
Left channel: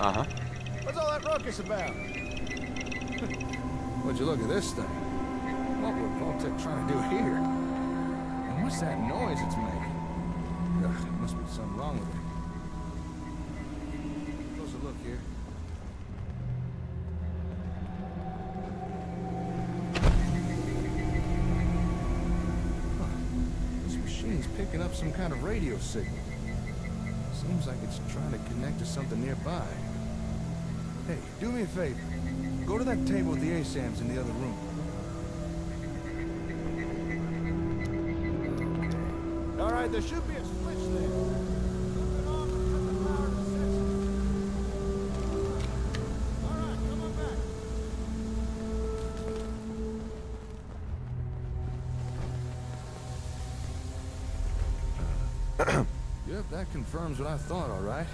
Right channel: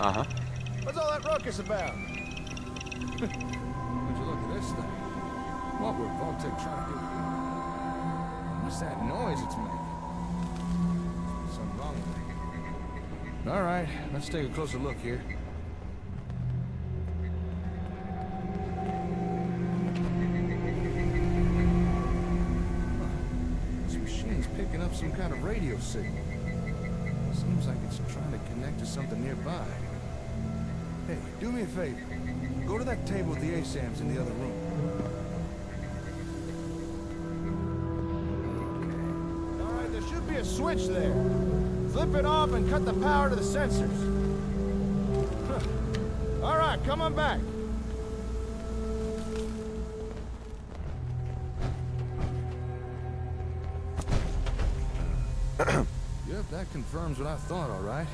Uh-huh. What's all that ruckus about? Would you look at this thing? What were Vault-Tec trying to do here? And what's that noise it's making? Ugh, must be something wrong with it. All right, let's take a closer look here. Huh. This machine's picking up some kind of radio signal. Seems like it's trying to connect to something nearby. Hey, do me a favor. Go to that table with the ASAMs in the other room. Okay. All right, there should be a switch there. Flip it off and cut the power to the sensors. All right, come on back. Yep, that confirms what I thought, all right.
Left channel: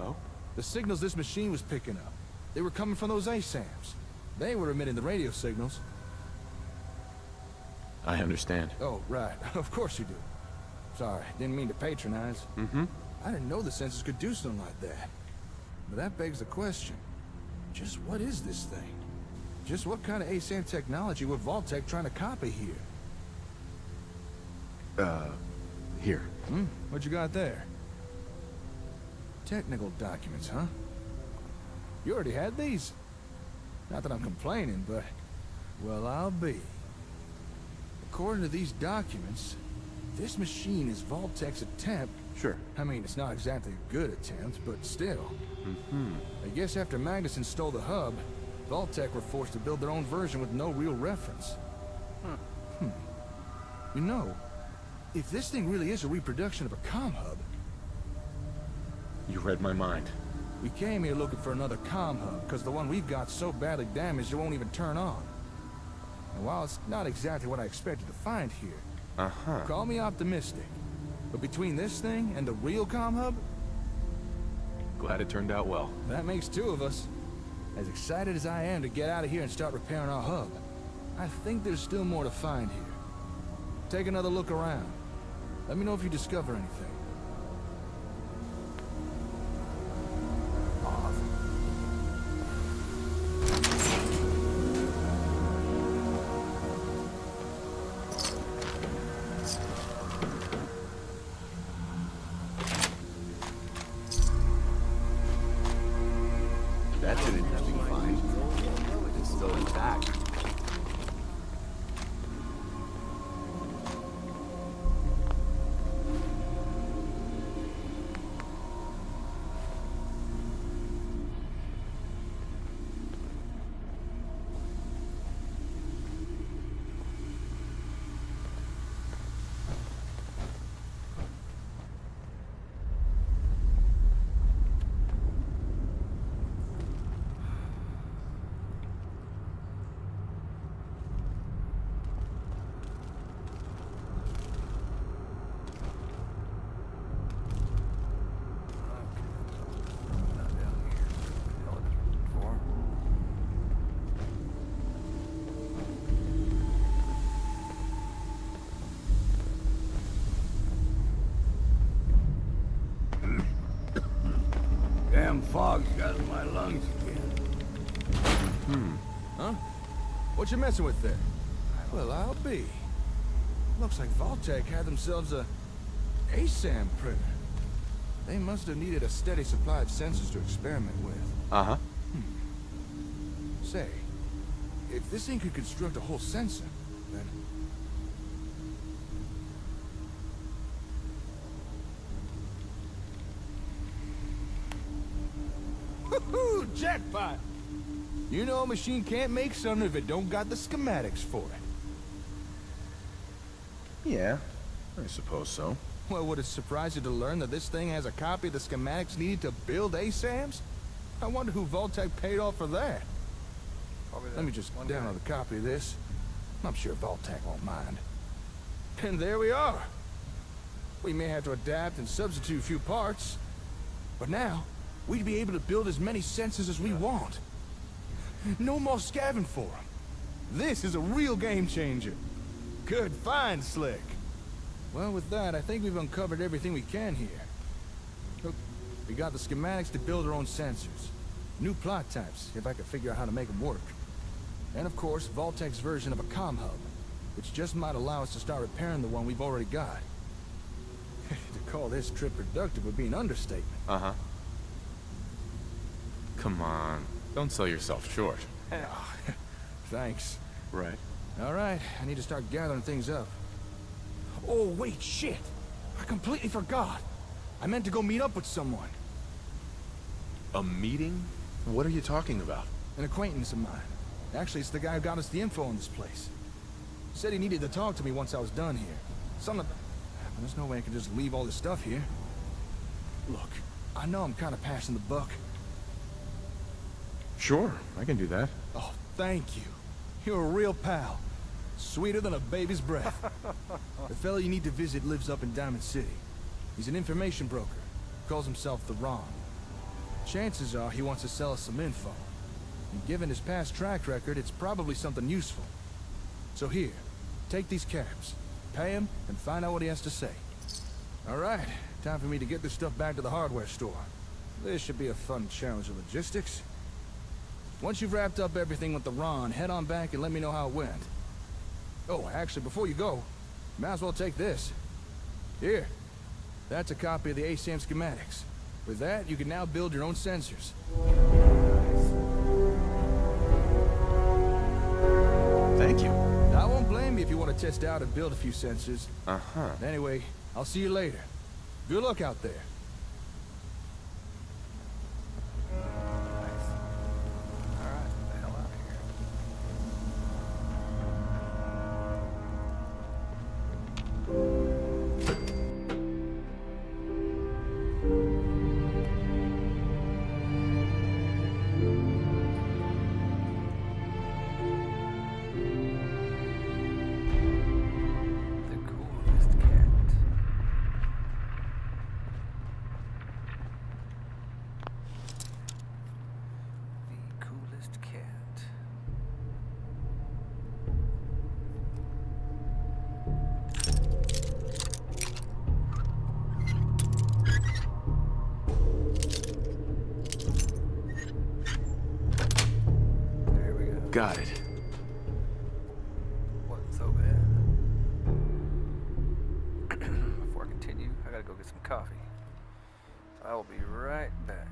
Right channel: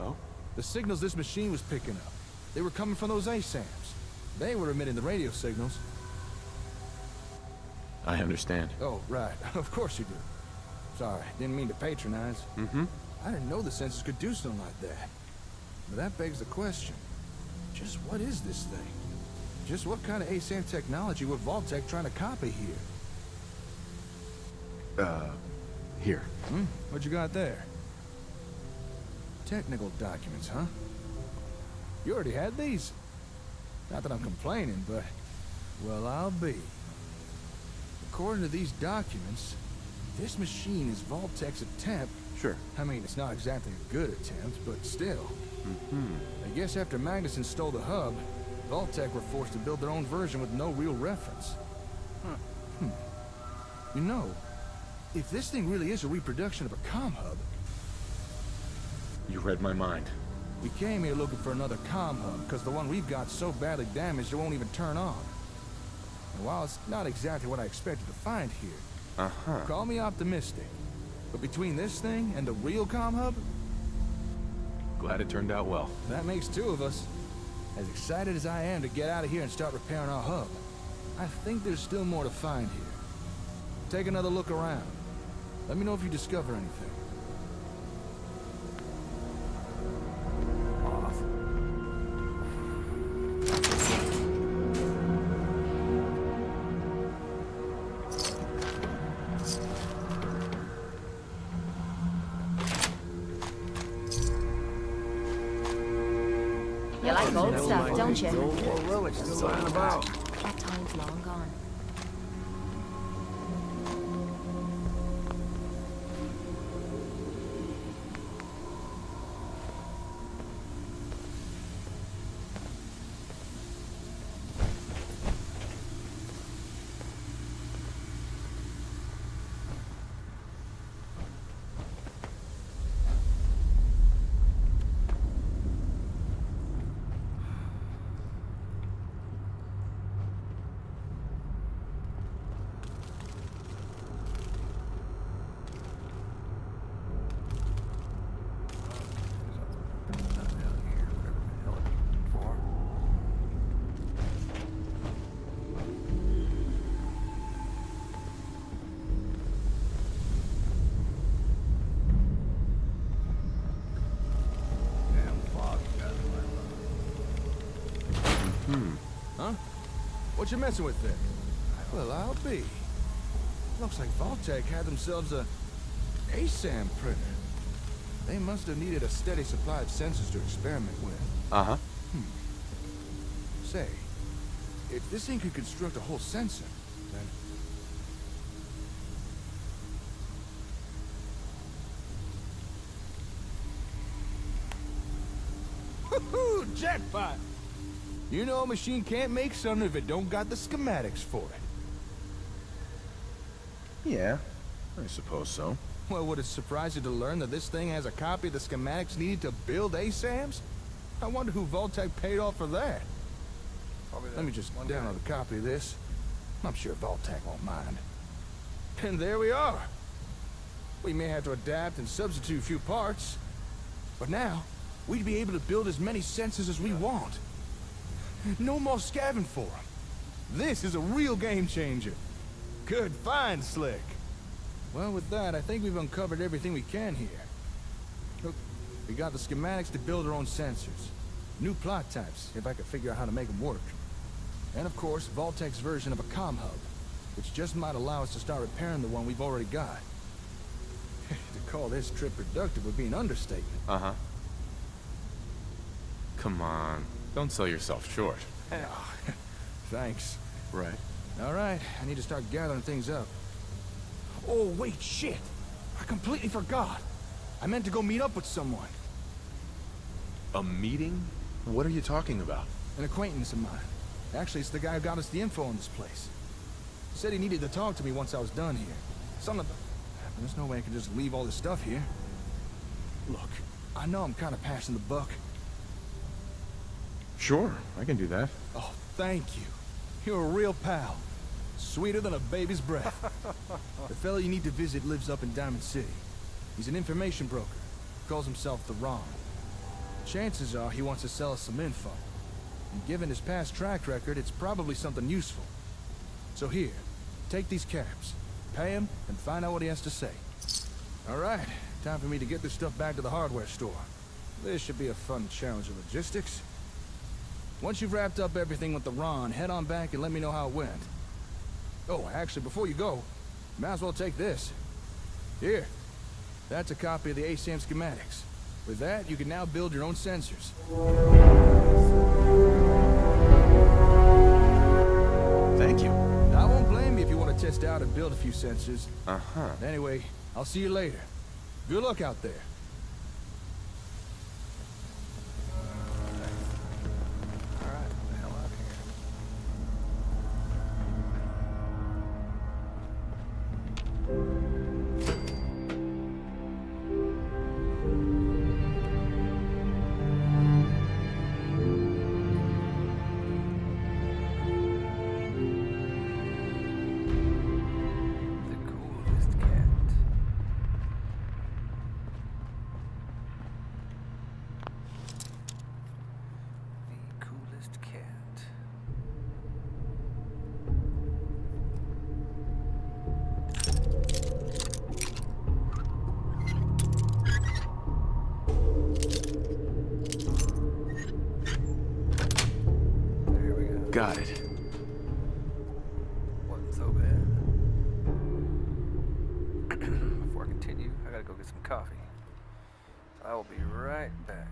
Oh? The signals this machine was picking up, they were coming from those ASAMs. They were emitting the radio signals. I understand. Oh, right. Of course you do. Sorry, didn't mean to patronize. Mm-hmm. I didn't know the sensors could do something like that. But that begs the question. Just what is this thing? Just what kind of ASAM technology were Vault-Tec trying to copy here? Here. What you got there? Technical documents, huh? You already had these? Not that I'm complaining, but... well, I'll be. According to these documents, this machine is Vault-Tec's attempt... Sure. I mean, it's not exactly a good attempt, but still. Mm-hmm. I guess after Magnuson stole the hub, Vault-Tec were forced to build their own version with no real reference. You know, if this thing really is a reproduction of a comm hub... You read my mind. We came here looking for another comm hub, because the one we've got so badly damaged it won't even turn on. And while it's not exactly what I expected to find here, Uh-huh. call me optimistic, but between this thing and the real comm hub, Glad it turned out well. that makes two of us. As excited as I am to get out of here and start repairing our hub, I think there's still more to find here. Take another look around. Let me know if you discover anything. Awesome. You like old stuff, don't you? Whoa, it's still about. That time's long gone. got in my lungs Huh? What you messing with there? Well, I'll be. Looks like Vault-Tec had themselves a ASAM printer. They must have needed a steady supply of sensors to experiment with. Uh-huh. Say, if this thing could construct a whole sensor, then... Woohoo! Jackpot! You know a machine can't make something if it don't got the schematics for it. Yeah, I suppose so. Well, would it surprise you to learn that this thing has a copy of the schematics needed to build ASAMs? I wonder who Vault-Tec paid off for that. Let me just download a copy of this. I'm sure Vault-Tec won't mind. And there we are. We may have to adapt and substitute a few parts, but now we'd be able to build as many sensors as we want. No more scavenging for them. This is a real game changer. Good find, Slick. Well, with that, I think we've uncovered everything we can here. Look, we got the schematics to build our own sensors. New plot types, if I could figure out how to make them work. And of course, Vault-Tec's version of a comm hub, which just might allow us to start repairing the one we've already got. To call this trip productive would be an understatement. Uh-huh. Come on. Don't sell yourself short. Thanks. Right. All right, I need to start gathering things up. Oh, wait, shit! I completely forgot. I meant to go meet up with someone. A meeting? What are you talking about? An acquaintance of mine. Actually, it's the guy who got us the info on this place. He said he needed to talk to me once I was done here. Something about... There's no way I can just leave all this stuff here. Look, I know I'm kind of passing the buck. Sure, I can do that. Oh, thank you. You're a real pal. Sweeter than a baby's breath. The fellow you need to visit lives up in Diamond City. He's an information broker. Calls himself the Ron. Chances are he wants to sell us some info. And given his past track record, it's probably something useful. So here, take these caps. Pay him and find out what he has to say. All right, time for me to get this stuff back to the hardware store. This should be a fun challenge of logistics. Once you've wrapped up everything with the Ron, head on back and let me know how it went. Oh, actually, before you go, might as well take this. Here. That's a copy of the ASAM schematics. With that, you can now build your own sensors. Thank you. I won't blame you if you want to test out and build a few sensors. Uh-huh. Anyway, I'll see you later. Good luck out there. Alright, the hell out of here. The coolest cat. The coolest cat. There we go. Got it. Wasn't so bad. Before I continue, I gotta go get some coffee. So I will be right back.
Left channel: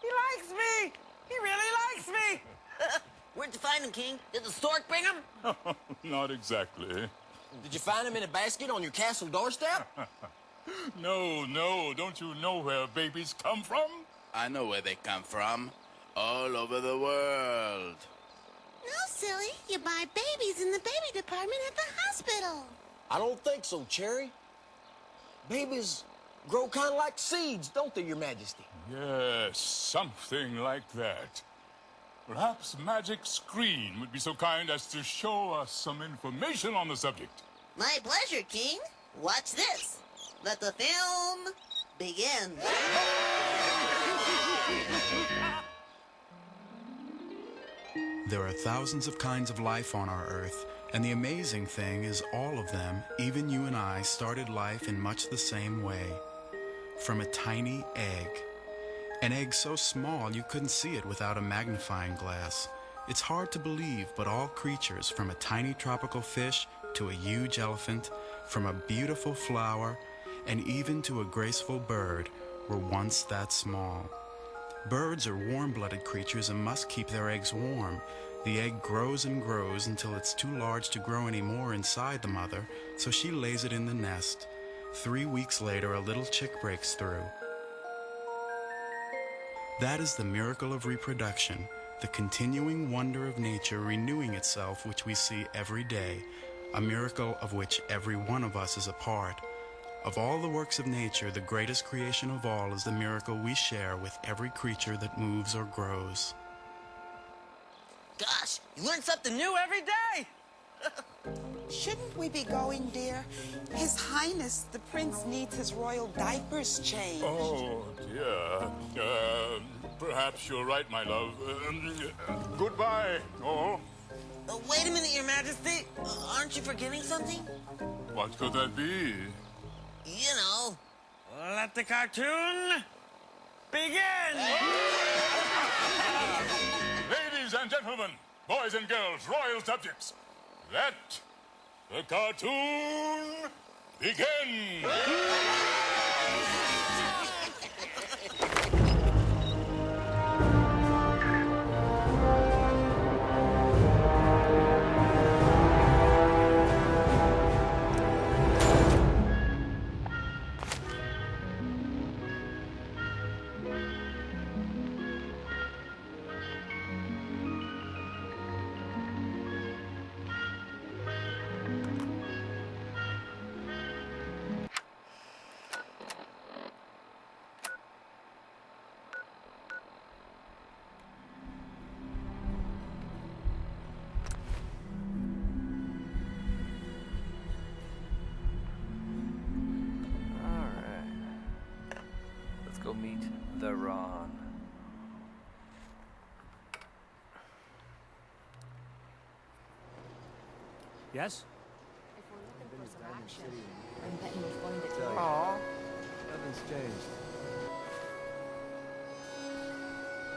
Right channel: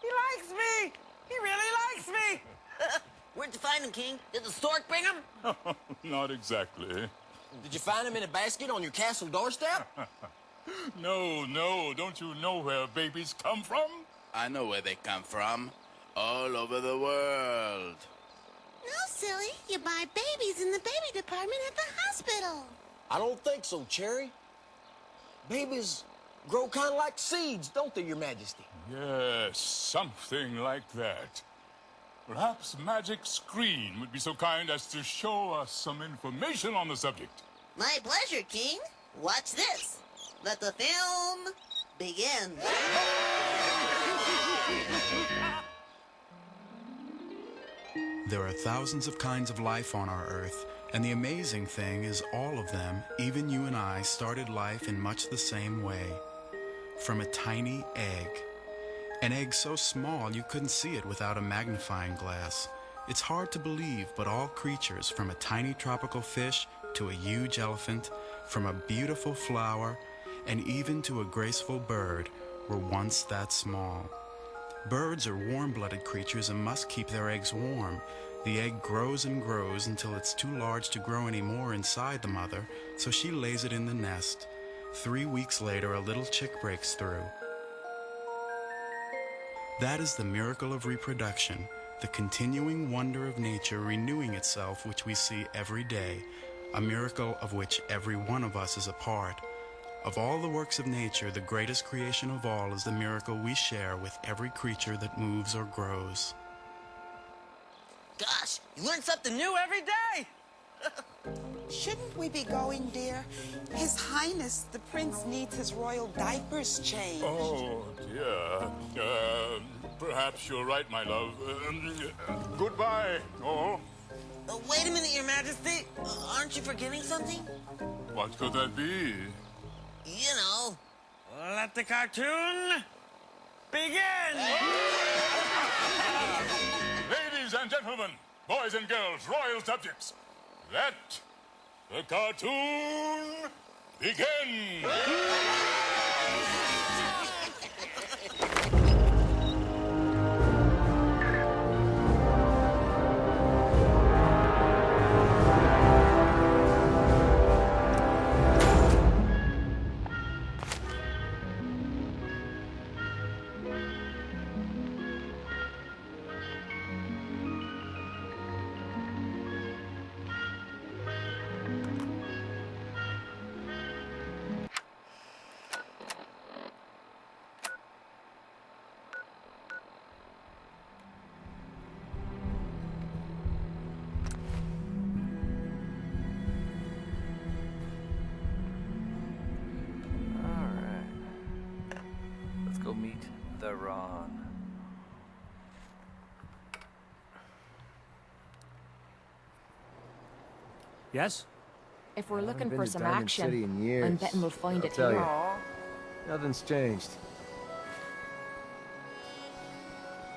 He likes me! He really likes me! Where'd you find him, King? Did the stork bring him? Not exactly. Did you find him in a basket on your castle doorstep? No, don't you know where babies come from? I know where they come from. All over the world. No, silly. You buy babies in the baby department at the hospital. I don't think so, Cherry. Babies grow kind of like seeds, don't they, Your Majesty? Yes, something like that. perhaps Magic Screen would be so kind as to show us some information on the subject. My pleasure, King. Watch this. Let the film begin. There are thousands of kinds of life on our Earth, and the amazing thing is all of them, even you and I, started life in much the same way. From a tiny egg. An egg so small you couldn't see it without a magnifying glass. It's hard to believe, but all creatures, from a tiny tropical fish to a huge elephant, from a beautiful flower, and even to a graceful bird, were once that small. Birds are warm-blooded creatures and must keep their eggs warm. The egg grows and grows until it's too large to grow anymore inside the mother, so she lays it in the nest. 3 weeks later, a little chick breaks through. That is the miracle of reproduction, the continuing wonder of nature renewing itself, which we see every day, a miracle of which every one of us is a part. Of all the works of nature, the greatest creation of all is the miracle we share with every creature that moves or grows. Gosh, you learn something new every day! Shouldn't we be going, dear? His Highness, the Prince, needs his royal diapers changed. Oh, dear. Perhaps you're right, my love. Goodbye, all. Wait a minute, Your Majesty. Aren't you forgetting something? What could that be? You know, let the cartoon begin! Ladies and gentlemen, boys and girls, royal subjects, let the cartoon begin! Go meet the Ron. Yes? If we're looking been for to some Diamond action, City in years. I'm betting we'll find I'll it tell here. you. Aw. Nothing's changed.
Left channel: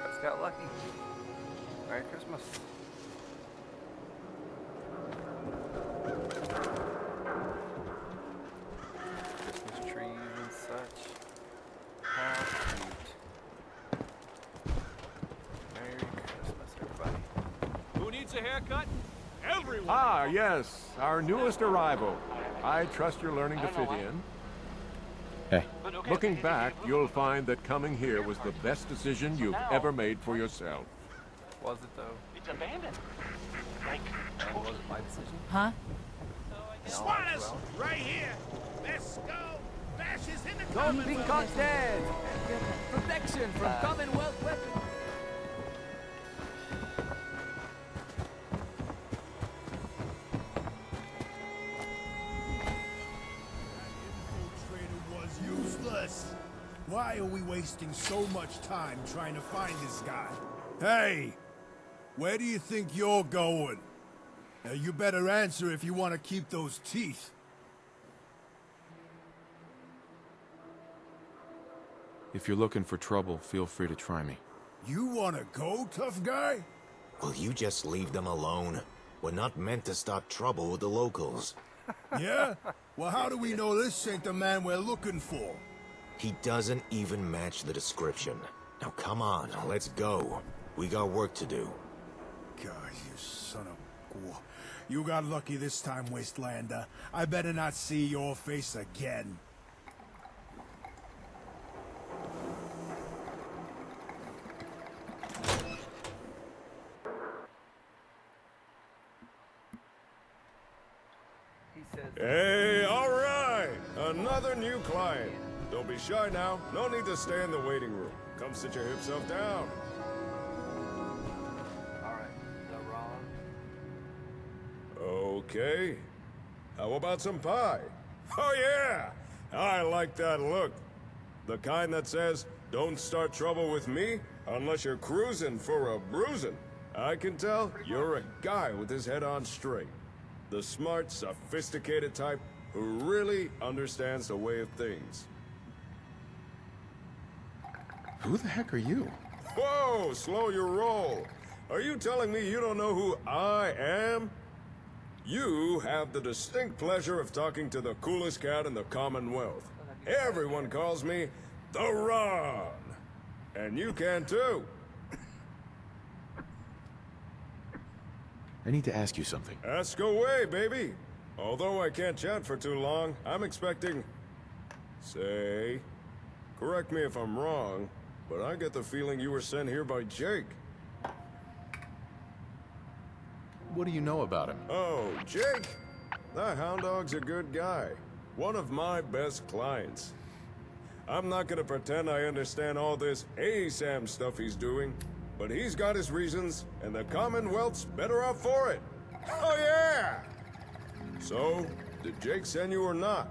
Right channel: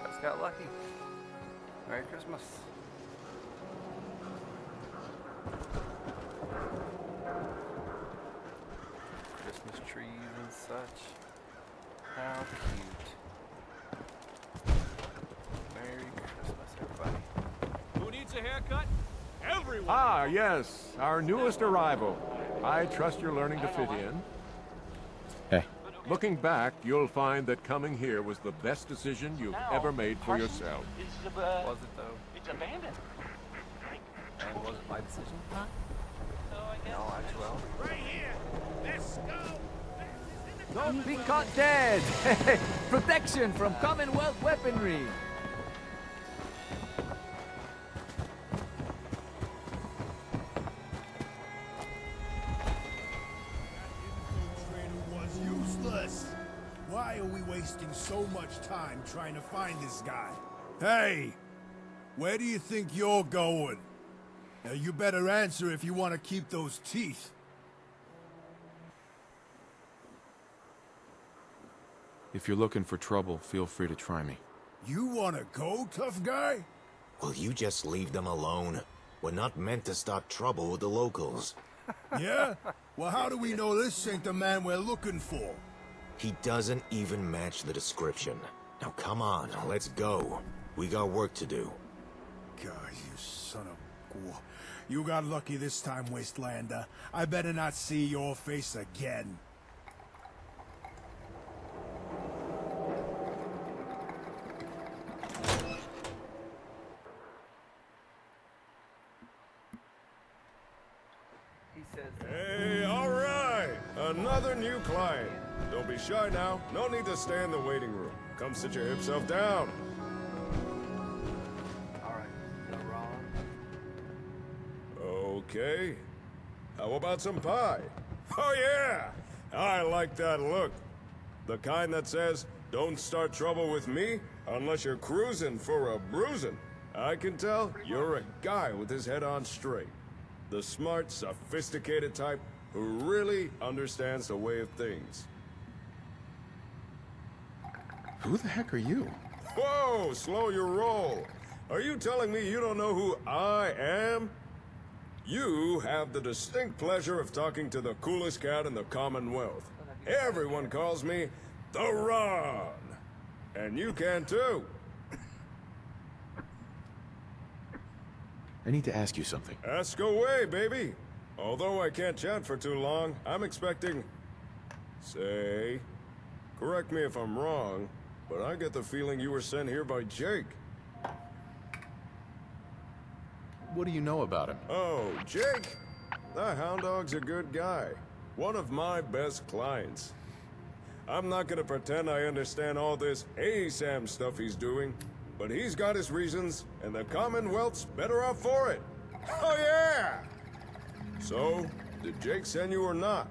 Just got lucky. Merry Christmas. Christmas trees and such. How cute. Merry Christmas, everybody. Who needs a haircut? Everyone! Ah, yes, our newest arrival. I trust you're learning to fit in. Hey. Looking back, you'll find that coming here was the best decision you've ever made for yourself. Was it though? It's abandoned. And was it my decision? Huh? No, well. Right here! Let's go! Fascists in the Don't be caught dead! Protection from Commonwealth weaponry! Was useless. Why are we wasting so much time trying to find this guy? Hey! Where do you think you're going? Now you better answer if you want to keep those teeth. If you're looking for trouble, feel free to try me. You want to go, tough guy? Will you just leave them alone? We're not meant to start trouble with the locals. Yeah? Well, how do we know this ain't the man we're looking for? He doesn't even match the description. Now come on, let's go. We got work to do. God, you son of... You got lucky this time, Wastelander. I better not see your face again. Hey, all right! Another new client. Don't be shy now. No need to stay in the waiting room. Come sit your hip self down. Okay. How about some pie? Oh yeah! I like that look. The kind that says, don't start trouble with me unless you're cruising for a bruising. I can tell you're a guy with his head on straight. The smart, sophisticated type who really understands the way of things. Who the heck are you? Whoa, slow your roll. Are you telling me you don't know who I am? You have the distinct pleasure of talking to the coolest cat in the Commonwealth. Everyone calls me the Ron. And you can too. I need to ask you something. Ask away, baby. Although I can't chat for too long, I'm expecting... Say... Correct me if I'm wrong, but I get the feeling you were sent here by Jake. What do you know about him? Oh, Jake? That hound dog's a good guy. One of my best clients. I'm not gonna pretend I understand all this ASAM stuff he's doing, but he's got his reasons, and the Commonwealth's better off for it. Oh yeah! So, did Jake send you or not?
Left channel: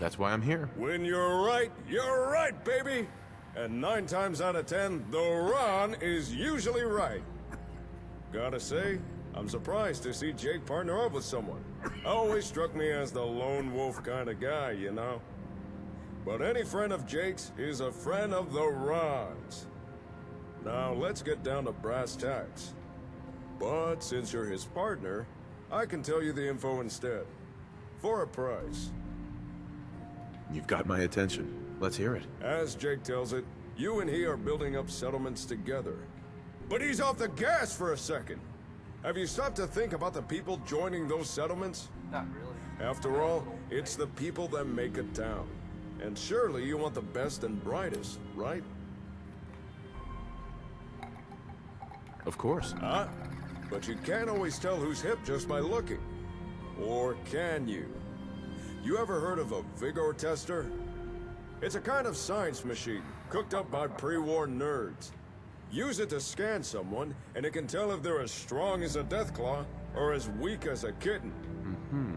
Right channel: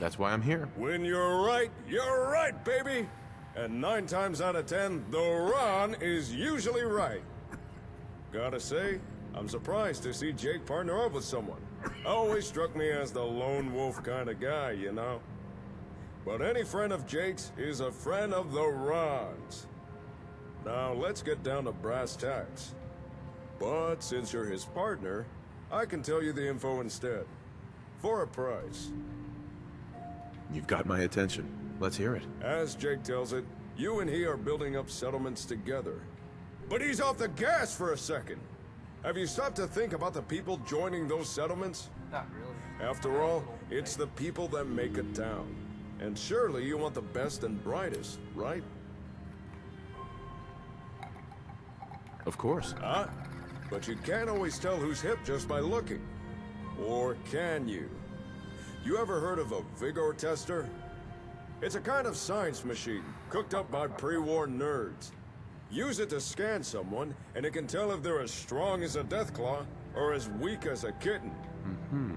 That's why I'm here. When you're right, baby! And 9 times out of 10, the Ron is usually right. Gotta say, I'm surprised to see Jake partner up with someone. Always struck me as the lone wolf kind of guy, you know? But any friend of Jake's is a friend of the Ron's. Now, let's get down to brass tacks. But since you're his partner, I can tell you the info instead. For a price. You've got my attention. Let's hear it. As Jake tells it, you and he are building up settlements together. But he's off the gas for a second. Have you stopped to think about the people joining those settlements? Not really. After all, it's the people that make a town. And surely you want the best and brightest, right? Of course. But you can't always tell who's hip just by looking. Or can you? You ever heard of a vigor tester? It's a kind of science machine, cooked up by pre-war nerds. Use it to scan someone, and it can tell if they're as strong as a deathclaw or as weak as a kitten.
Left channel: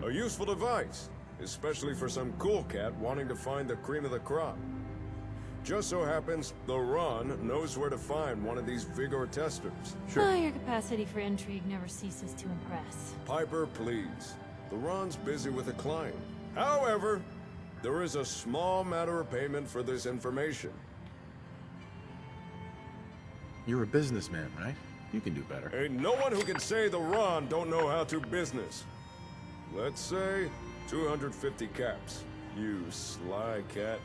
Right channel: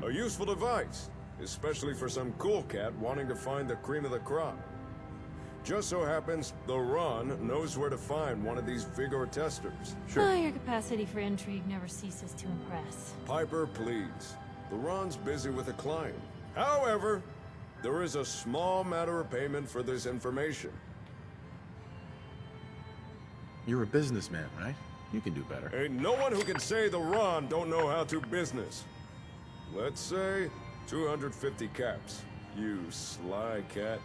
A useful device, especially for some cool cat wanting to find the cream of the crop. Just so happens, the Ron knows where to find one of these vigor testers. Oh, your capacity for intrigue never ceases to impress. Piper, please. The Ron's busy with a client. However, there is a small matter of payment for this information. You're a businessman, right? You can do better. Ain't no one who can say the Ron don't know how to business. Let's say 250 caps. You sly cat.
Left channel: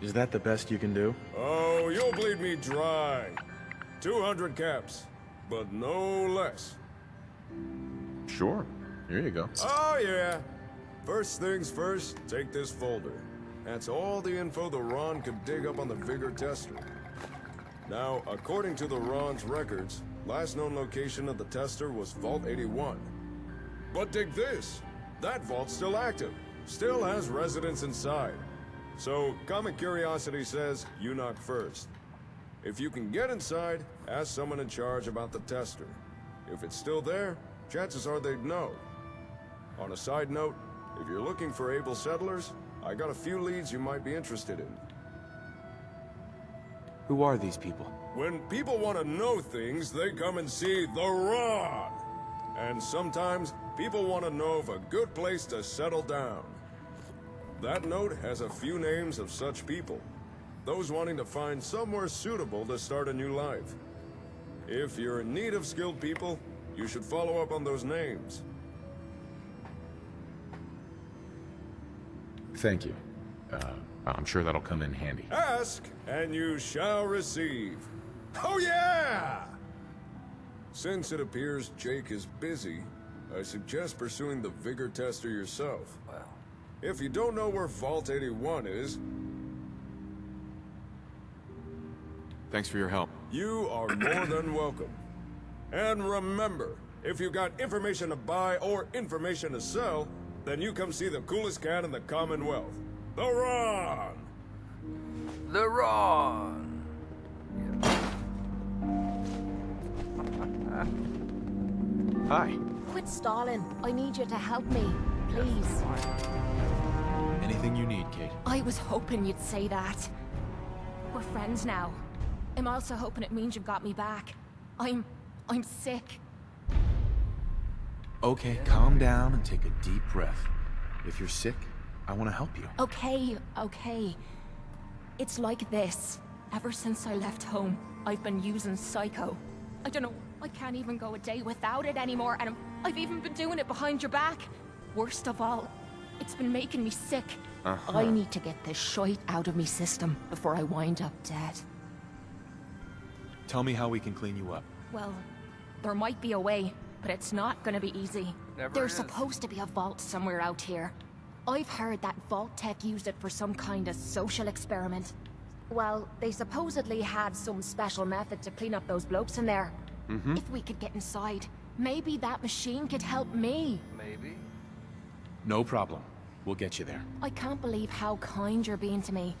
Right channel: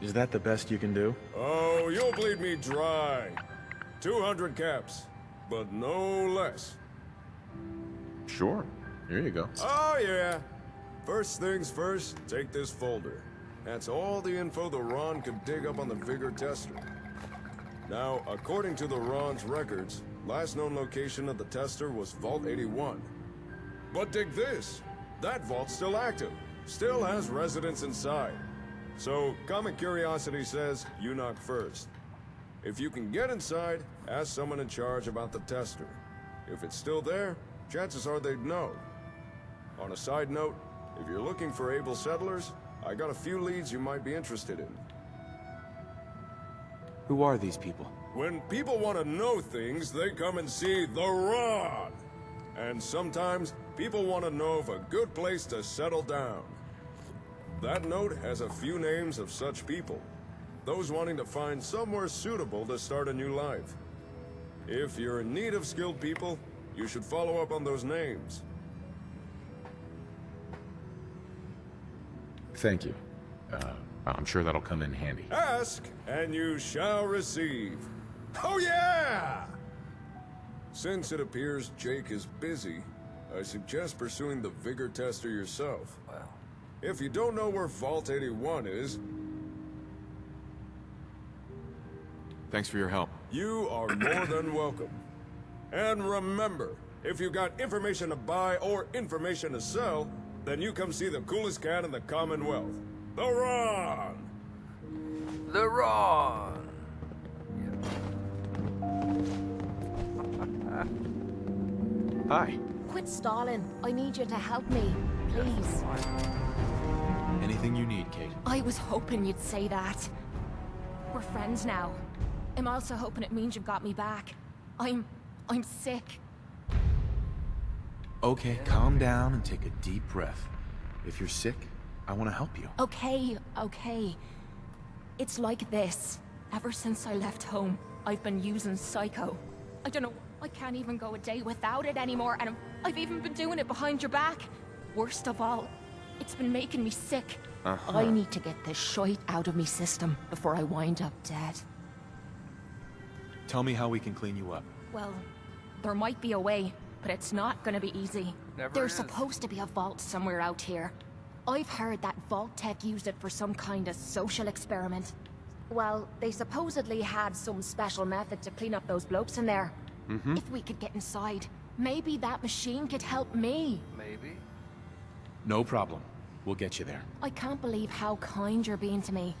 Is that the best you can do? Oh, you'll bleed me dry. 200 caps, but no less. Sure. Here you go. Oh, yeah. First things first, take this folder. That's all the info the Ron could dig up on the Vigor tester. Now, according to the Ron's records, last known location of the tester was Vault 81. But dig this. That vault's still active. Still has residents inside. So, common curiosity says you knock first. If you can get inside, ask someone in charge about the tester. If it's still there, chances are they'd know. On a side note, if you're looking for able settlers, I got a few leads you might be interested in. Who are these people? When people want to know things, they come and see the Ron. And sometimes, people want to know of a good place to settle down. That note has a few names of such people. Those wanting to find somewhere suitable to start a new life. If you're in need of skilled people, you should follow up on those names. Thank you. I'm sure that'll come in handy. Ask, and you shall receive. Oh yeah! Since it appears Jake is busy, I suggest pursuing the Vigor tester yourself. Wow. If you don't know where Vault 81 is... Thanks for your help. You are more than welcome. And remember, if you got information to buy or information to sell, then you come see the coolest cat in the Commonwealth. The Ron! The Ron! Yeah. Hi. Quit stalling. I need you to help me. Please. Anything you need, Kate. I was hoping you'd say that. We're friends now. I'm also hoping it means you've got me back. I'm sick. Okay, calm down and take a deep breath. If you're sick, I want to help you. Okay. It's like this. Ever since I left home, I've been using Psycho. I don't know, I can't even go a day without it anymore, and I've even been doing it behind your back. Worst of all, it's been making me sick. I need to get this shite out of me system before I wind up dead. Tell me how we can clean you up. Well, there might be a way, but it's not gonna be easy. There's is. supposed to be a vault somewhere out here. I've heard that Vault-Tec used it for some kind of social experiment. Well, they supposedly had some special method to clean up those blokes in there. If we could get inside, maybe that machine could help me. Maybe. No problem. We'll get you there. I can't believe how kind you're being to me.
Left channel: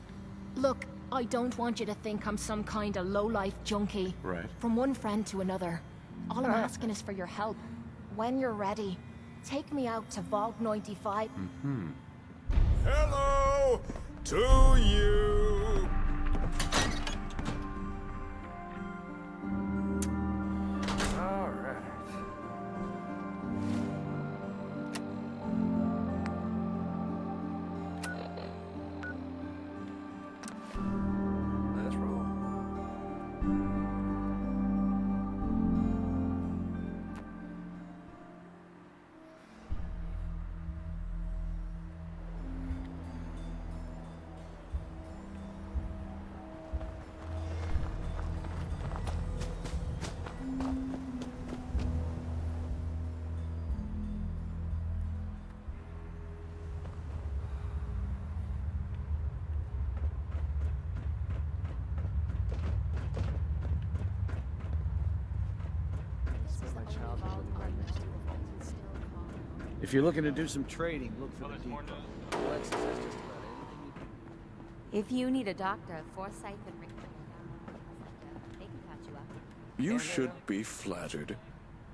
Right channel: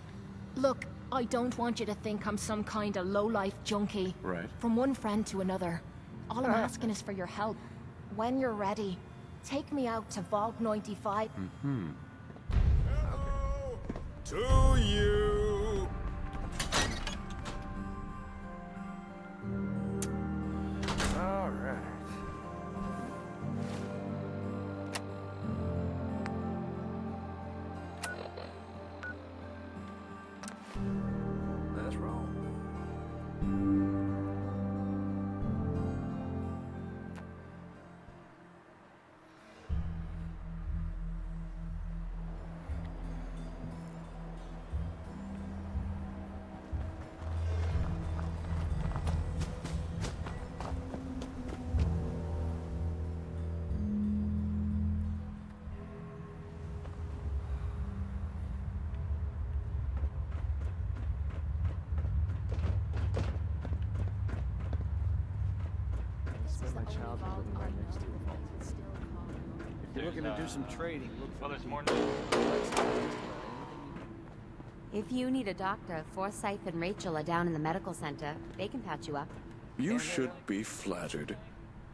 Look, I don't want you to think I'm some kind of low-life junkie. Right. From one friend to another. All I'm asking is for your help. When you're ready, take me out to Vault 95. Hello to you. All right. Let's roll. If you're looking to do some trading, look for the people. If you need a doctor, Forsyth and Rachel are down in the medical center. They can patch you up. You should be flattered.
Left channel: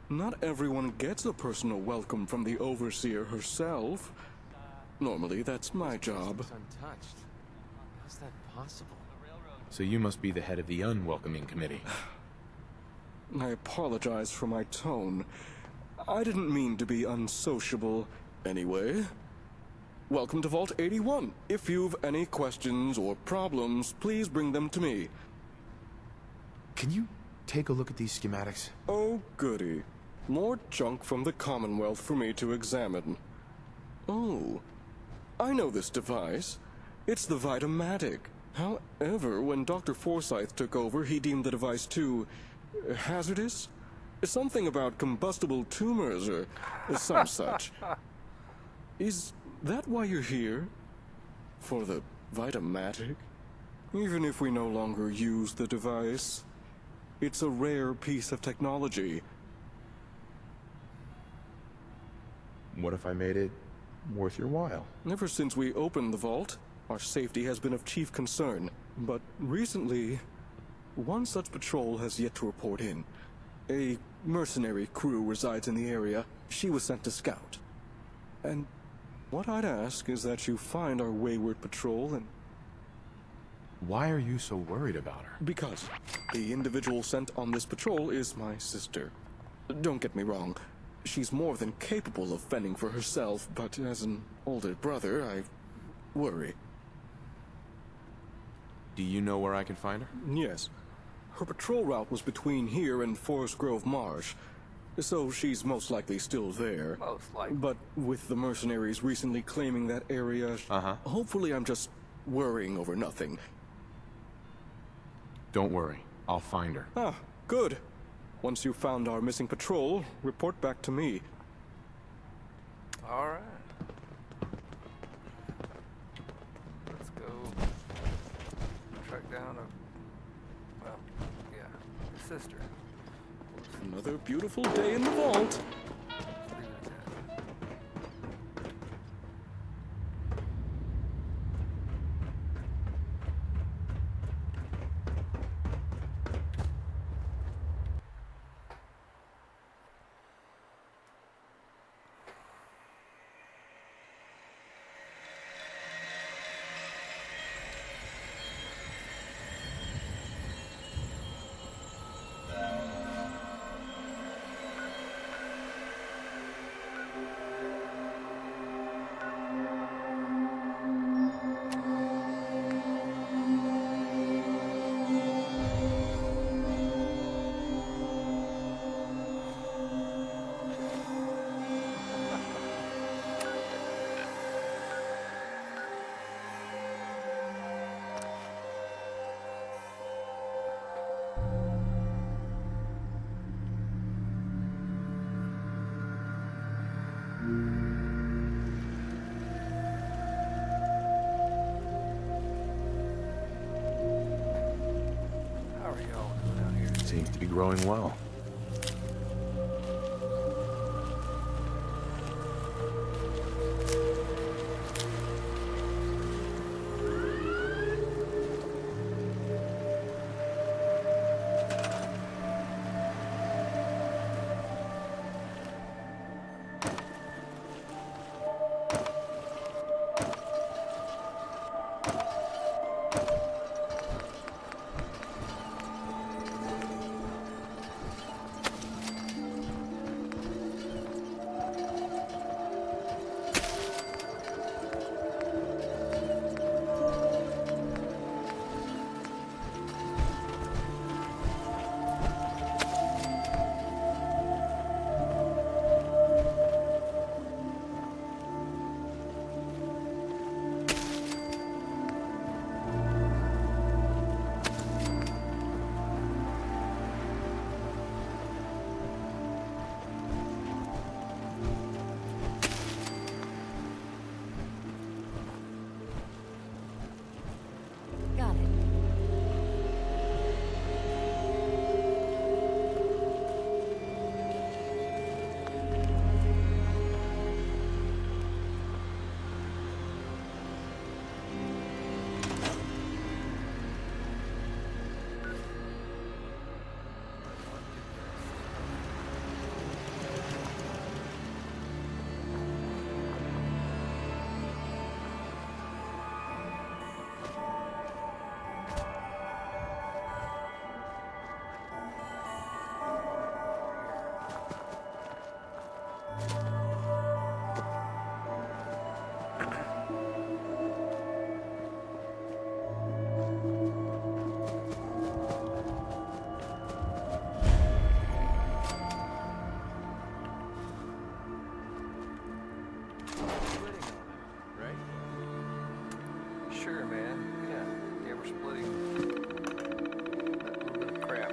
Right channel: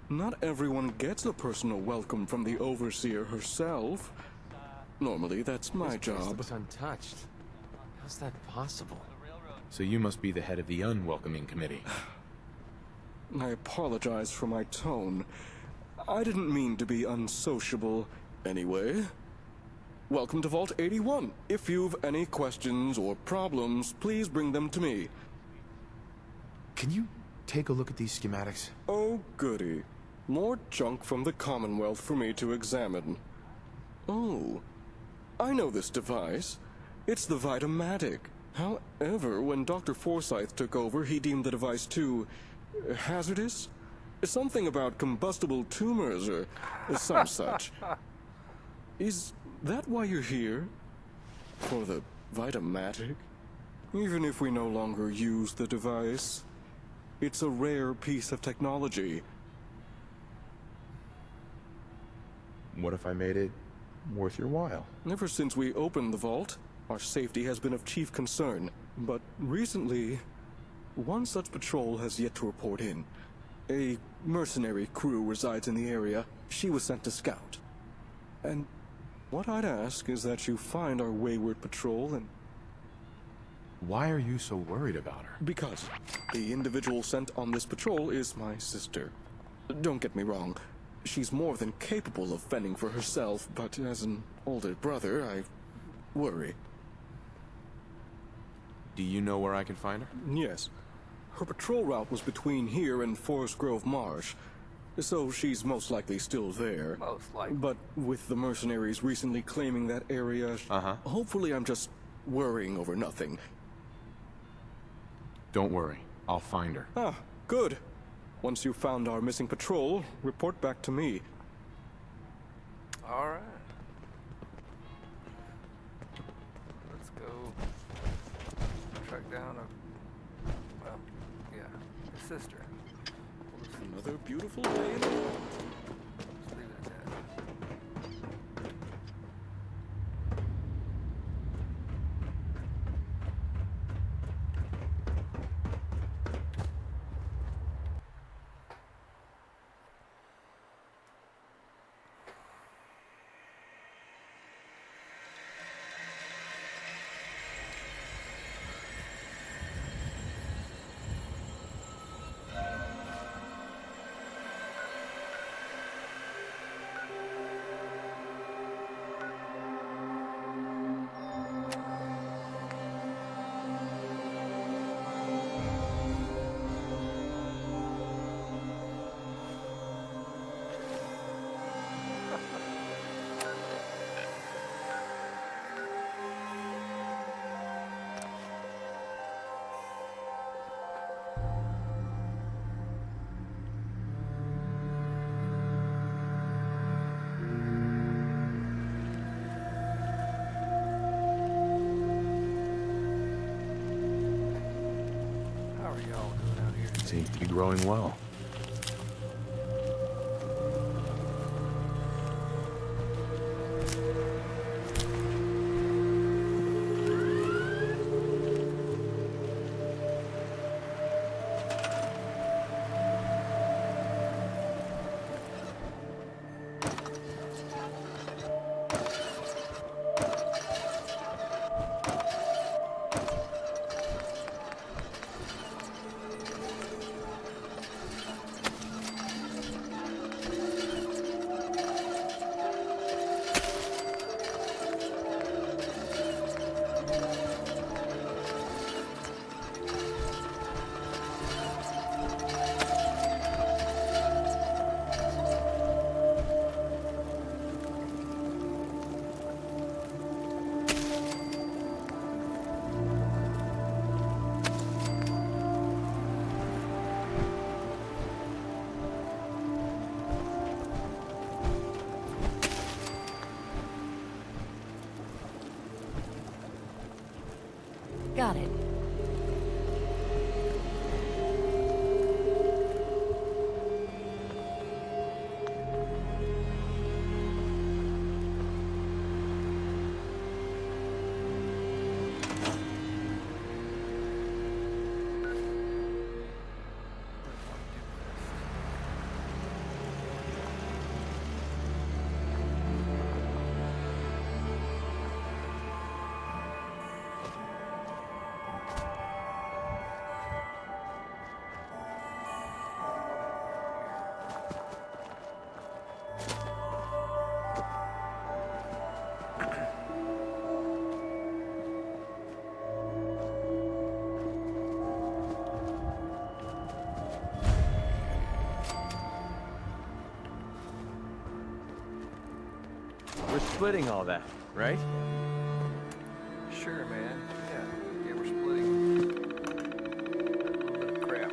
Not everyone gets a personal welcome from the Overseer herself. Normally, that's my job. It's untouched. How's that possible? So you must be the head of the unwelcoming committee. I apologize for my tone. I didn't mean to be unsociable. Anyway, welcome to Vault 81. If you've any questions or problems, please bring them to me. Can you take a look at these schematics? Oh, goody. More junk from the Commonwealth for me to examine. Oh, I know this device. It's the Vitamatic. However, when Dr. Forsyth took over, he deemed the device too hazardous? Something about combustible tumors or some such. Is that why you're here? For the Vitamatic? Even if we no longer use the device, it's a rare piece of technology. What if I made it worth your while? Ever since we opened the vault, our safety has been of chief concern. But recently, one such patrol has yet to report in. A mercenary crew resides in the area. She was sent to scout. And what I'd ask is that you find our wayward patrol and... Why are you so worried about her? Because the individual sent on this patrol is my sister. Don't get me wrong. She's more than capable of fending for herself, but as an older brother, I worry. Do you know where I can find her? Yes. Her patrol route was between here and Forest Grove Marsh, so she's most likely still there. Most likely. But with the mercenaries recently claiming that area, hopefully I'm just worrying over nothing. Don't worry. I'll find her. Ah, good. Once you've found our missing patrol, report back to me. All right. Let's go track down his sister. Another beautiful day in the vault. Let's leave it at that. Seems to be growing well. Got it. Splitting all that, right? Sure, man. Yeah, we're splitting that little bit of crap.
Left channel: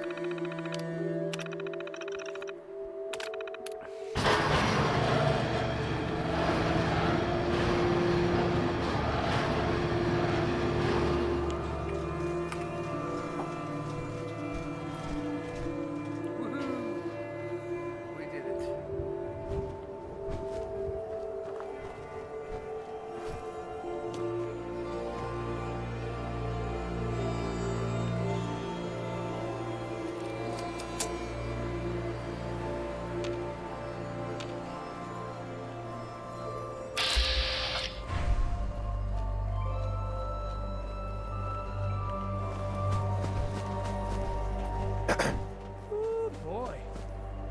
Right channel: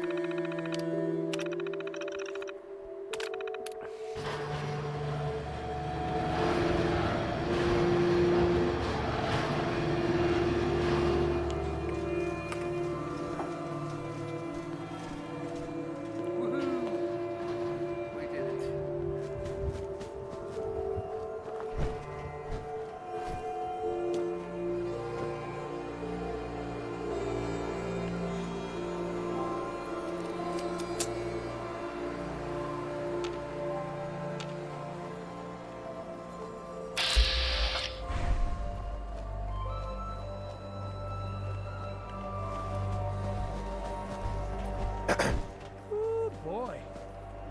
Woohoo! We did it. Ooh, boy.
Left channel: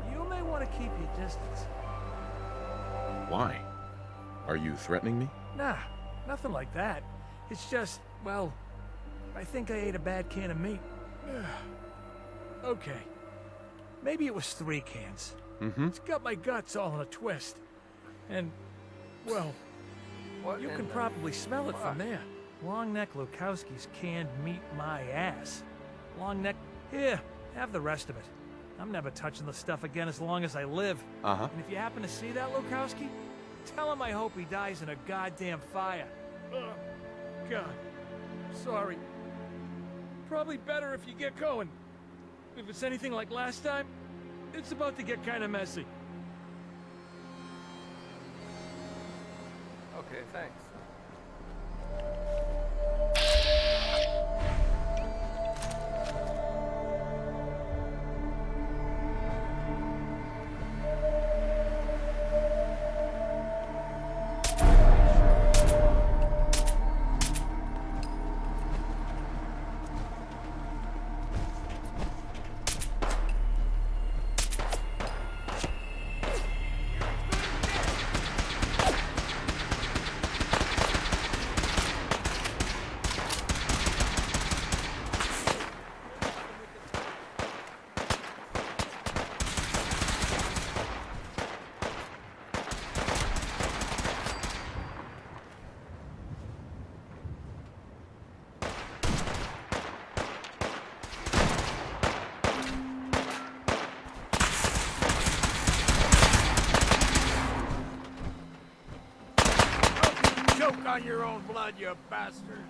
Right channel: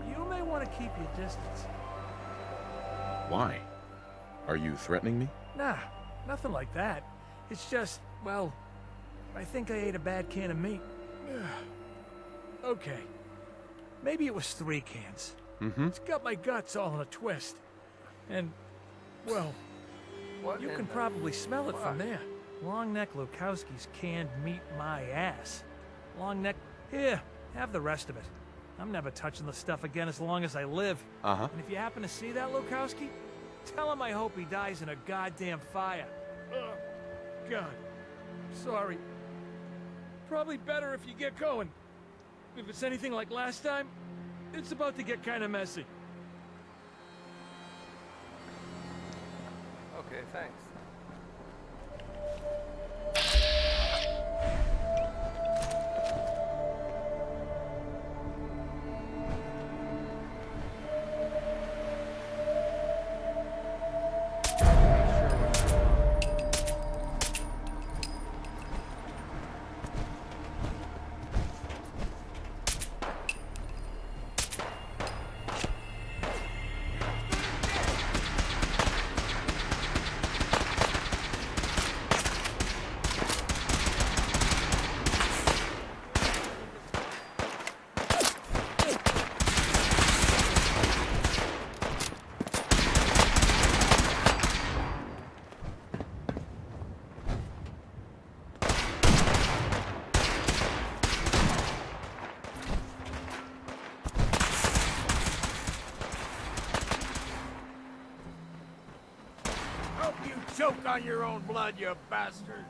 You may want to keep your distance. Why? Are you threatening me? Nah, nothing like that. It's just, well, I think I ate a bad can of meat. Okay. Maybe it was 3 cans. Mm-hmm. It's got my guts all in a twist. And, well, What you in can the probably smell it fuck? from there. Longneck Lukowski's canned meat my ass. Longneck, here, have the rest of it. I'm never touching the stuff again as long as I live. Uh-huh. And if you happen to see that Lukowski, tell him I hope he dies in a goddamn fire. Oh, God. Sorry. Probably better if you get going. If it's anything like last time, it's about to get kind of messy. Okay, thanks. Choke on your own blood, you bastard!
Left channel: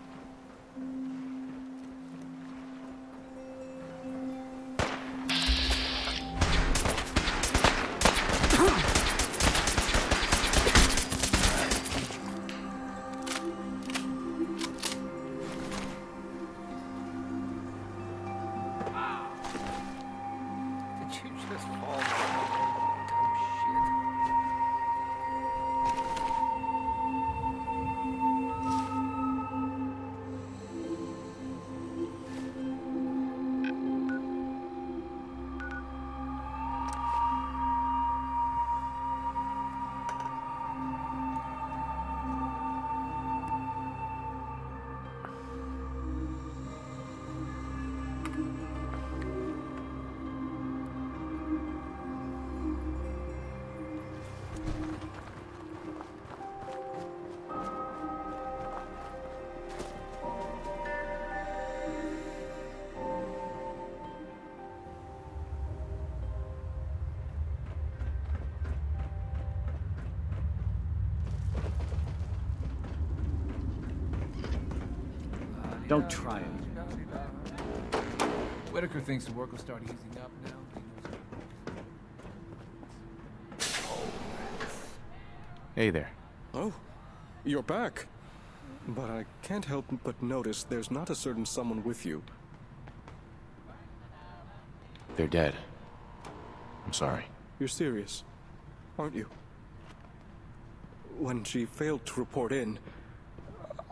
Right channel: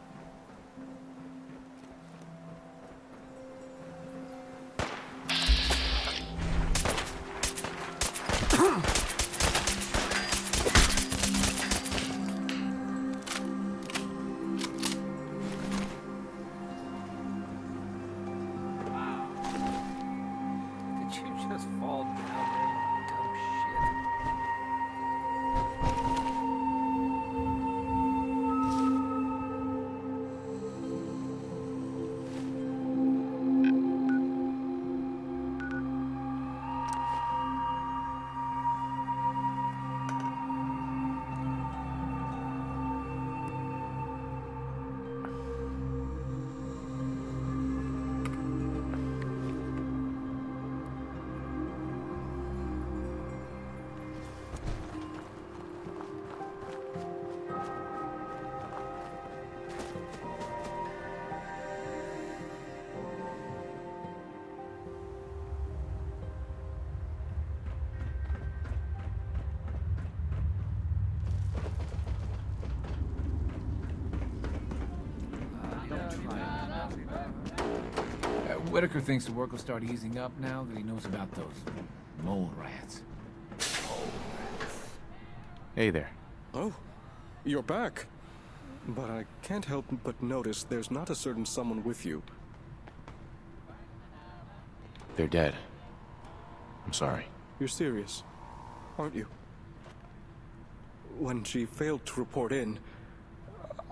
Don't try it. Whitaker thinks the work will start easing up now that he knows about those mole rats. Hey there. Oh, you're back. But I can't help but notice there's not a certain someone with you. They're dead. I'm sorry. You're serious, aren't you? When she failed to report in,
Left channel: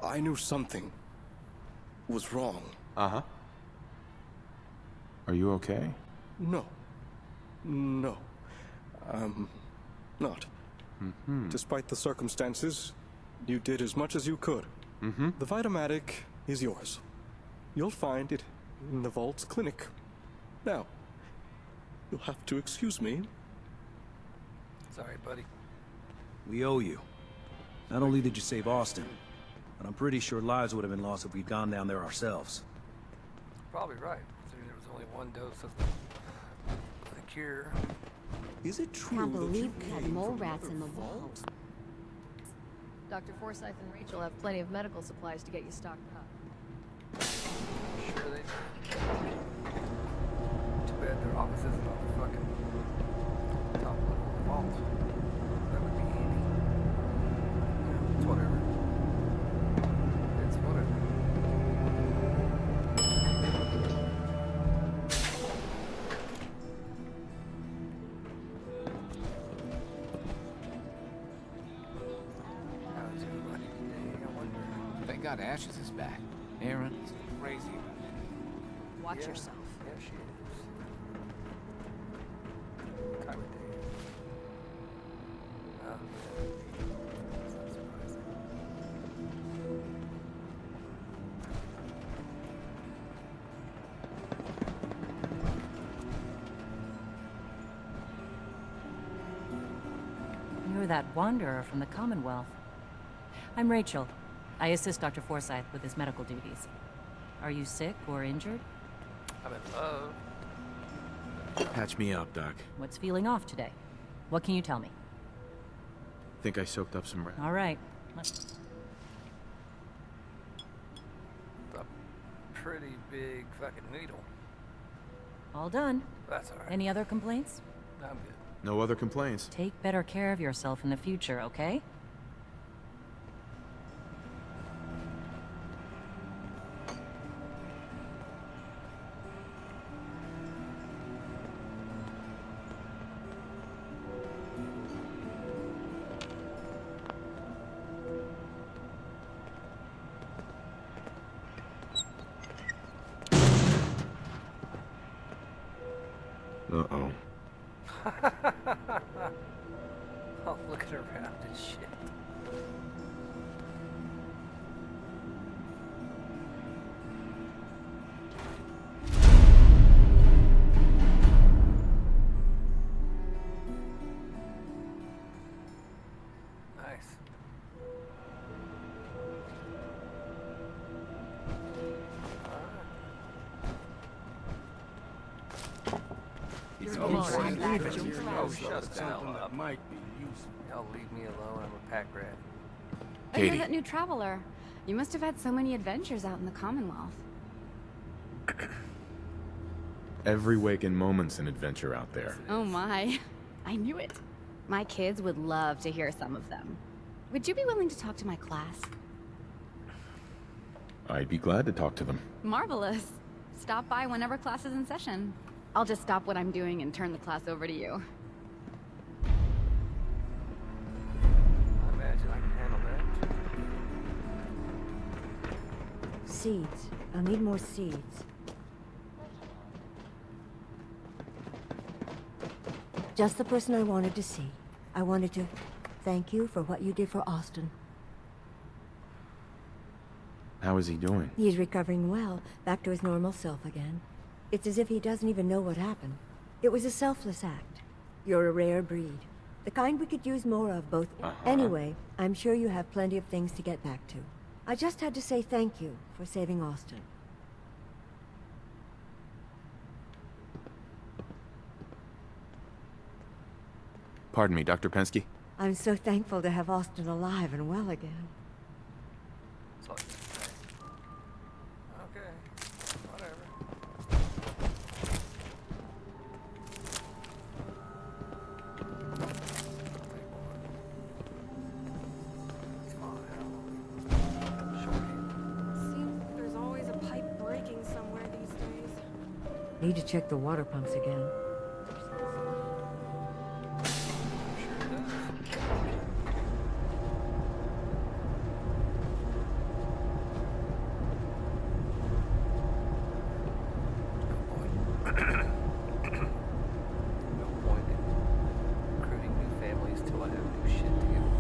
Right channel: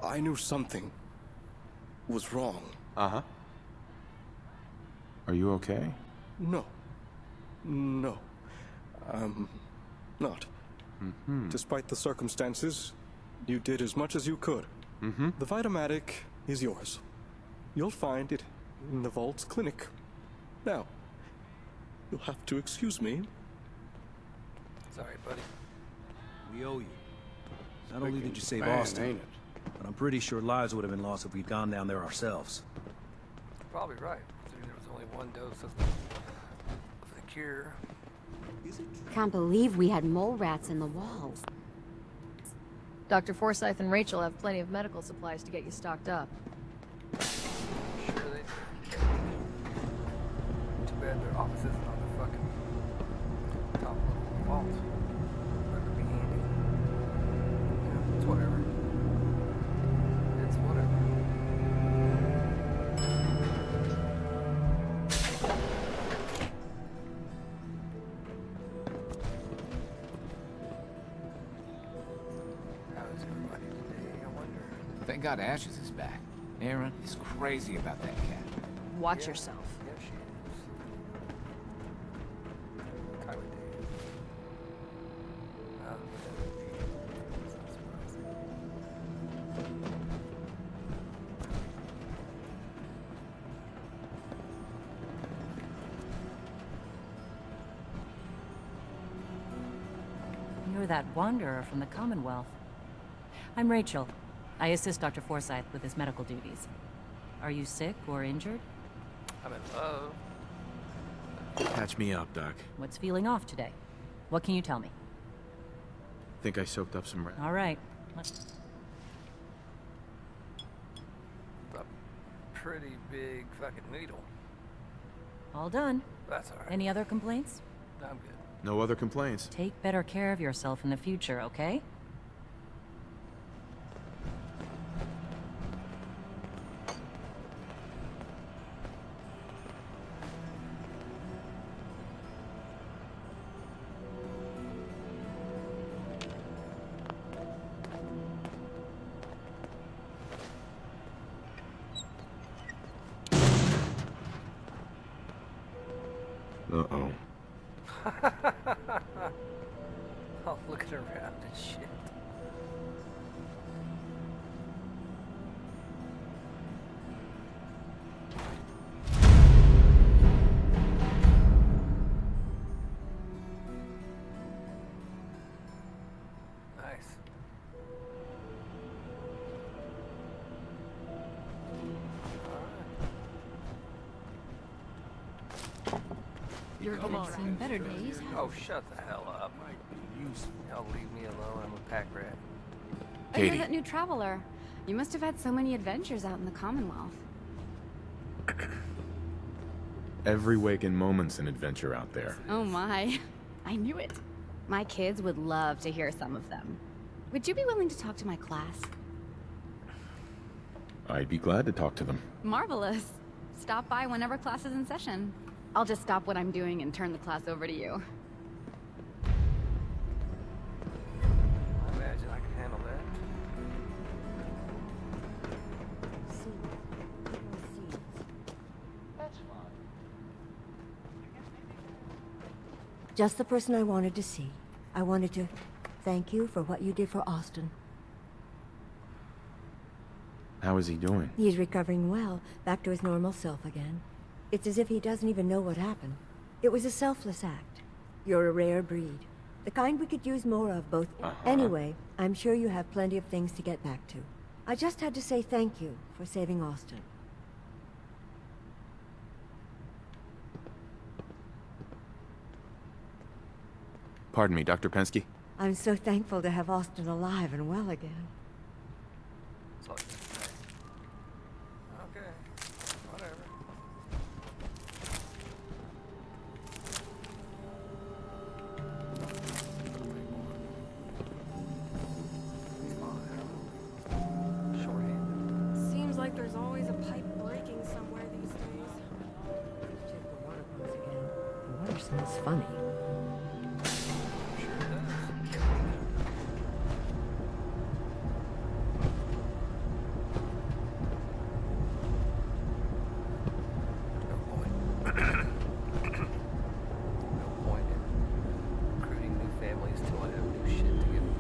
I knew something was wrong. Uh-huh. Are you okay? No. No. Not. Despite the circumstances, you did as much as you could. The Vitamatic is yours. You'll find it in the Vault's clinic. Now, you'll have to excuse me. Sorry, buddy. We owe you. Not only did you save Austin, but I'm pretty sure lives would have been lost if we'd gone down there ourselves. Probably right, considering there was only one dose of the cure. Is it true? Can't believe we had mole rats in the walls. Dr. Forsyth and Rachel have plenty of medical supplies to get you stocked up. Sure they do. Too bad their office isn't on the fucking top level of the vault. That would be handy. You know, it's whatever. It's whatever. How's everybody today, I wonder? Thank God Ashes is back. Aaron is crazy about that cat. Watch yourself. Yeah, she is. Kyra Dave. That's not surprising. You're that wanderer from the Commonwealth. I'm Rachel. I assist Dr. Forsyth with his medical duties. Are you sick or injured? I'm in love. Patch me up, Doc. What's feeling off today? What can you tell me? Think I soaked up some rats. All right. It's a pretty big fucking needle. All done. That's alright. Any other complaints? I'm good. No other complaints. Take better care of yourself in the future, okay? Uh-oh. Oh, looking around and shit. Nice. Oh, shut the hell up. Y'all leave me alone, I'm a pack rat. Oh, you're that new traveler. You must have had so many adventures out in the Commonwealth. Every waking moment's an adventure out there. Oh my. I knew it. My kids would love to hear some of them. Would you be willing to talk to my class? I'd be glad to talk to them. Marvelous. Stop by whenever class is in session. I'll just stop what I'm doing and turn the class over to you. I imagine I can handle that. Seeds. I'll need more seeds. Just the person I wanted to see. I wanted to thank you for what you did for Austin. How is he doing? He's recovering well, back to his normal self again. It's as if he doesn't even know what happened. It was a selfless act. You're a rare breed. The kind we could use more of, both. Anyway, I'm sure you have plenty of things to get back to. I just had to say thank you for saving Austin. Pardon me, Dr. Pensky? I'm so thankful to have Austin alive and well again. That's all you can say. to check the water pumps again. The water smells funny. Sure it does. No point in recruiting new families till I have new shit to give them.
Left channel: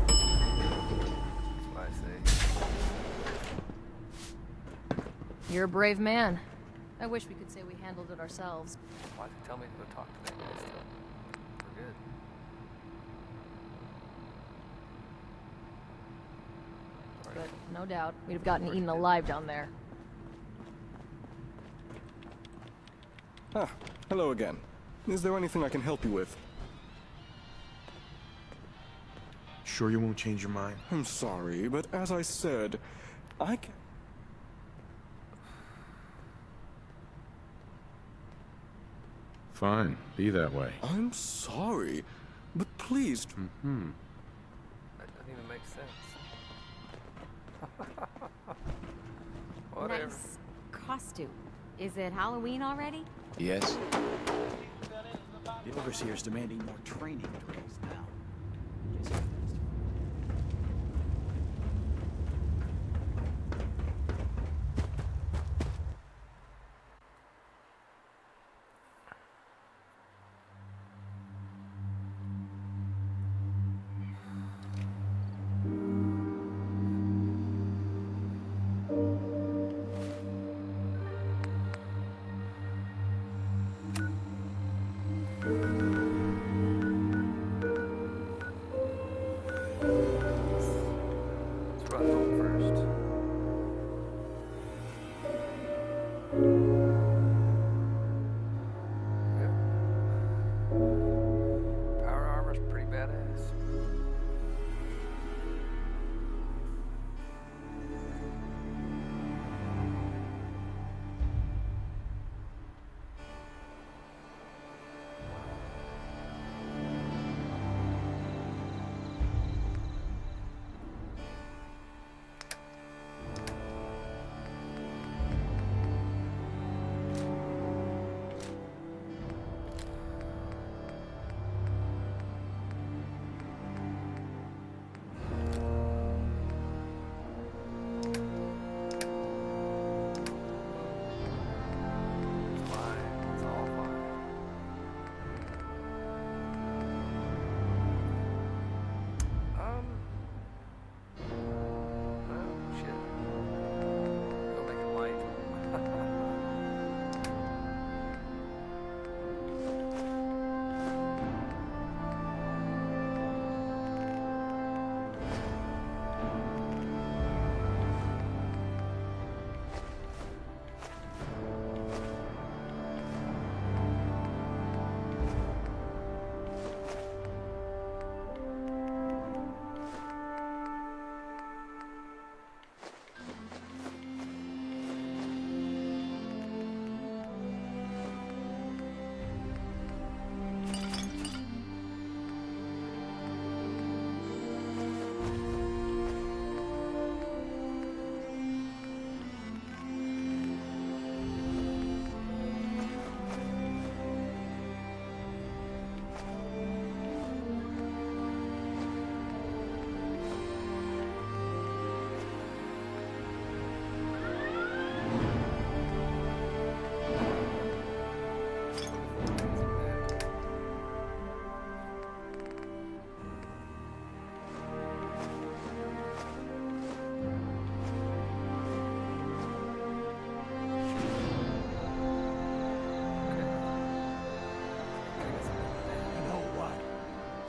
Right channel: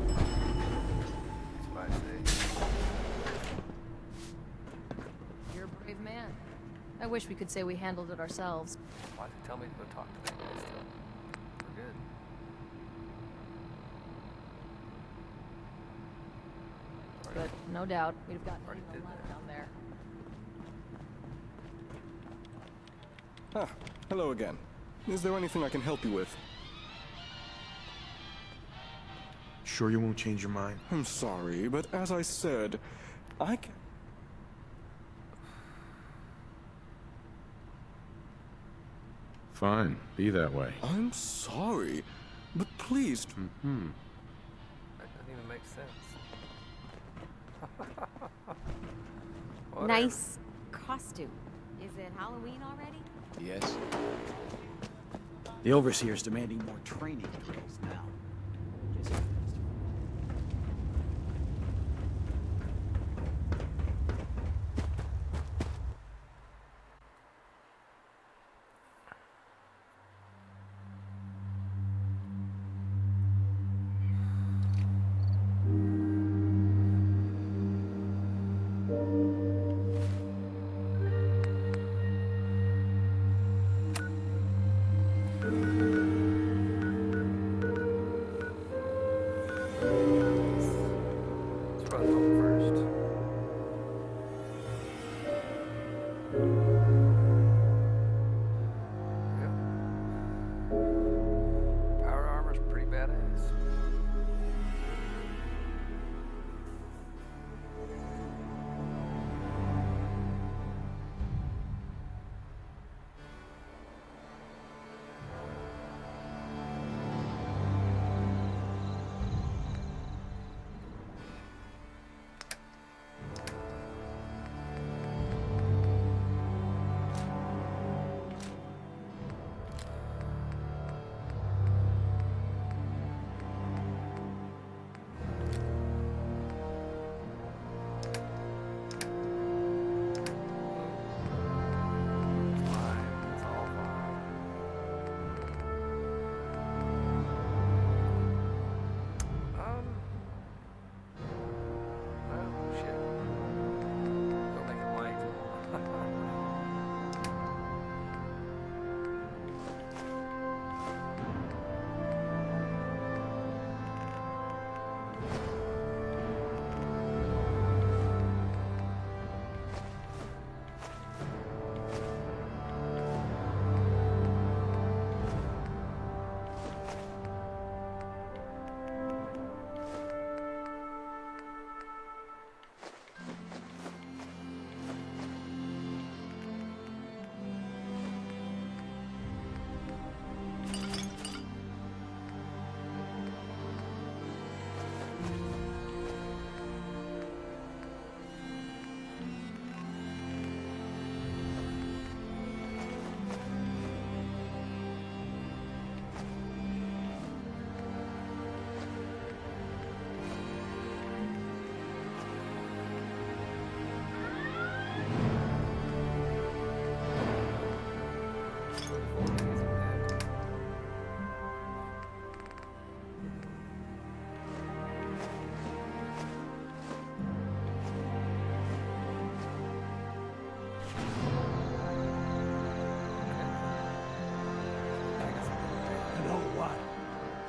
That's what I say. You're a brave man. I wish we could say we handled it ourselves. Why'd they tell me to go talk to that guy still? We're good. But no doubt, we'd have gotten eaten alive down there. Ah, hello again. Is there anything I can help you with? Sure you won't change your mind? I'm sorry, but as I said, I can... Fine, be that way. I'm sorry, but please... That doesn't even make sense. Whatever. Nice costume. Is it Halloween already? Yes. The Overseer's demanding more training drills now. Let's run home first. Yep. Power armor's pretty badass.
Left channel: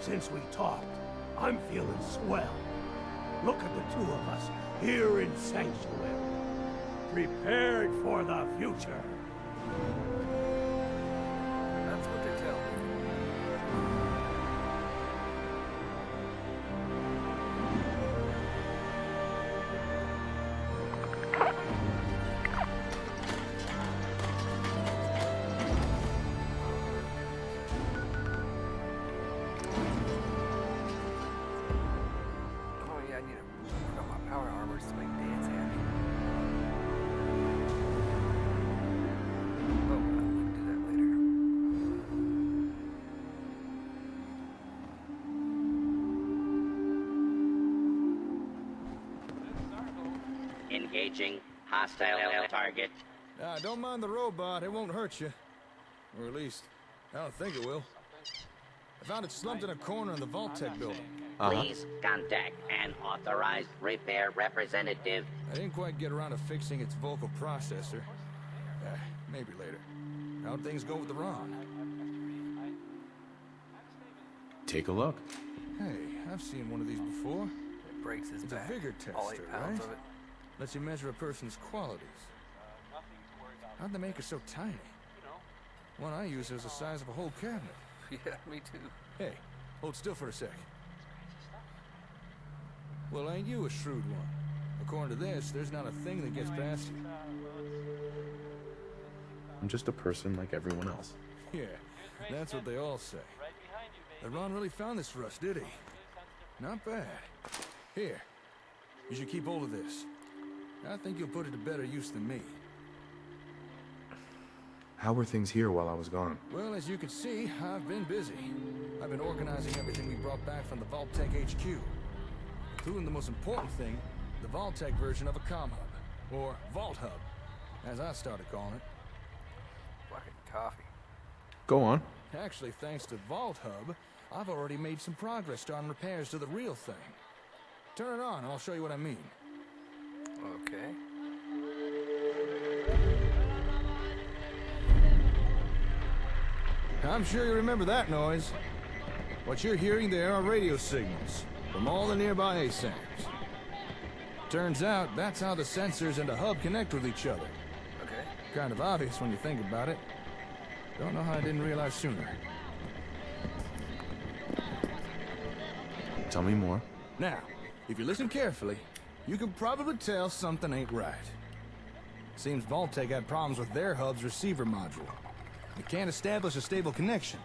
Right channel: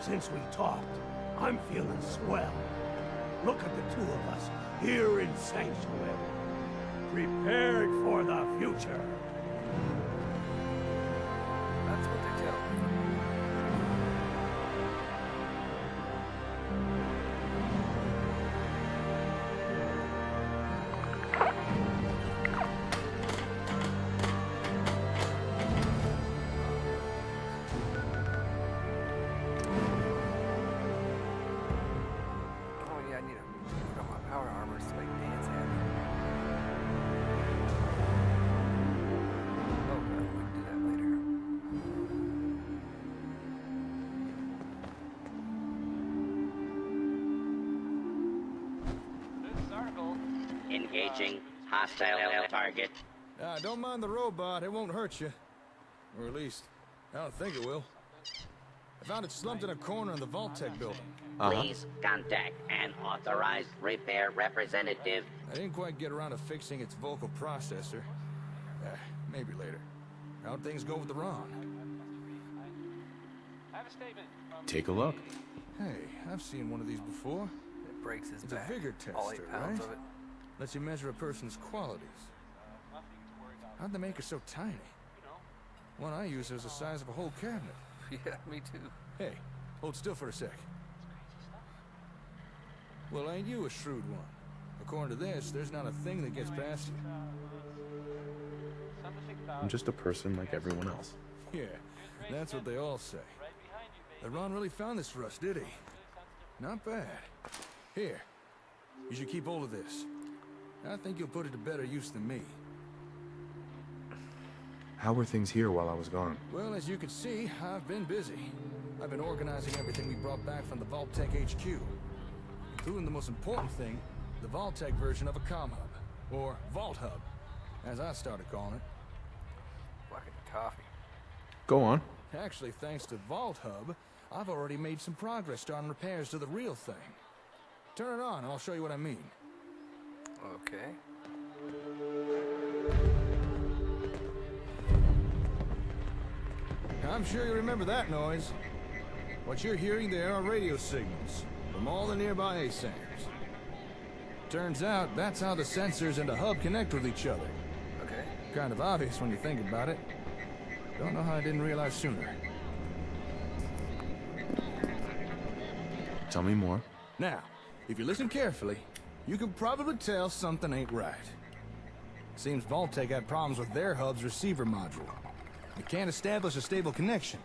Since we talked, I'm feeling swell. Look at the two of us here in Sanctuary, prepared for the future. That's what they tell me. I need to work on my power armors to make Dan's happy. Oh, well, we can do that later. Engaging hostile target. Don't mind the robot, it won't hurt you. Or at least, I don't think it will. I found it slumped in a corner in the Vault-Tec building. Please contact an authorized repair representative. I didn't quite get around to fixing its vocal processor. Maybe later. How'd things go with the Ron? Take a look. Hey, I've seen one of these before. It breaks his It's back. a vigor All tester, 8 pounds right? of it. Lets you measure a person's qualities. How'd they make it so tiny? One I used was the size of a whole cabinet. Yeah, me too. Hey, hold still for a sec. Well, ain't you a shrewd one? According to this, there's not a thing that gets past you. I'm just a person like everyone else. Yeah, that's what they all say. The Ron really found this for us, did he? Not bad. Here, you should keep hold of this. I think you'll put it to better use than me. How were things here while I was gone? Well, as you can see, I've been busy. I've been organizing everything we brought back from the Vault-Tec HQ. Including the most important thing, the Vault-Tec version of a comm hub. Or Vault Hub, as I started calling it. Fucking coffee. Go on. Actually, thanks to Vault Hub, I've already made some progress starting repairs to the real thing. Turn it on and I'll show you what I mean. Okay. I'm sure you remember that noise. What you're hearing there are radio signals from all the nearby ASAMs. Turns out that's how the sensors and the hub connect with each other. Okay. Kind of obvious when you think about it. Don't know how I didn't realize sooner. Tell me more. Now, if you listen carefully, you can probably tell something ain't right. Seems Vault-Tec had problems with their hub's receiver module. They can't establish a stable connection.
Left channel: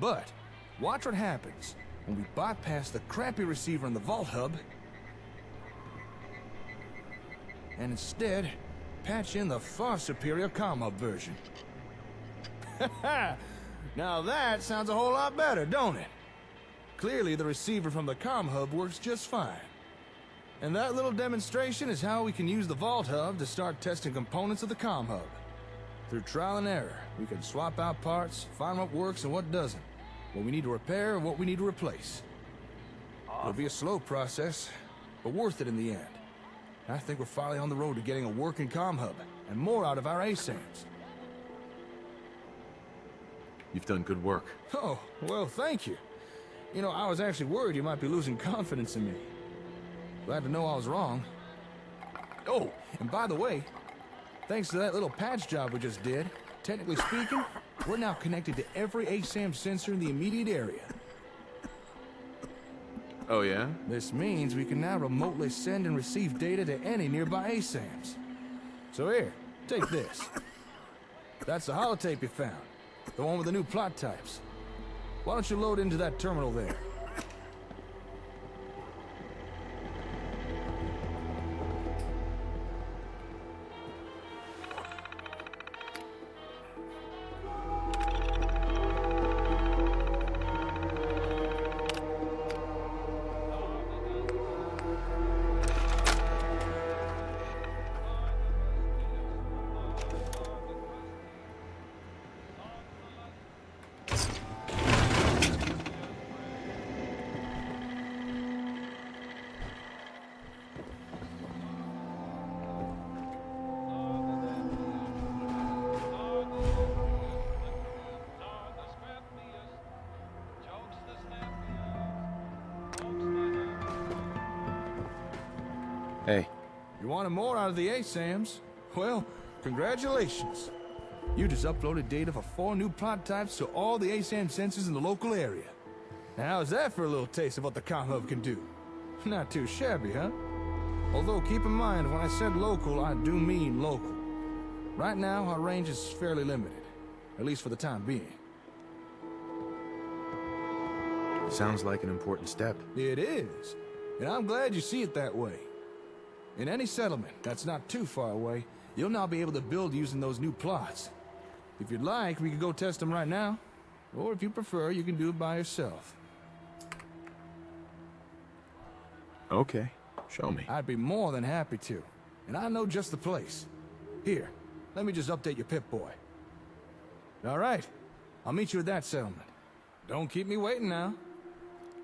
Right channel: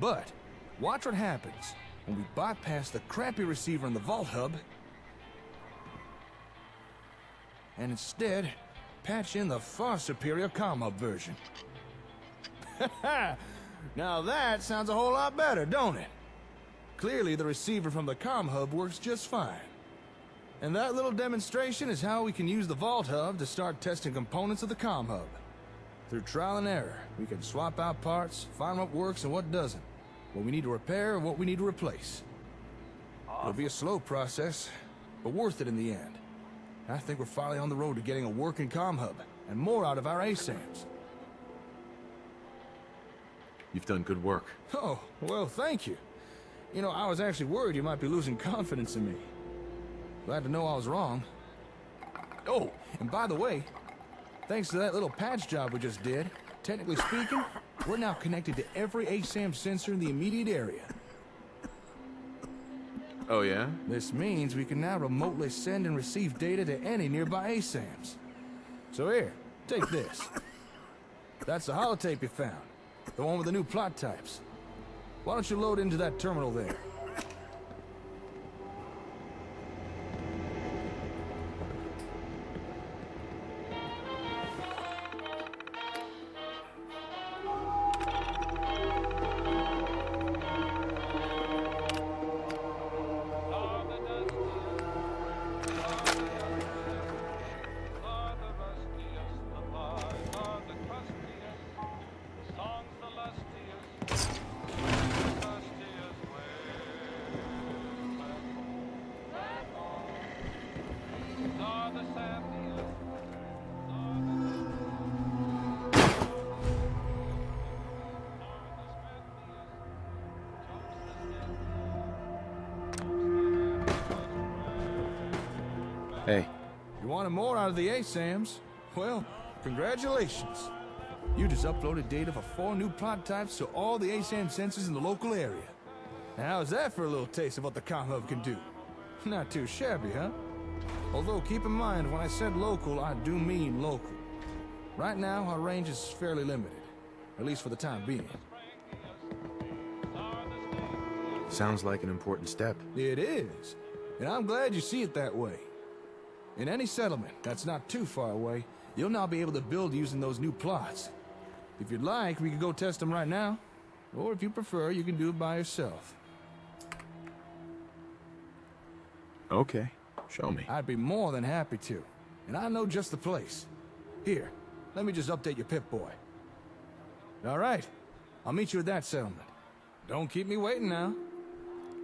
But, watch what happens when we bypass the crappy receiver in the Vault Hub and instead patch in the far superior comm hub version. Now that sounds a whole lot better, don't it? Clearly the receiver from the comm hub works just fine. And that little demonstration is how we can use the Vault Hub to start testing components of the comm hub. Through trial and error, we can swap out parts, find what works and what doesn't, what we need to repair and what we need to replace. It'll be a slow process, but worth it in the end. I think we're finally on the road to getting a working comm hub, and more out of our ASAMs. You've done good work. Oh, well, thank you. You know, I was actually worried you might be losing confidence in me. Glad to know I was wrong. Oh, and by the way, thanks to that little patch job we just did, technically speaking, we're now connected to every ASAM sensor in the immediate area. Oh, yeah? This means we can now remotely send and receive data to any nearby ASAMs. So here, take this. That's the holotape you found. The one with the new plot types. Why don't you load into that terminal there? Hey. You wanted more out of the ASAMs? Well, congratulations. You just uploaded data for 4 new plot types to all the ASAM sensors in the local area. Now, how's that for a little taste of what the comm hub can do? Not too shabby, huh? Although, keep in mind, when I said local, I do mean local. Right now, our range is fairly limited. At least for the time being. Sounds like an important step. It is. And I'm glad you see it that way. In any settlement that's not too far away, you'll now be able to build using those new plots. If you'd like, we could go test them right now. Or if you prefer, you can do it by yourself. Okay, show me. I'd be more than happy to. and I know just the place. Here, let me just update your Pip-Boy. All right, I'll meet you at that settlement. Don't keep me waiting now.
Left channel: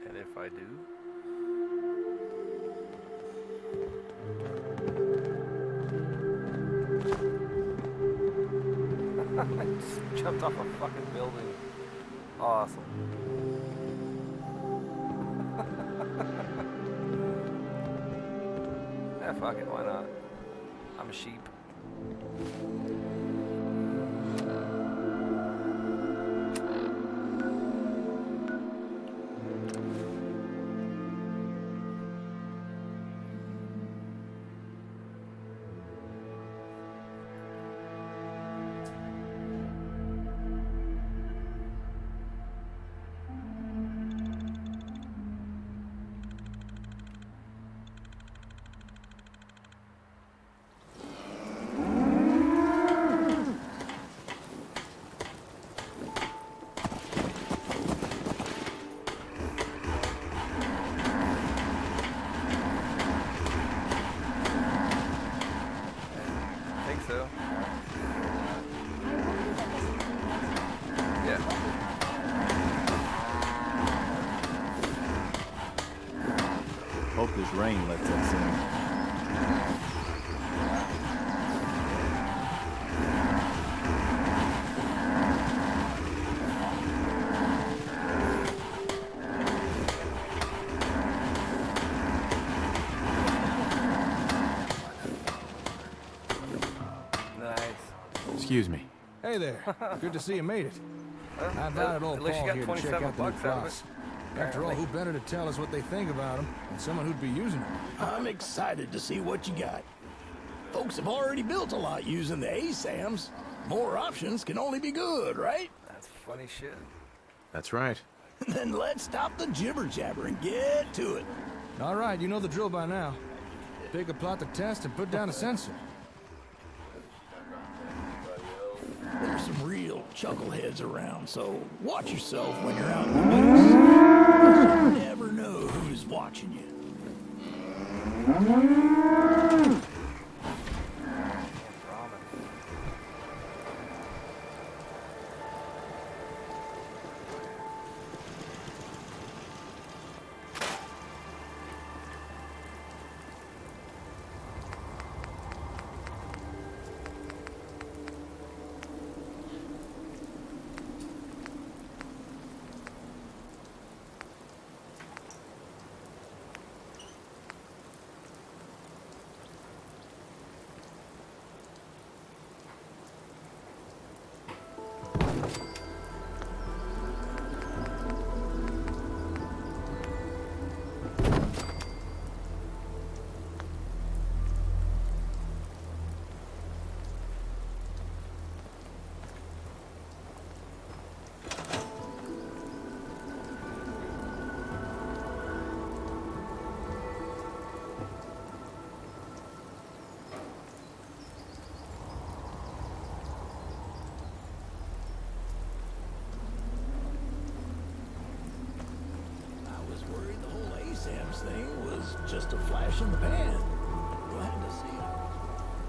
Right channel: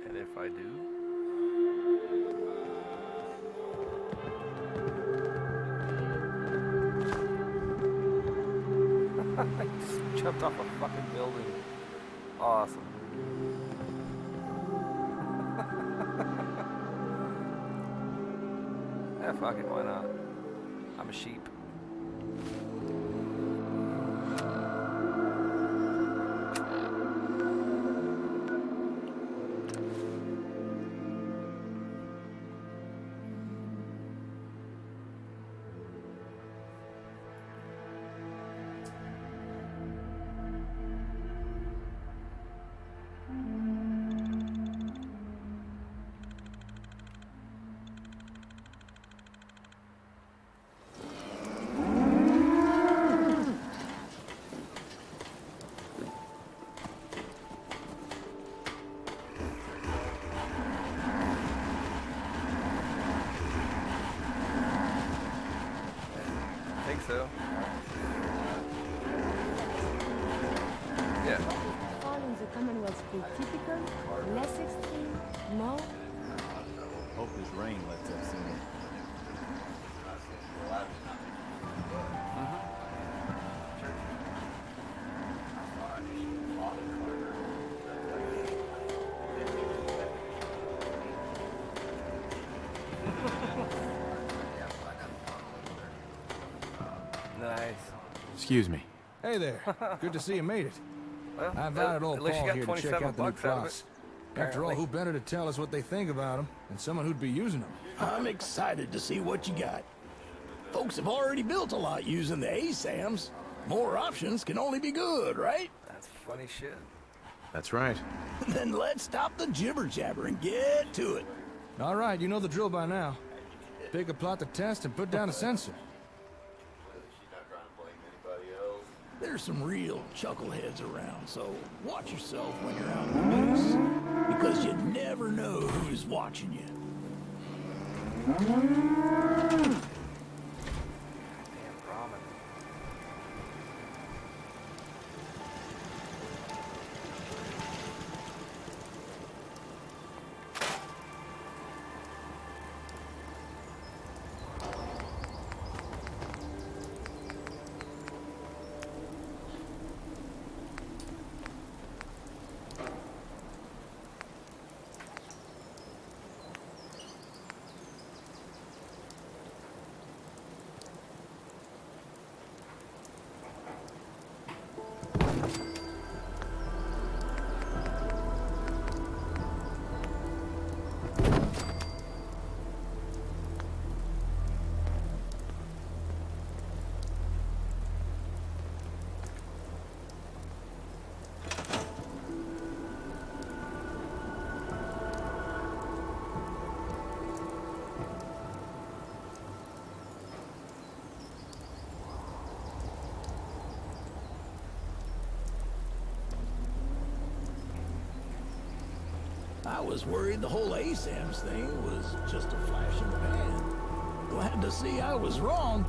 And if I do? I just jumped off a fucking building. Awesome. Yeah, fuck it, why not? I'm a sheep. So yeah. Hope this rain lets us in. Excuse me. Hey there. Good to see you made it. Well, I invited old at least you Paul got here to check 27 out the new bucks out of cross. it. After all, who better to tell us what they think about them than someone who'd be using them? I'm excited to see what you got. Folks have already built a lot using the ASAMs. More options can only be good, right? That's funny shit. That's right. Then let's stop the jibber-jabber and get to it. All right, you know the drill by now. Pick a plot to test and put down a sensor. There's some real chuckleheads around, so watch yourself when you're out in the woods, because you never know who's watching you. I was worried the whole ASAMs thing was just a flash in the pan. Glad to see I was wrong.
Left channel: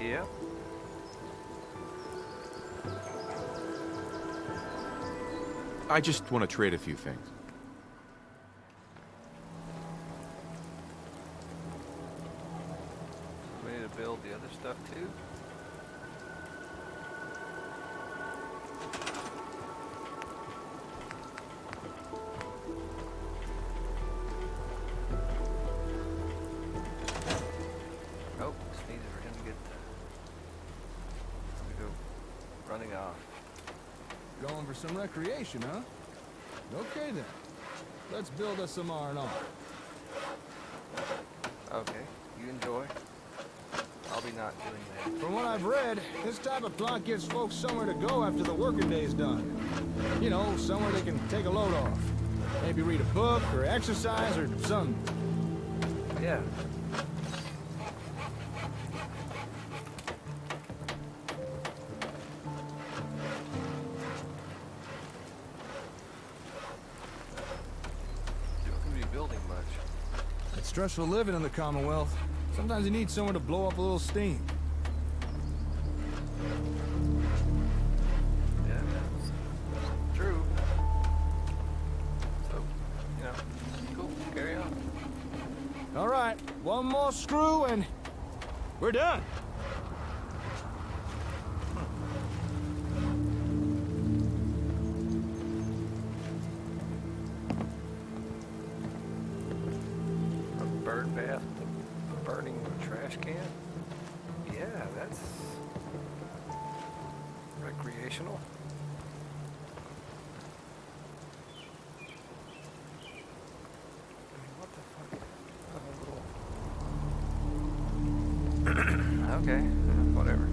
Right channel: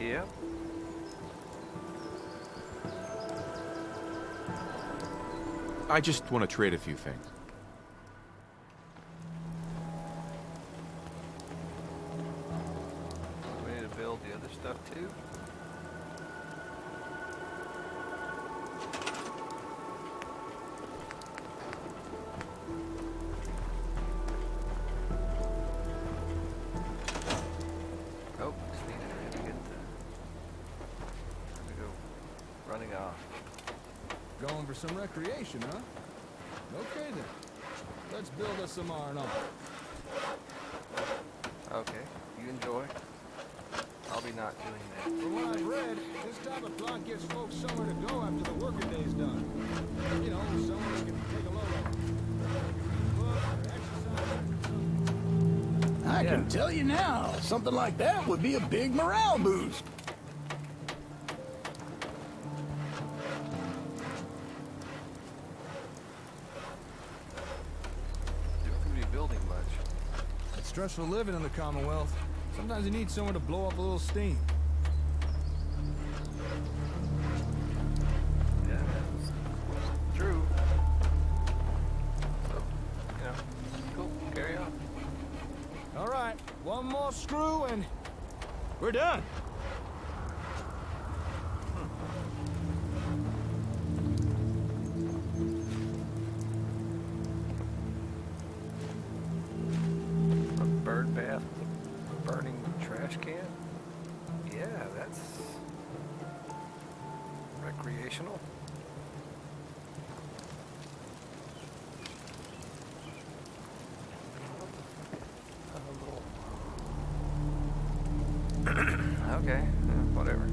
Yep. I just want to trade a few things. We need to build the other stuff too. Oh, speed is really good. Let me go running off. Going for some recreation, huh? Okay then. Let's build us some R&R. Okay, you enjoy. I'll be not doing that. From what I've read, this type of plot gives folks somewhere to go after the working day's done. You know, somewhere they can take a load off. Maybe read a book or exercise or something. I can tell you now, something like that would be a big morale boost. Stressful living in the Commonwealth. Sometimes you need someone to blow up a little steam. Yeah, that's true. So, you know, cool. Carry on. All right, one more screw and we're done. A bird bath with a burning trash can? Yeah, that's recreational. What the fuck? A little... okay, whatever.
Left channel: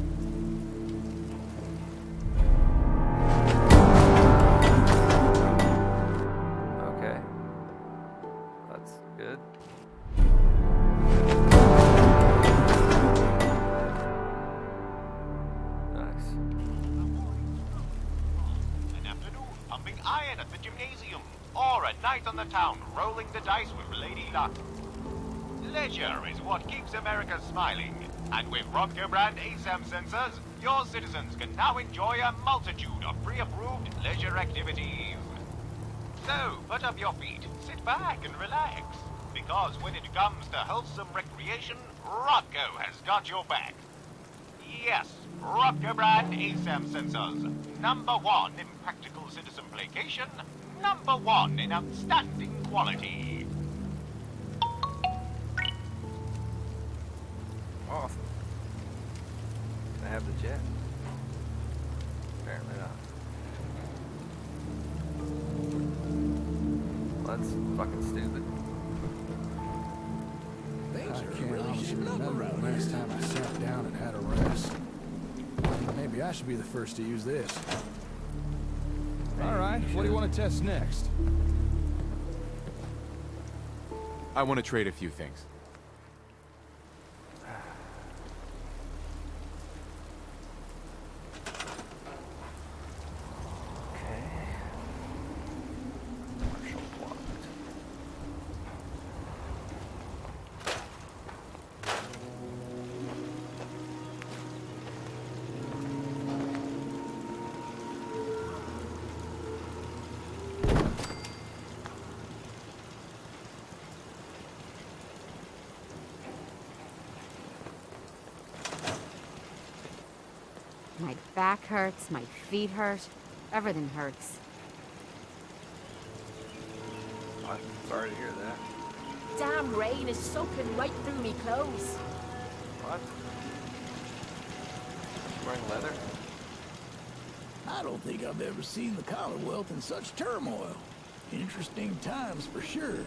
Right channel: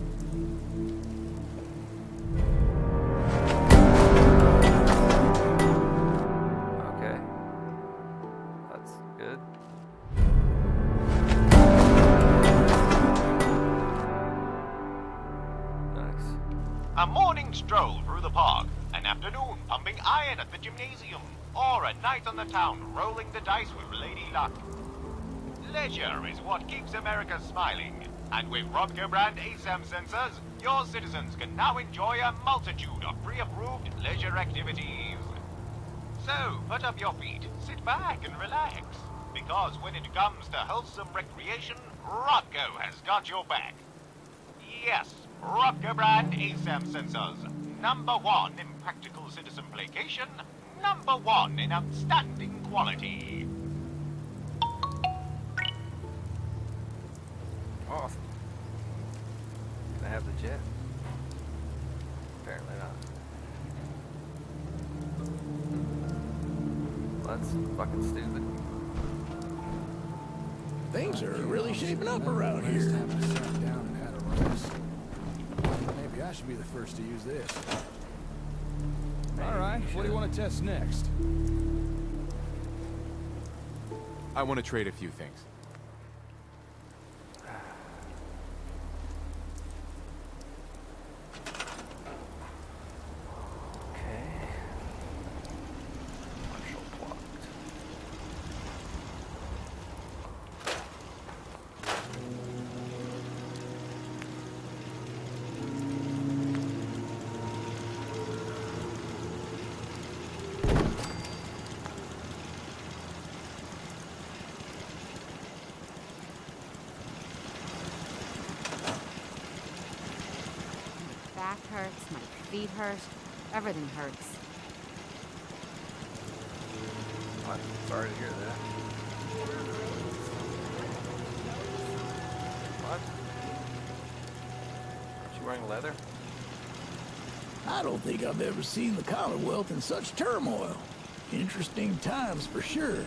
Okay. That's good. Nice. A morning stroll through the park, an afternoon pumping iron at the gymnasium, or a night on the town rolling the dice with Lady Luck. Leisure is what keeps America smiling, and with Robco brand ASAM sensors, your citizens can now enjoy a multitude of pre-approved leisure activities. So, put up your feet, sit back and relax, because when it comes to wholesome recreation, Robco has got your back. Yes, Robco brand ASAM sensors. #1 in practical citizen placation, #1 in outstanding quality. Awesome. Can I have the jet? Apparently not. Well, that's fucking stupid. Things are really shaping up around here. Last time I sat down and had a rest. Maybe I should be the first to use this. All right, what do you want to test next? I want to trade a few things. Okay. Marshall blocked. My back hurts, my feet hurt, everything hurts. I'm sorry to hear that. Damn rain is soaking right through me clothes. What? Aren't you wearing leather? I don't think I've ever seen the Commonwealth in such turmoil. Interesting times for sure.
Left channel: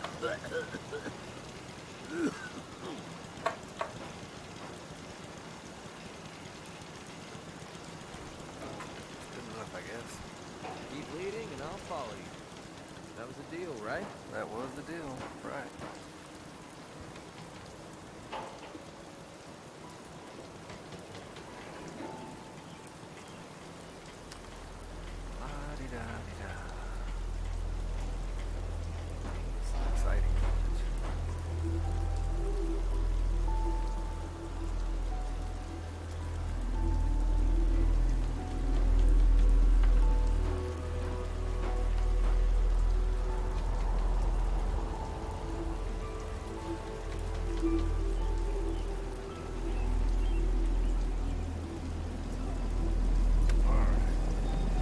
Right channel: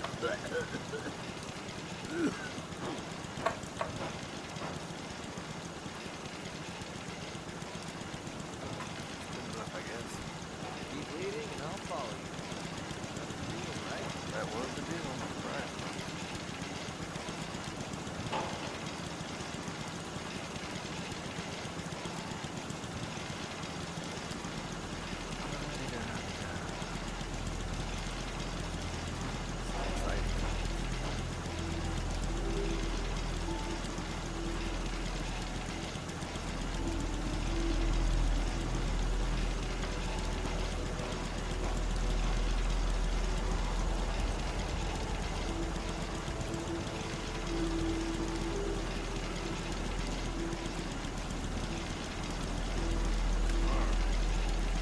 Good enough, I guess. Keep leading and I'll follow you. That was the deal, right? That was the deal, right. La-di-da-di-da. It's exciting.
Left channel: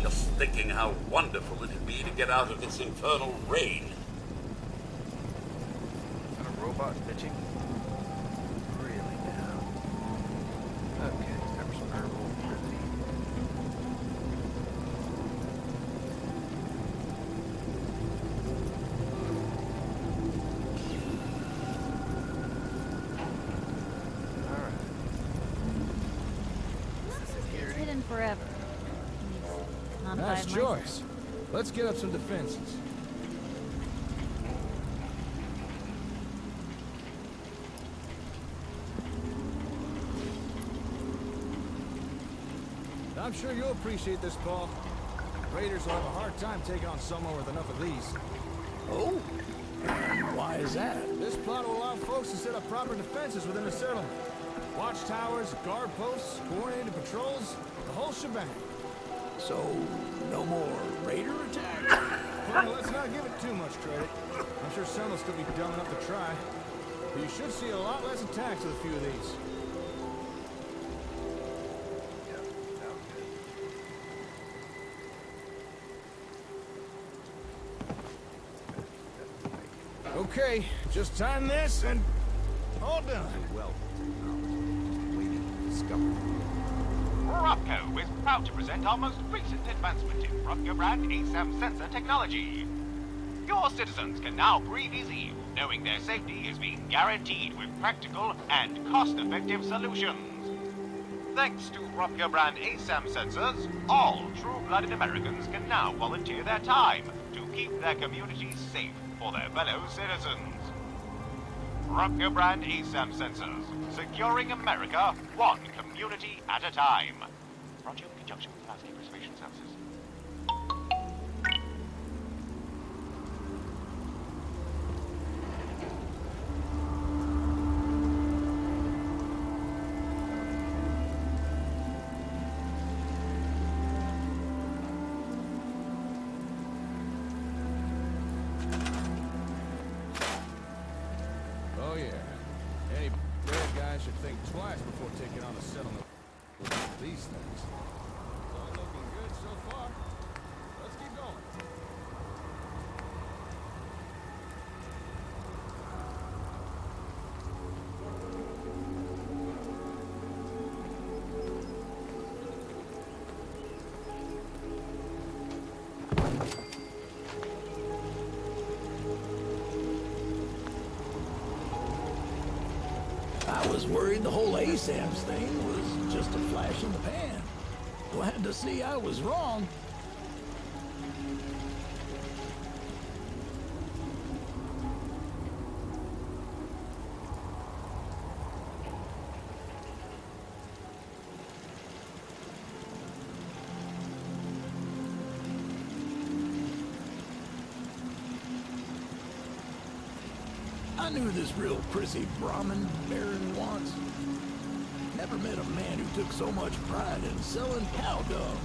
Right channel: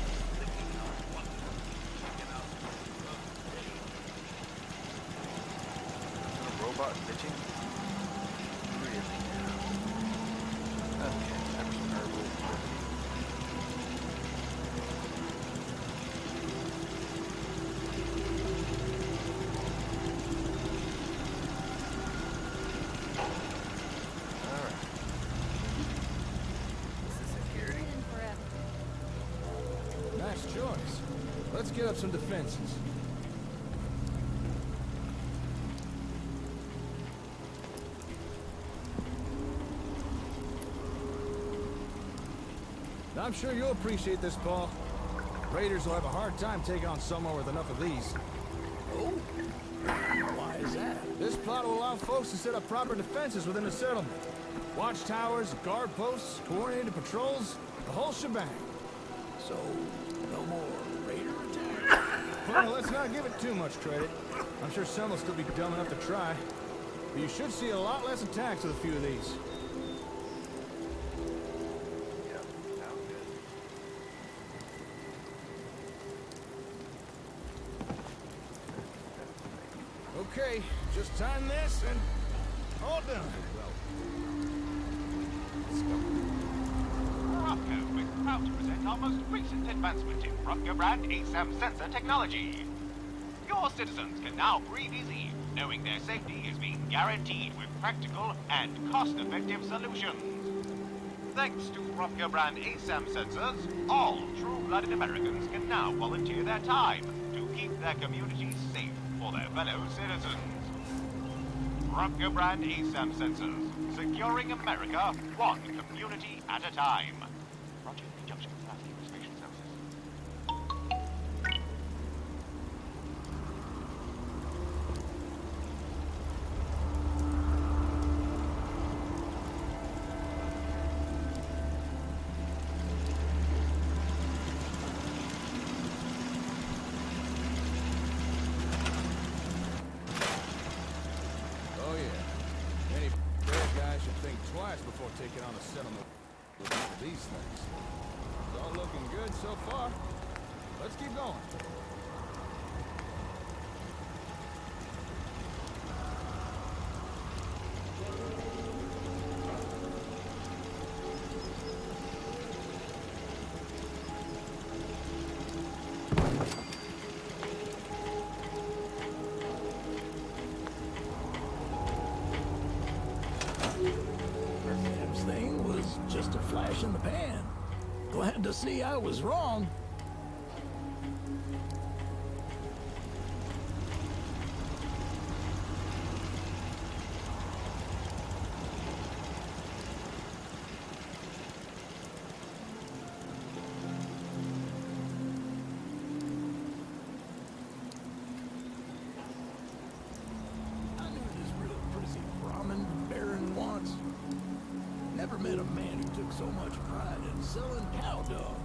Just thinking how wonderful it'd be to get out of this infernal rain. Is that a robot bitching? Really now. Okay, have some herbal remedy. forever. Nice choice. Let's get up some defenses. I'm sure you'll appreciate this, Paul. Raiders will have a hard time taking on someone with enough of these. Oh? Why is that? This plot will allow folks to set up proper defenses within the settlement. Watchtowers, guard posts, coordinated patrols, the whole shebang. So, no more raider attacks? Well, let's not give it too much credit. I'm sure some will still be dumb enough to try. But you should see a lot less attacks with a few of these. Okay, just time this and all done. Rocco is proud to present our most recent advancement in Rocco brand ASAM sensor technology. Your citizens can now breathe easy, knowing their safety is being guaranteed with practical and cost-effective solutions. Thanks to Rocco brand ASAM sensors, all true-blooded Americans can now volunteer their time to keep their communities safe for their fellow citizens. Rocco brand ASAM sensors, securing America one community at a time. Roger, in conjunction with Landscape Reservation Services. Oh yeah. Any bad guy should think twice before taking on a settlement with these things. It's all looking good so far. Let's keep going. I was worried the whole ASAMS thing was just a flash in the pan. Glad to see I was wrong. I knew this real prissy Brahmin baron once. Never met a man who took so much pride in selling cow dung.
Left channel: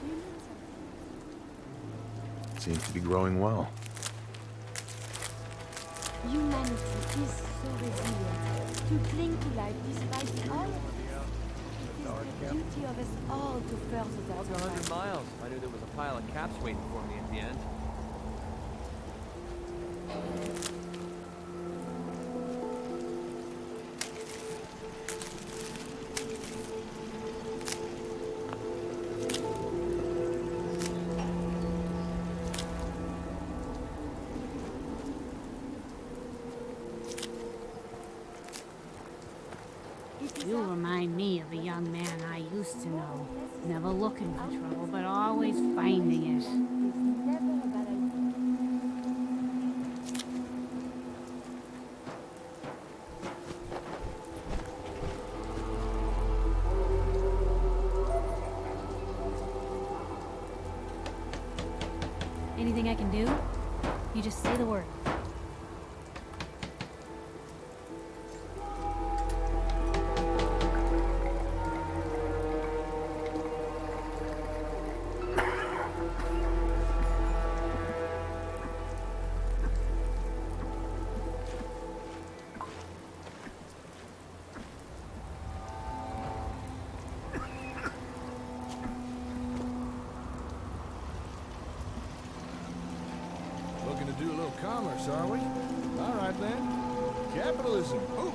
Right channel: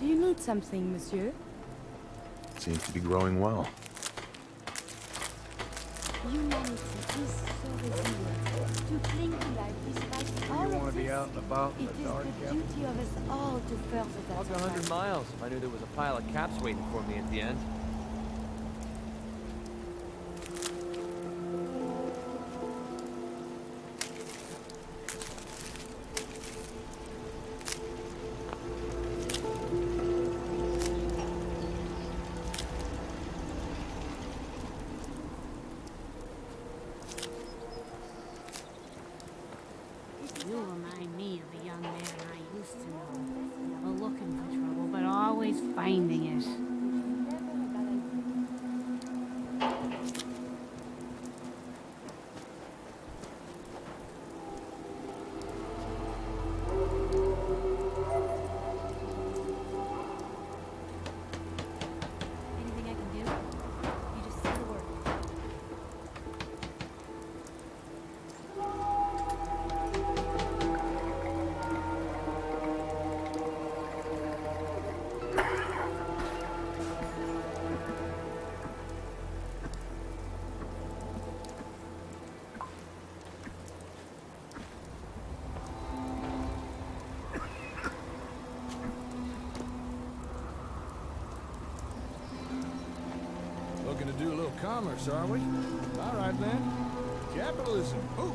Do you need something, monsieur? Seems to be growing well. Humanity is so resilient. To cling to life despite all of this. out and about in It the is dark, the duty of us all to further that Walk 100 survival. miles if I knew there was a pile of caps waiting for me at the end. You remind me of a young man I used to know. Never looking for trouble, but always finding it. Never a bad idea. do, you just say the word. Looking to do a little commerce, are we? All right, then. Capitalism. Ooh.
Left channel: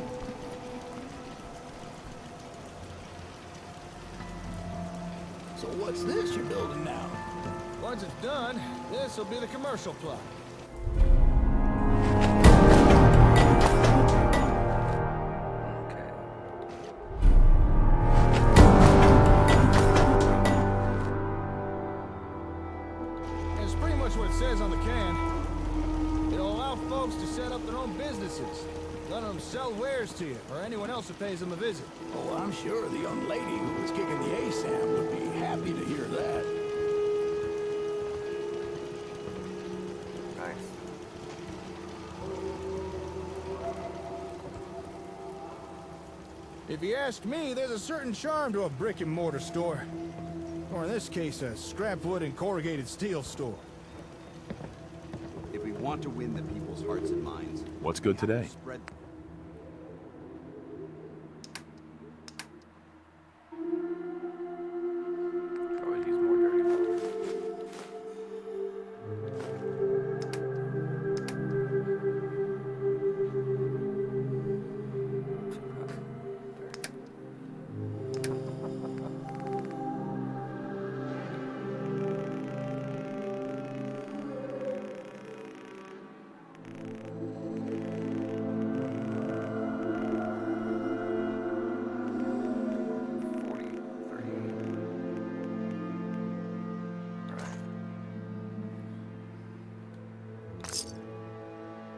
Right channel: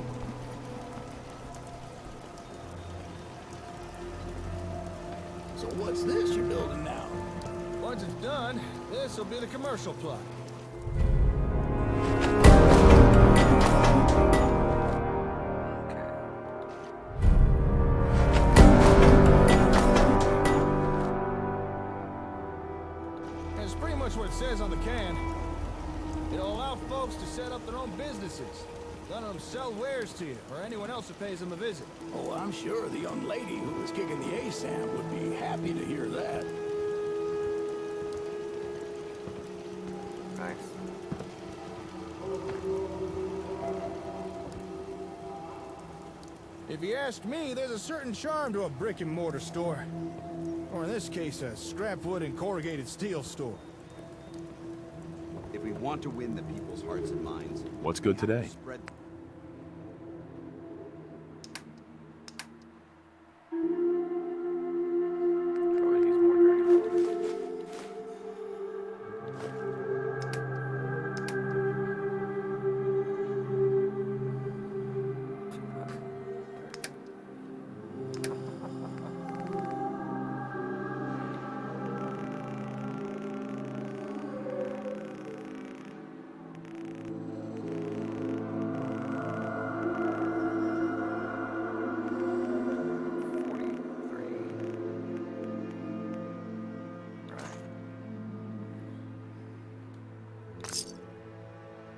So what's this you're building now? Once it's done, this will be the commercial plot. It's pretty much what it says on the can. It'll allow folks to set up their own businesses. None of them sell wares to you, or anyone else who pays them a visit. Oh, I'm sure the young lady who was kicking the ASAM would be happy to hear that. Nice. If you ask me, there's a certain charm to a brick-and-mortar store. Or in this case, a scrap wood and corrugated steel store. If we want to win the people's hearts and minds, What's good today? spread. Always use more dirty water.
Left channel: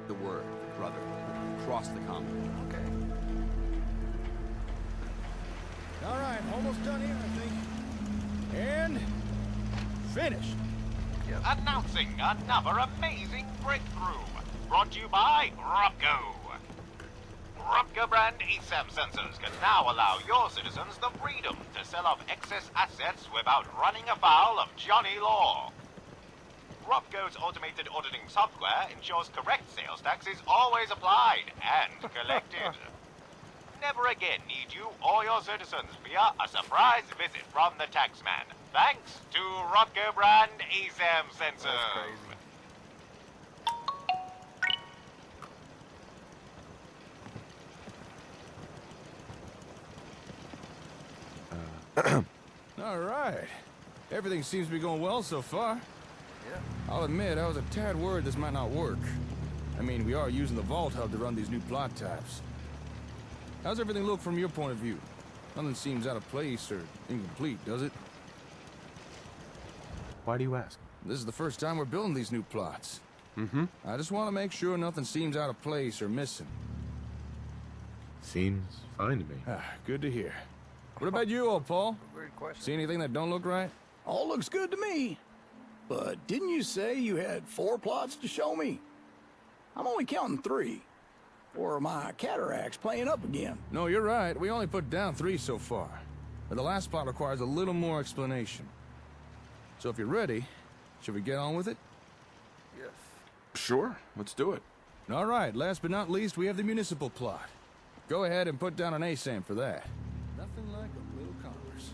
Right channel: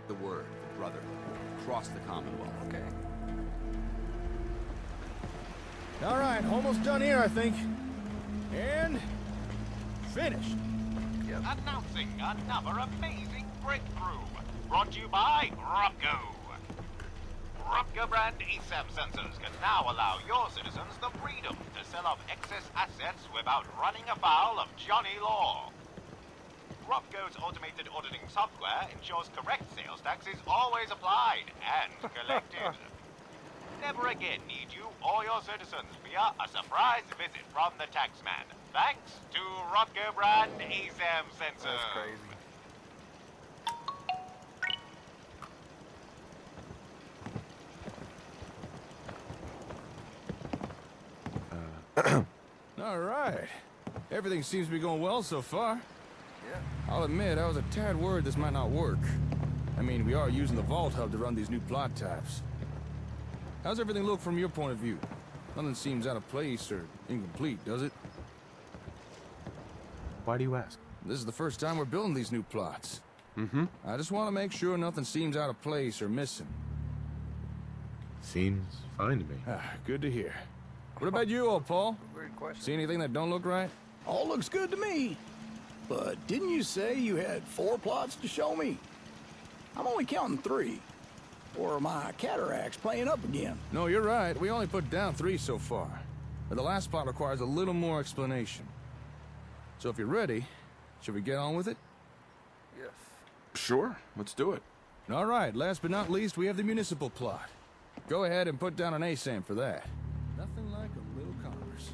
The word, the brotherhood, across the Commonwealth. Okay. All right, almost done here, I think. And finished. Announcing another amazing breakthrough. Brought to you by Robco. Robco brand ASAM sensors can now allow your citizens the freedom to sell off excess assets without running afoul of Johnny Law. Robco's automated auditing software ensures correct sales tax is always applied and collected. Never again need you or your citizens fear a surprise visit from the taxman, thanks to Robco brand ASAM sensors. That's crazy. All right. Everything seems to be going well so far. Yeah. I'll admit, I was a tad worried this might not work. I mean, we are using the Vault Hub to run these new plot types. How's everything look from your point of view? Nothing seems out of place or incomplete, does it? Why do you ask? This is the first time we're building these new plots. Mm-hmm. I just want to make sure nothing seems out of place or missing. Seems fine to me. Good to hear. What about you, old Paul? Weird question. See anything that don't look right? All looks good to me. But didn't you say you had 4 plots to show me? I'm only counting 3. Or my cataract's playing up again. No, you're right. We only put down 3 so far. But the last plot requires a little more explanation. So if you're ready, should we get on with it? Yes. Sure, let's do it. All right, last but not least, we have the municipal plot. Go ahead and put down an ASAM for that. Nothing like a little commerce.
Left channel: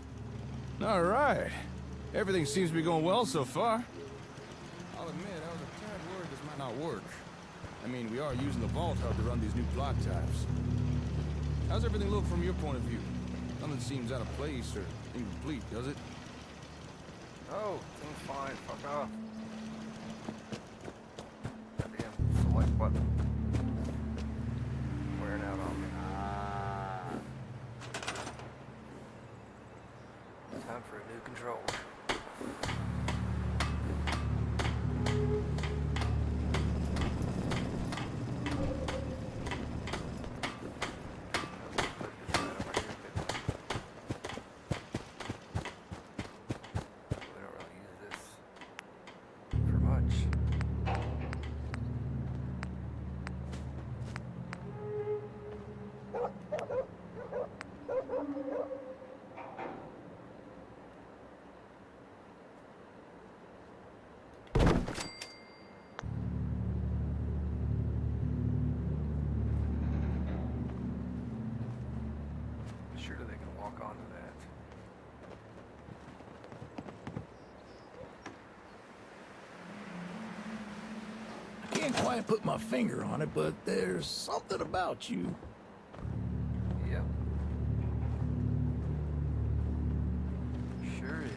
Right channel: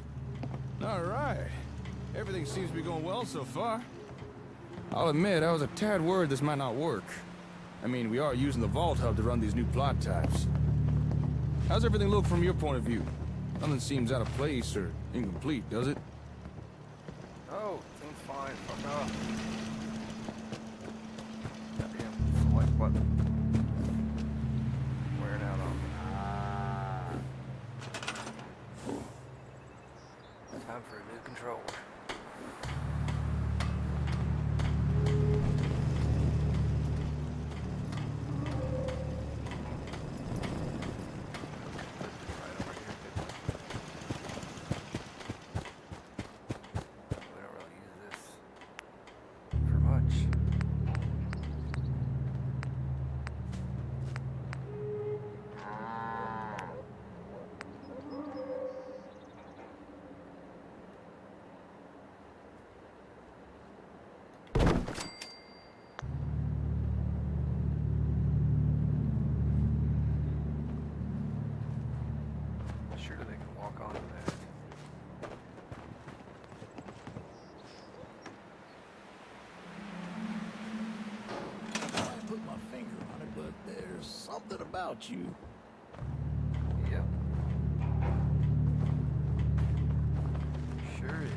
All right. Everything seems to be going well so far. I'll admit, I was a tad worried this might not work. I mean, we are using the Vault Hub to run these new plot types. How's everything look from your point of view? Nothing seems out of place or incomplete, does it? Oh, seems fine. Fuck off. Goddamn select button. Wearing out on me. Time for a new controller. We don't really use this for much. walk onto that. Can't quite put my finger on it, but there's something about you. Yep. Sure is.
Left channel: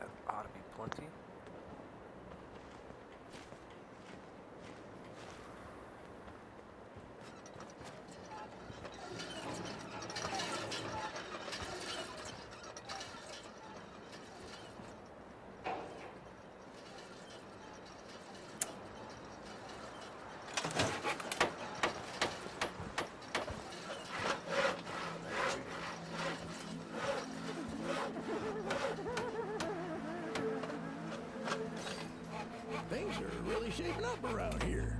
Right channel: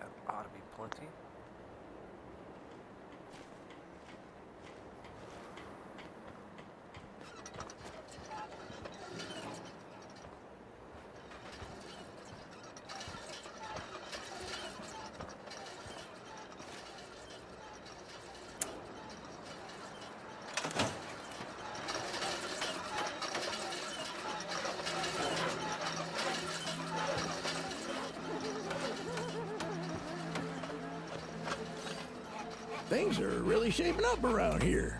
That ought to be plenty. Things are really shaping up around here.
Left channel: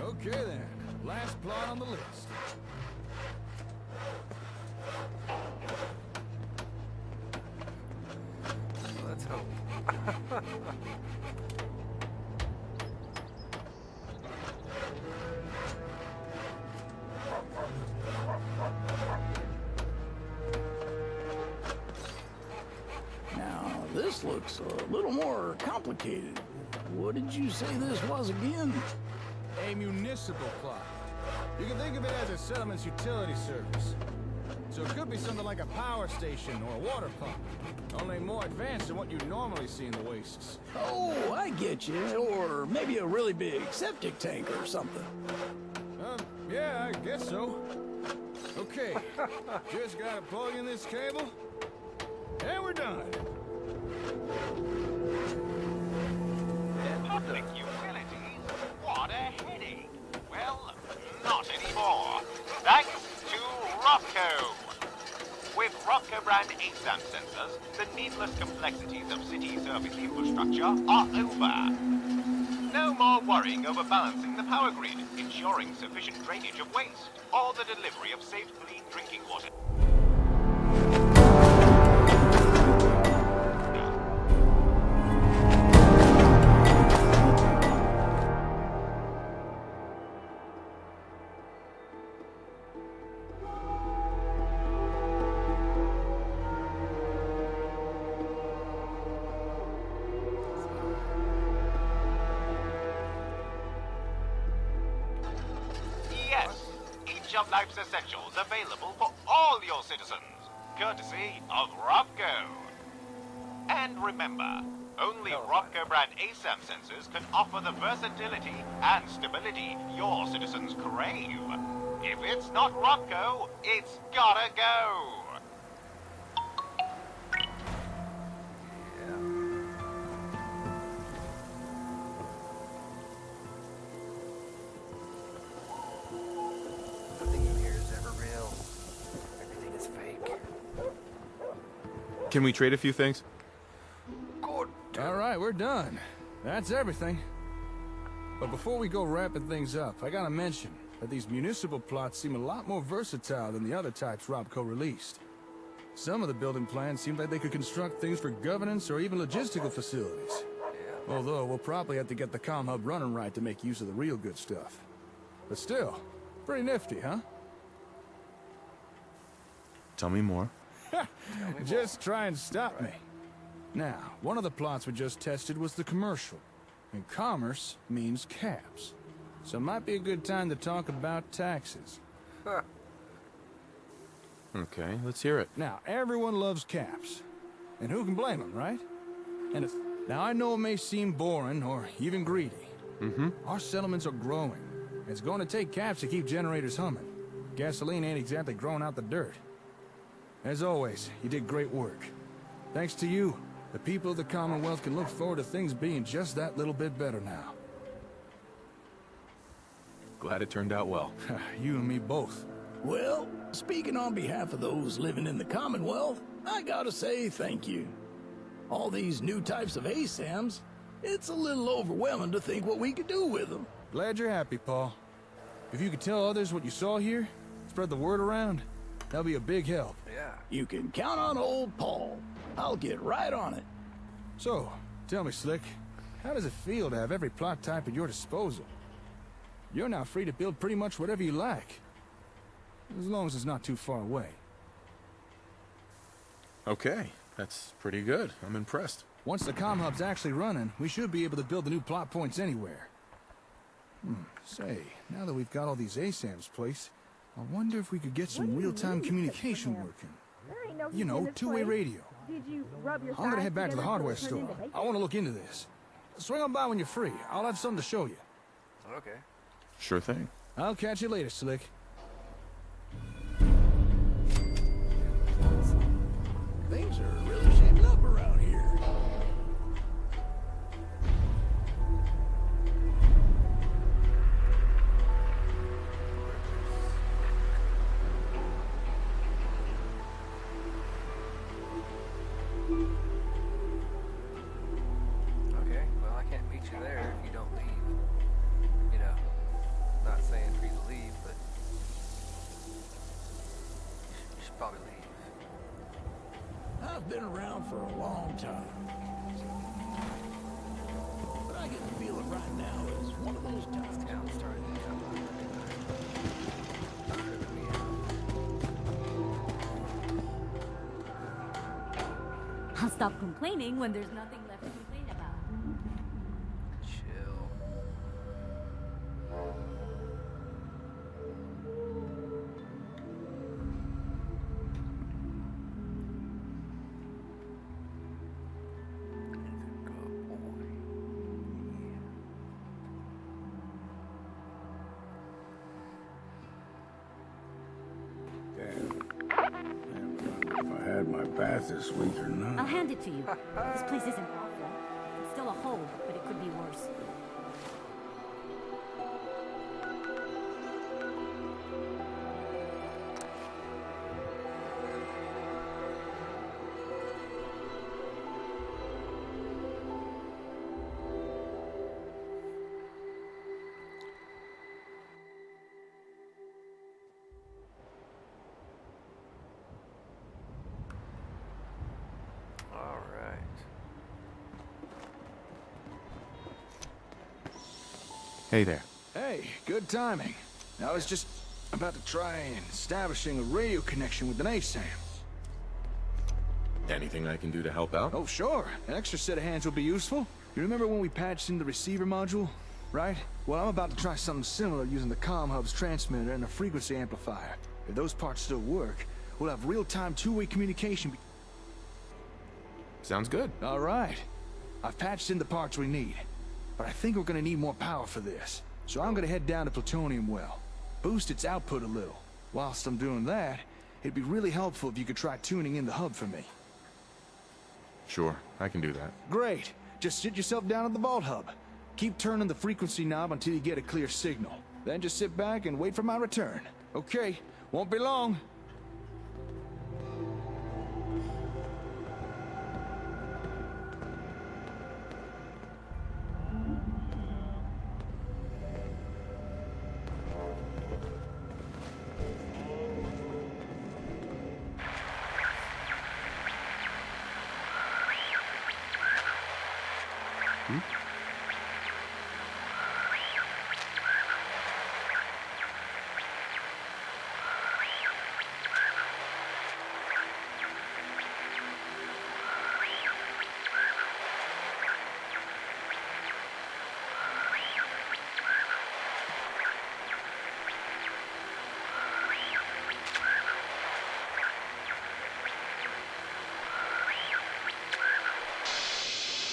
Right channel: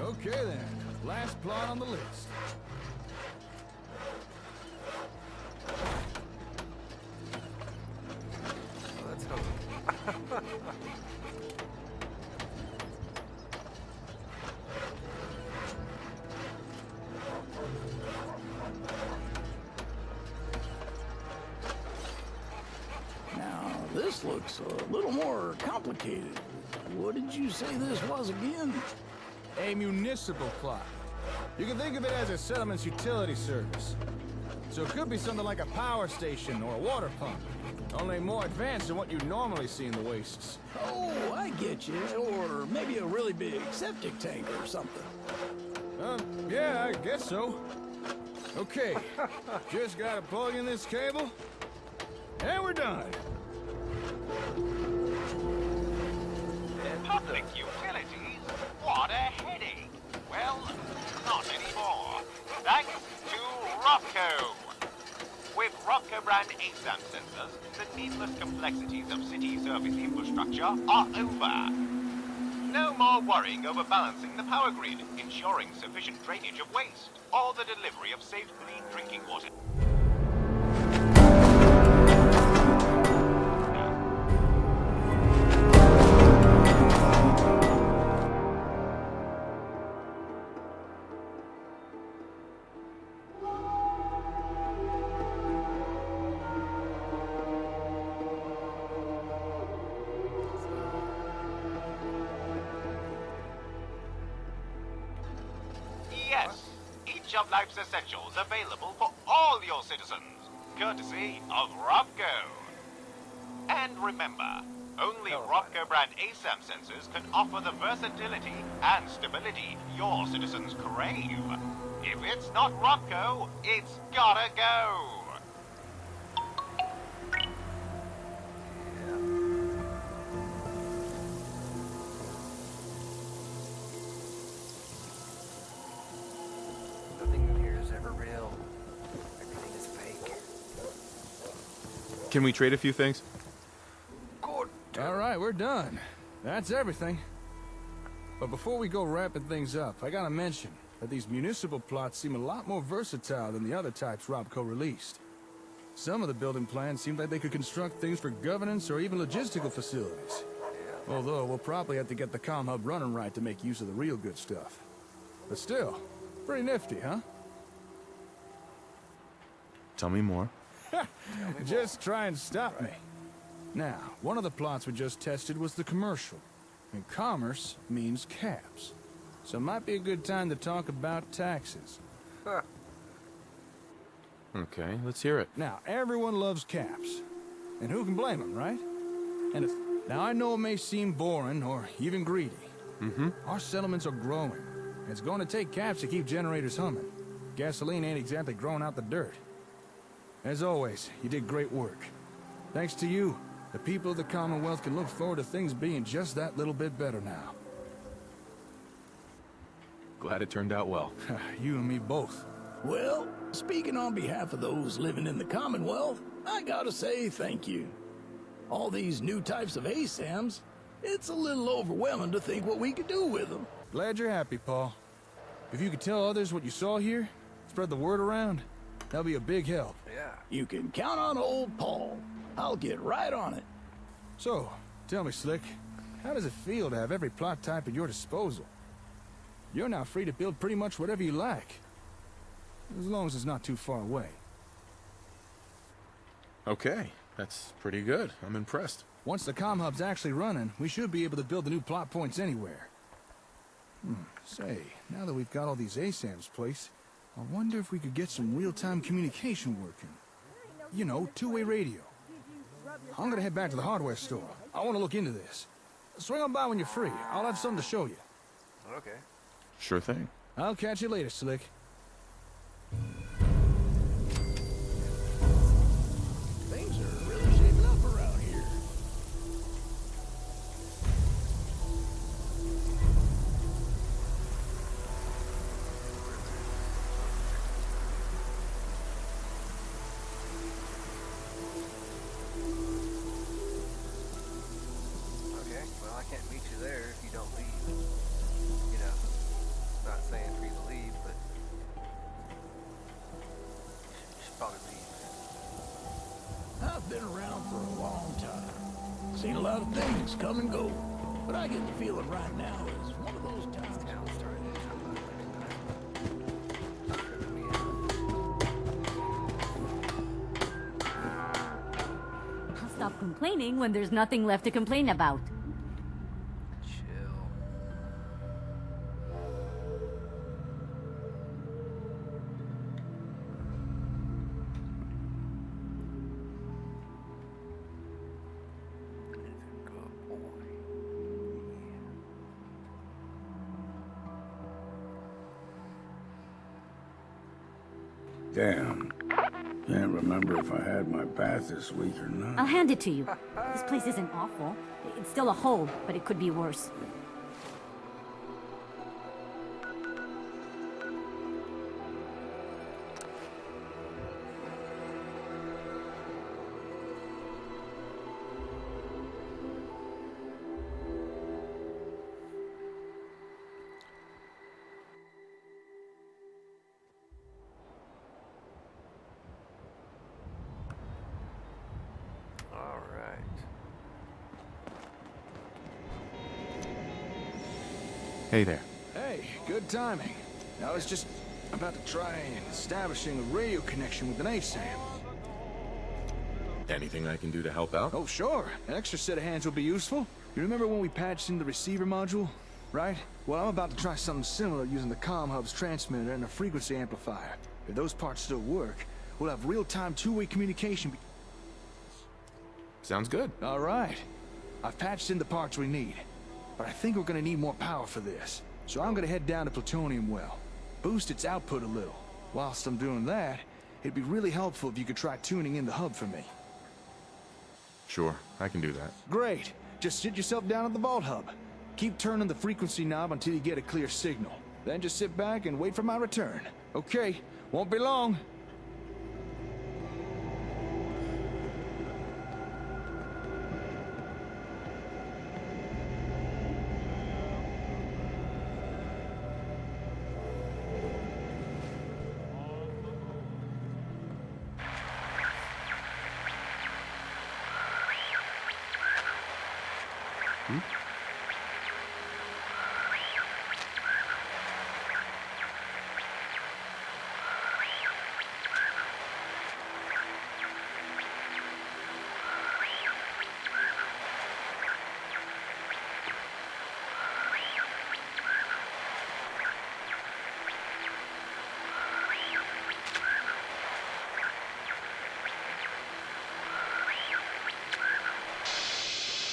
Okay then, last plot on the list. Let's hope. Now, this looks a little more complicated. What did you say this was again? A municipal plot. You can think of it as a settlement's utility service. So it could be something like a power station or a water pump. Only more advanced than what you normally see in the wastes. Oh, I get you. Or maybe a really big septic tank or something. Yeah, I guess so. Okay, just gotta plug in this cable, and we're done. Public utilities? What a headache. Well, not anymore. Thanks to Rocco. With Rocco brand ASAM sensors, the needless complexities of city service infrastructure are over. No more worrying over balancing the power grid, ensuring sufficient drainage of waste, or the delivery of safe, clean drinking water. Yes, each of life's essentials available for all your citizens, courtesy of Ropco. And remember, only Ropco brand ASAM sensors can offer the versatility and stability your citizens crave. If it's not Ropco, it's gotta go. Nothing in here is ever real. Everything is fake. Can we trade a few things? All right, we're done. That's everything. But before we go wrapping things up, I gotta mention that these municipal plots seem a lot more versatile than the other types Robco released. Some of the building plans seem like they could construct things for governance or even logistical facilities. Although we'll probably have to get the comm hub running right to make use of the real good stuff. But still, pretty nifty, huh? Tell me more. Just try and stop me. Now, one of the plots we just tested was the commercial. And commerce means caps. So it might be a good time to talk about taxes. Okay, let's hear it. Now, everyone loves caps. And who can blame them, right? And now, I know it may seem boring or even greedy. Our settlements are growing. And it's going to take caps to keep generators humming. Gasoline ain't exactly growing out the dirt. As always, you did great work. Thanks to you, the people of the Commonwealth can look forward to things being just that little bit better now. Glad it turned out well. You and me both. Well, speaking on behalf of those living in the Commonwealth, I gotta say thank you. All these new types of ASAMs, it's a little overwhelming to think what we could do with them. Glad you're happy, Paul. If you could tell others what you saw here, spread the word around, that'll be a big help. Yeah. You can count on old Paul. I'll get right on it. So, tell me, Slick, how does it feel to have every plot type at your disposal? You're now free to build pretty much whatever you like. As long as it's not too far away. Okay, that's pretty good. I'm impressed. Once the comm hub's actually running, we should be able to build the new plot points anywhere. Say, now that we've got all these ASAMs placed, I wonder if we could get some real-time communication working. You know, two-way radio. I'm gonna head back to the hardware store. I want to look into this. Swing on by when you're free. I'll have something to show you. Okay. Sure thing. I'll catch you later, Slick. Things are really shaping up around here. Okay, well, I can't meet you there if you don't leave. You know, not saying for you to leave, but you should probably leave. I've been around for a long time. Seen a lot of things come and go. But I get the feeling right now is one of those times. Town's starting to come up. I'll stop complaining when there's nothing left to complain about. Chill. Damn. Can't remember if I had my bath this week or not. I'll hand it to you. This place isn't awful. It's still a hole, but it could be worse. All right. Hey there. Hey, good timing. I was just about to try establishing a radio connection with an ASAM. Anything I can do to help out? Oh, sure. An extra set of hands will be useful. You remember when we patched in the receiver module? Right? Well, I'm about to try something similar using the comm hub's transmitter and a frequency amplifier. If those parts still work, we'll have real-time two-way communication. Sounds good. All right. I've patched in the parts we need. But I think we're gonna need more power for this. So I'm gonna head down to Plutonium Well. Boost its output a little. Whilst I'm doing that, it'd be really helpful if you could try tuning in the hub for me. Sure, I can do that. Great. Just sit yourself down at the Vault Hub. Keep turning the frequency knob until you get a clear signal. Then just sit back and wait for my return. Okay, won't be long.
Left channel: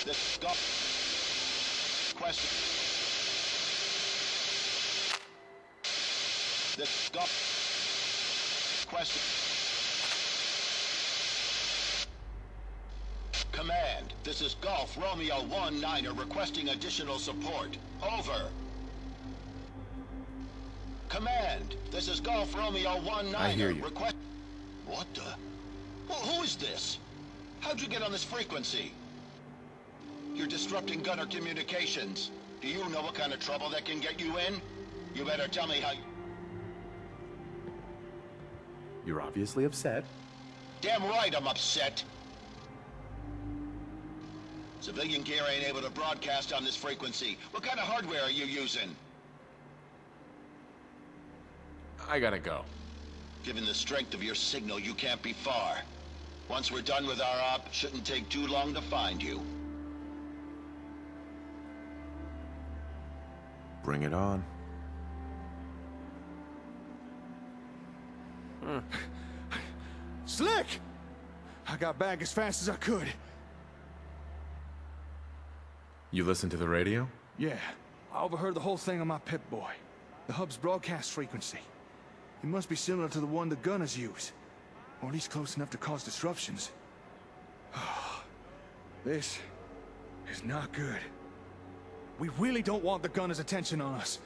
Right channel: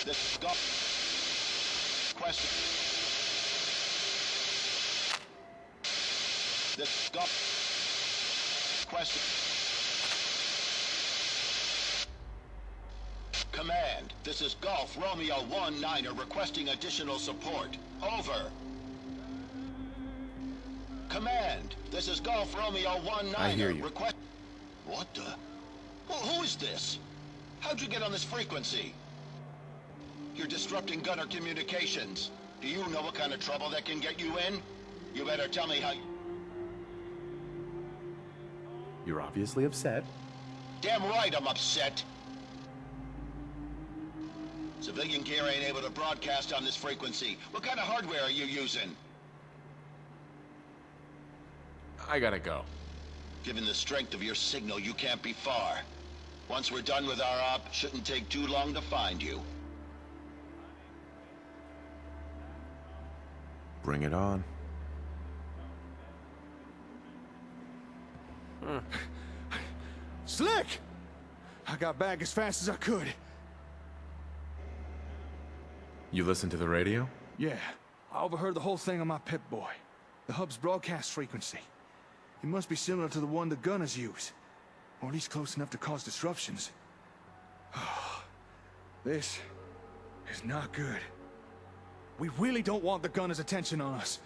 This question. This question. Command, this is Golf Romeo 1-9er requesting additional support. Over. Command, this is Golf Romeo 1-9er. I hear you. Request. What the? Who is this? How'd you get on this frequency? You're disrupting gunner communications. Do you know what kind of trouble that can get you in? You better tell me how... You're obviously upset. Damn right I'm upset. Civilian gear ain't able to broadcast on this frequency. What kind of hardware are you using? I gotta go. Given the strength of your signal, you can't be far. Once we're done with our op, shouldn't take too long to find you. Bring it on. Slick! I got back as fast as I could. You listened to the radio? Yeah, I overheard the whole thing on my Pip-Boy. The hub's broadcast frequency. It must be similar to the one the gunners use. Or at least close enough to cause disruptions. This is not good. We really don't want the gunners' attention on us.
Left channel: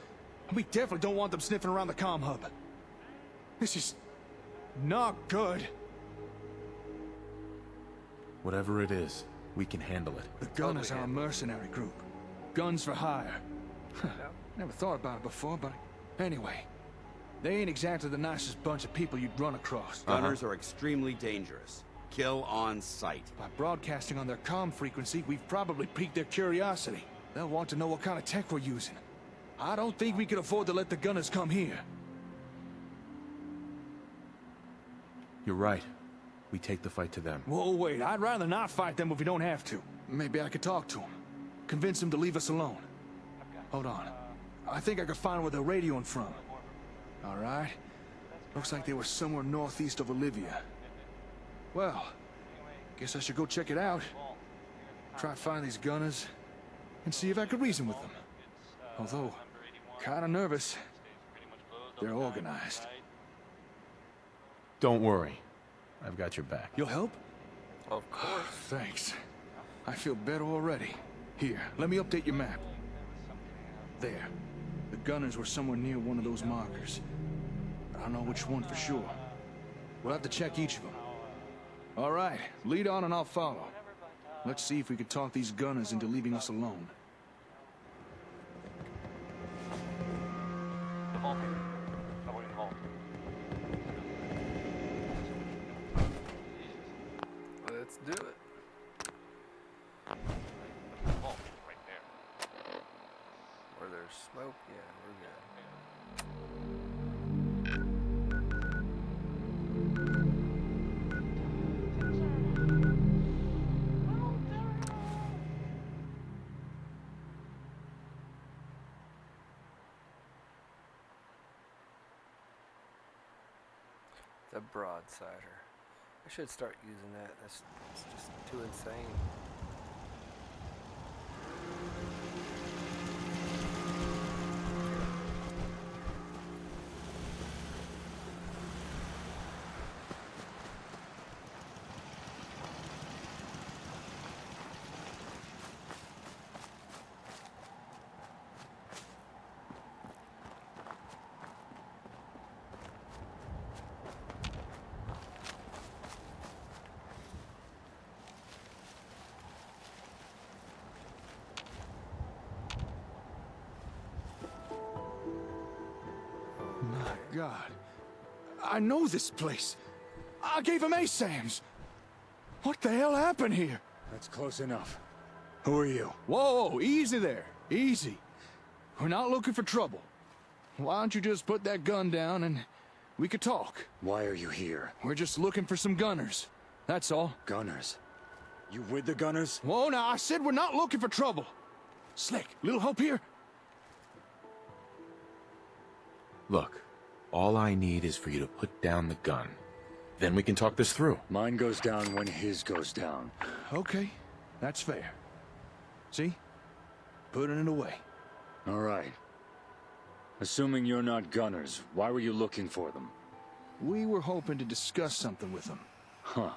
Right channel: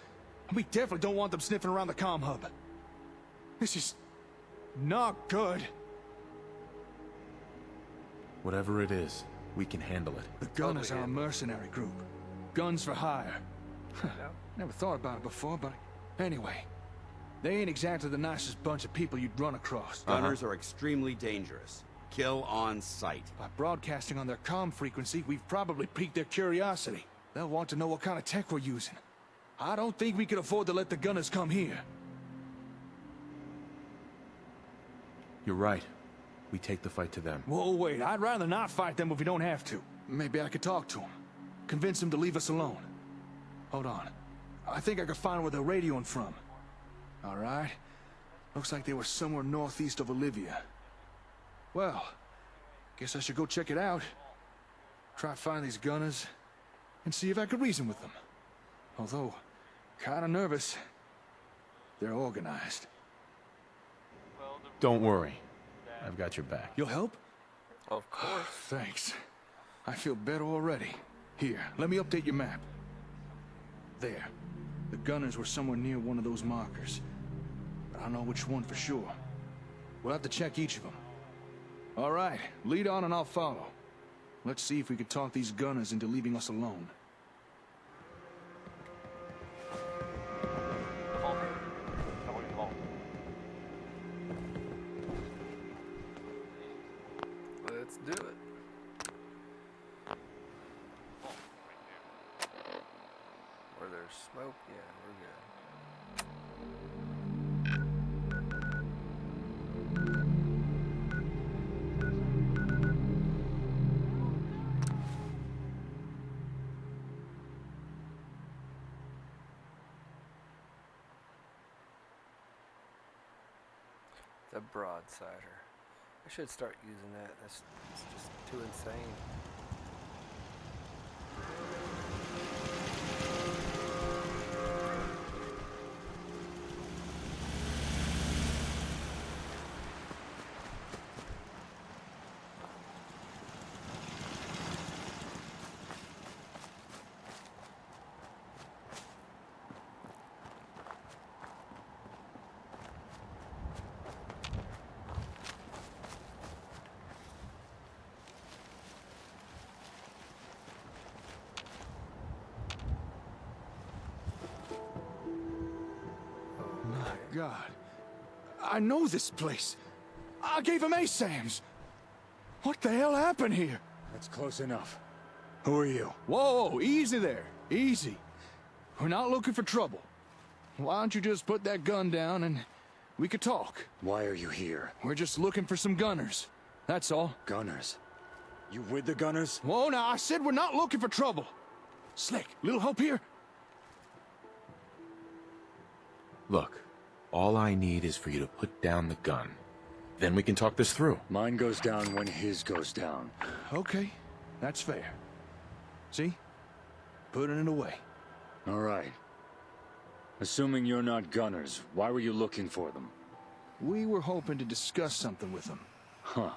And we definitely don't want them sniffing around the comm hub. This is not good. Whatever it is, we can handle it. The gunners are a mercenary group. Guns for hire. Never thought about it before, but anyway. They ain't exactly the nicest bunch of people you'd run across. Gunners are extremely dangerous. Kill on sight. By broadcasting on their comm frequency, we've probably piqued their curiosity. They'll want to know what kind of tech we're using. I don't think we can afford to let the gunners come here. You're right. We take the fight to them. Whoa, wait. I'd rather not fight them if we don't have to. Maybe I could talk to them. Convince them to leave us alone. Hold on. I think I could find where they're radioing from. All right. Looks like they were somewhere northeast of Olivia. Well, guess I should go check it out. Try to find these gunners and see if I could reason with them. Although, kinda nervous. They're organized. Don't worry. I've got your back. You'll help? Of course. Thanks. I feel better already. Here, let me update your map. There. The gunners were somewhere near one of those markers. But I don't know which one for sure. We'll have to check each of them. All right, lead on and I'll follow. Let's see if we can talk these gunners into leaving us alone. Let's do it. Where there's smoke, yeah, we're good. The broadsider. I should start using that. That's just too insane. God. I know this place. I gave him ASAMs. What the hell happened here? That's close enough. Who are you? Whoa, easy there. Easy. We're not looking for trouble. Why don't you just put that gun down and we could talk? Why are you here? We're just looking for some gunners. That's all. Gunners? You with the gunners? Whoa, now, I said we're not looking for trouble. Slick, little help here? Look, all I need is for you to put down the gun. Then we can talk this through. Mine goes down when his goes down. Okay, that's fair. See? Putting it away. All right. Assuming you're not gunners, why were you looking for them? We were hoping to discuss something with them. Huh.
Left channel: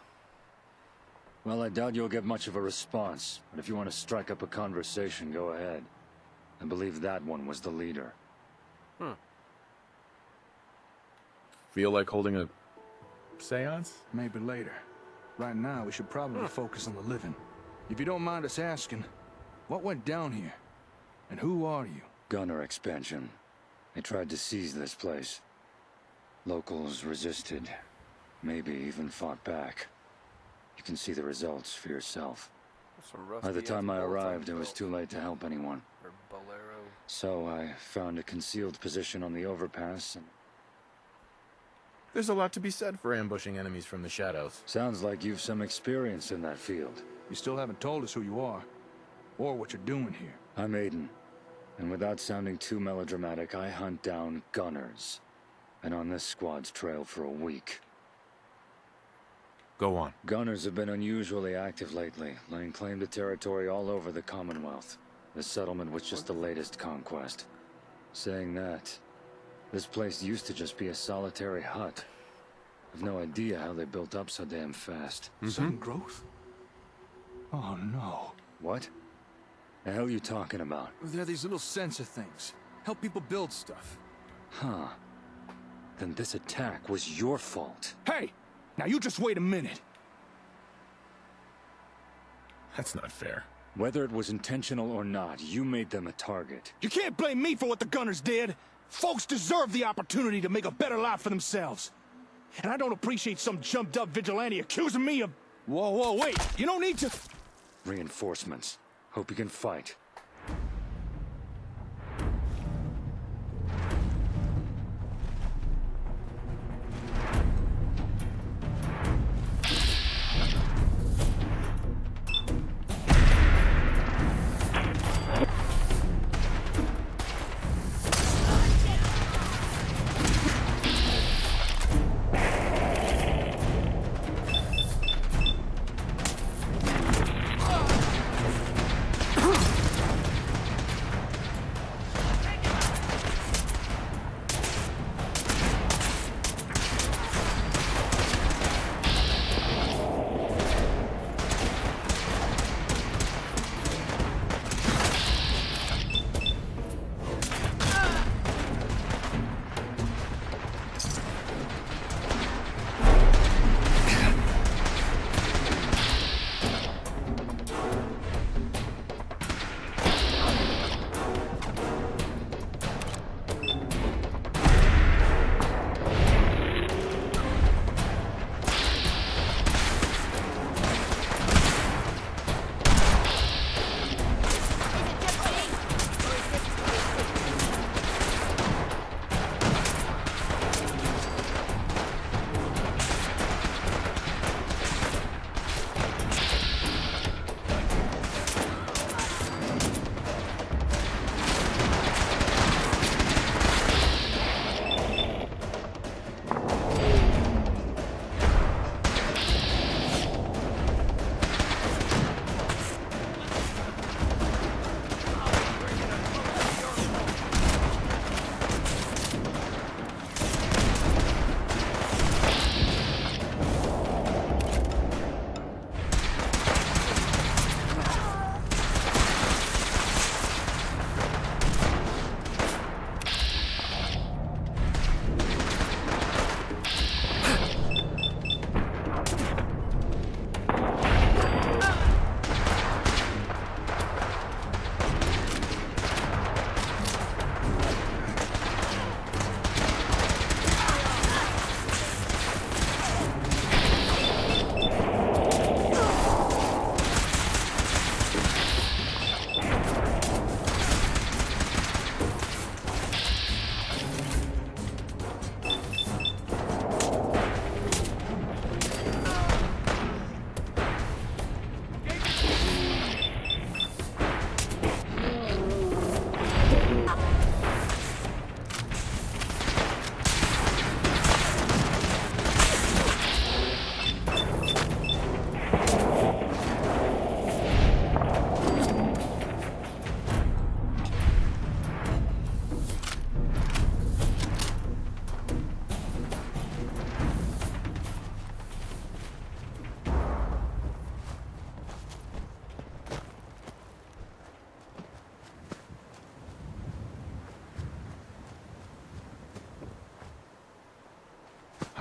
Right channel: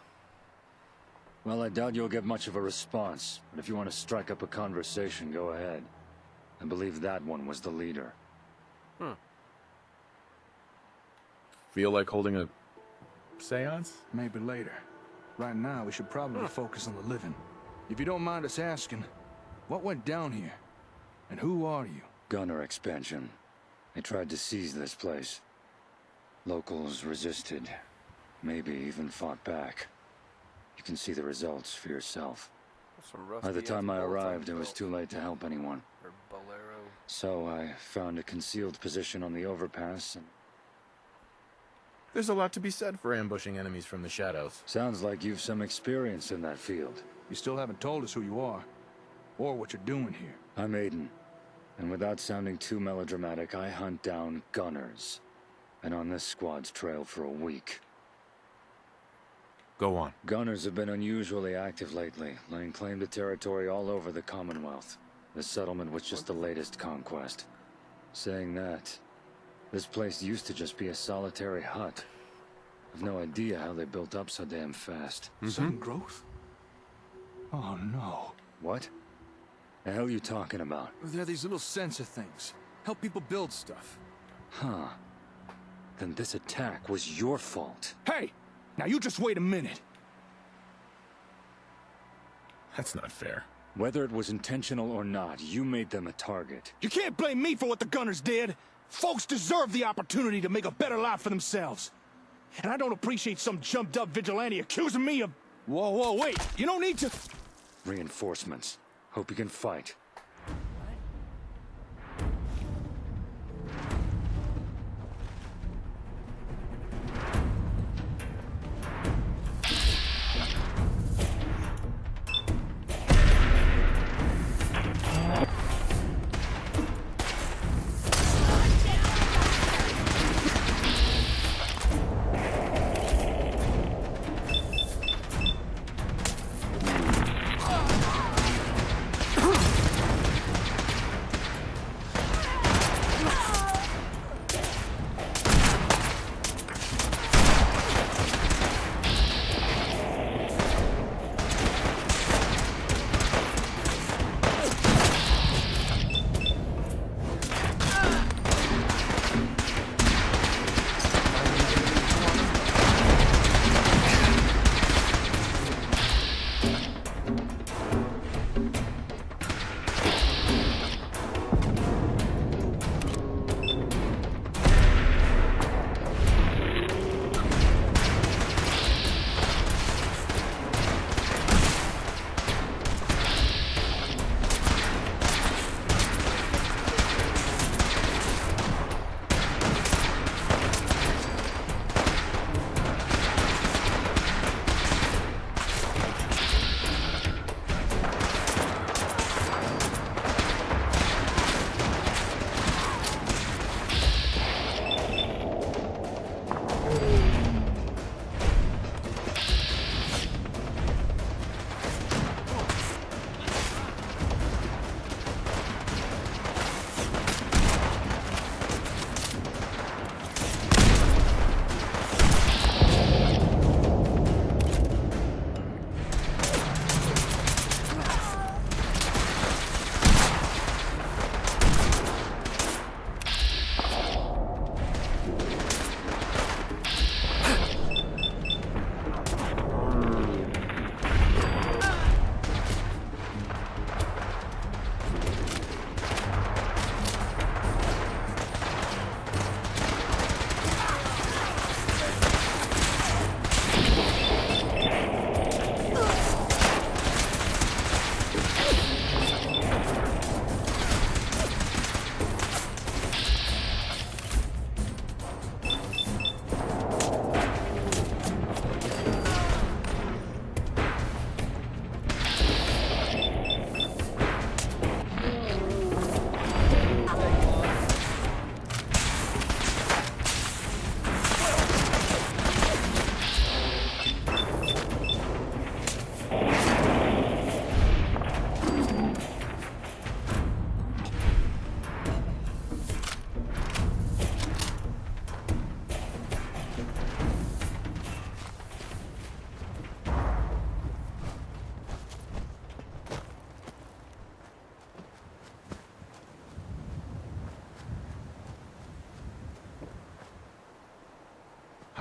Well, I doubt you'll get much of a response, but if you want to strike up a conversation, go ahead. I believe that one was the leader. Feel like holding a seance? Maybe later. Right now, we should probably focus on the living. If you don't mind us asking, what went down here? And who are you? Gunner expansion. They tried to seize this place. Locals resisted, maybe even fought back. You can see the results for yourself. By the time I arrived, it was too late to help anyone. So I found a concealed position on the overpass and... There's a lot to be said for ambushing enemies from the shadows. Sounds like you've some experience in that field. You still haven't told us who you are, or what you're doing here. I'm Aiden, and without sounding too melodramatic, I hunt down gunners. Been on this squad's trail for a week. Go on. Gunners have been unusually active lately, laying claim to territory all over the Commonwealth. The settlement was just the latest conquest. Saying that, this place used to just be a solitary hut. I've no idea how they built up so damn fast. Sudden growth? Oh no. What? The hell are you talking about? They're these little sensor things. Help people build stuff. Huh. Then this attack was your fault. Hey! Now you just wait a minute. That's not fair. Whether it was intentional or not, you made them a target. You can't blame me for what the gunners did. Folks deserve the opportunity to make a better life for themselves. And I don't appreciate some jumped-up vigilante accusing me of... Whoa, wait. You don't need to... Reinforcements. Hope you can fight.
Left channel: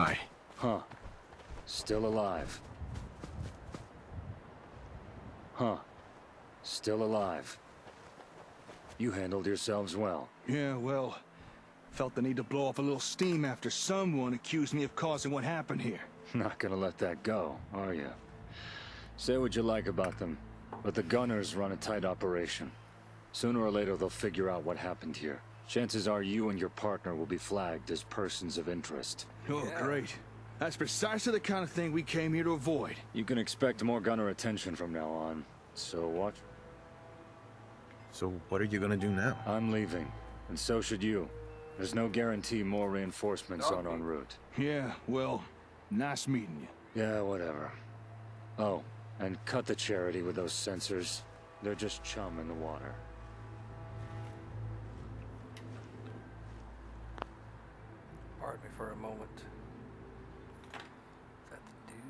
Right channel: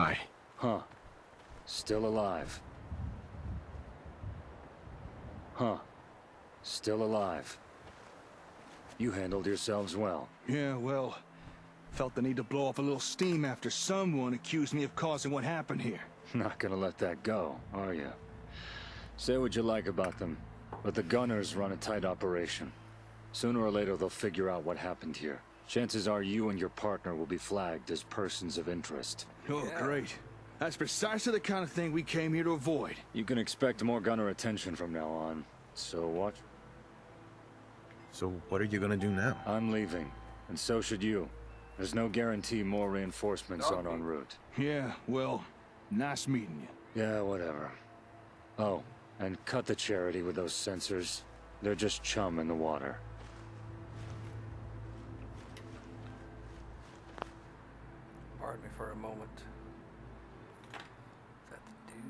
Hi. Huh. Still alive. Huh. Still alive. You handled yourselves well. Yeah, well, Felt the need to blow off a little steam after someone accused me of causing what happened here. Not gonna let that go, are you? Say what you like about them, but the Gunners run a tight operation. Sooner or later they'll figure out what happened here. Chances are you and your partner will be flagged as persons of interest. Oh, great. That's precisely the kind of thing we came here to avoid. You can expect more Gunner attention from now on, so watch. So what are you gonna do now? I'm leaving, and so should you. There's no guarantee more reinforcements aren't en route. Yeah, well, nice meeting you. Yeah, whatever. Oh, and cut the charity with those sensors. They're just chum in the water. Pardon me for a moment. Is that the dude?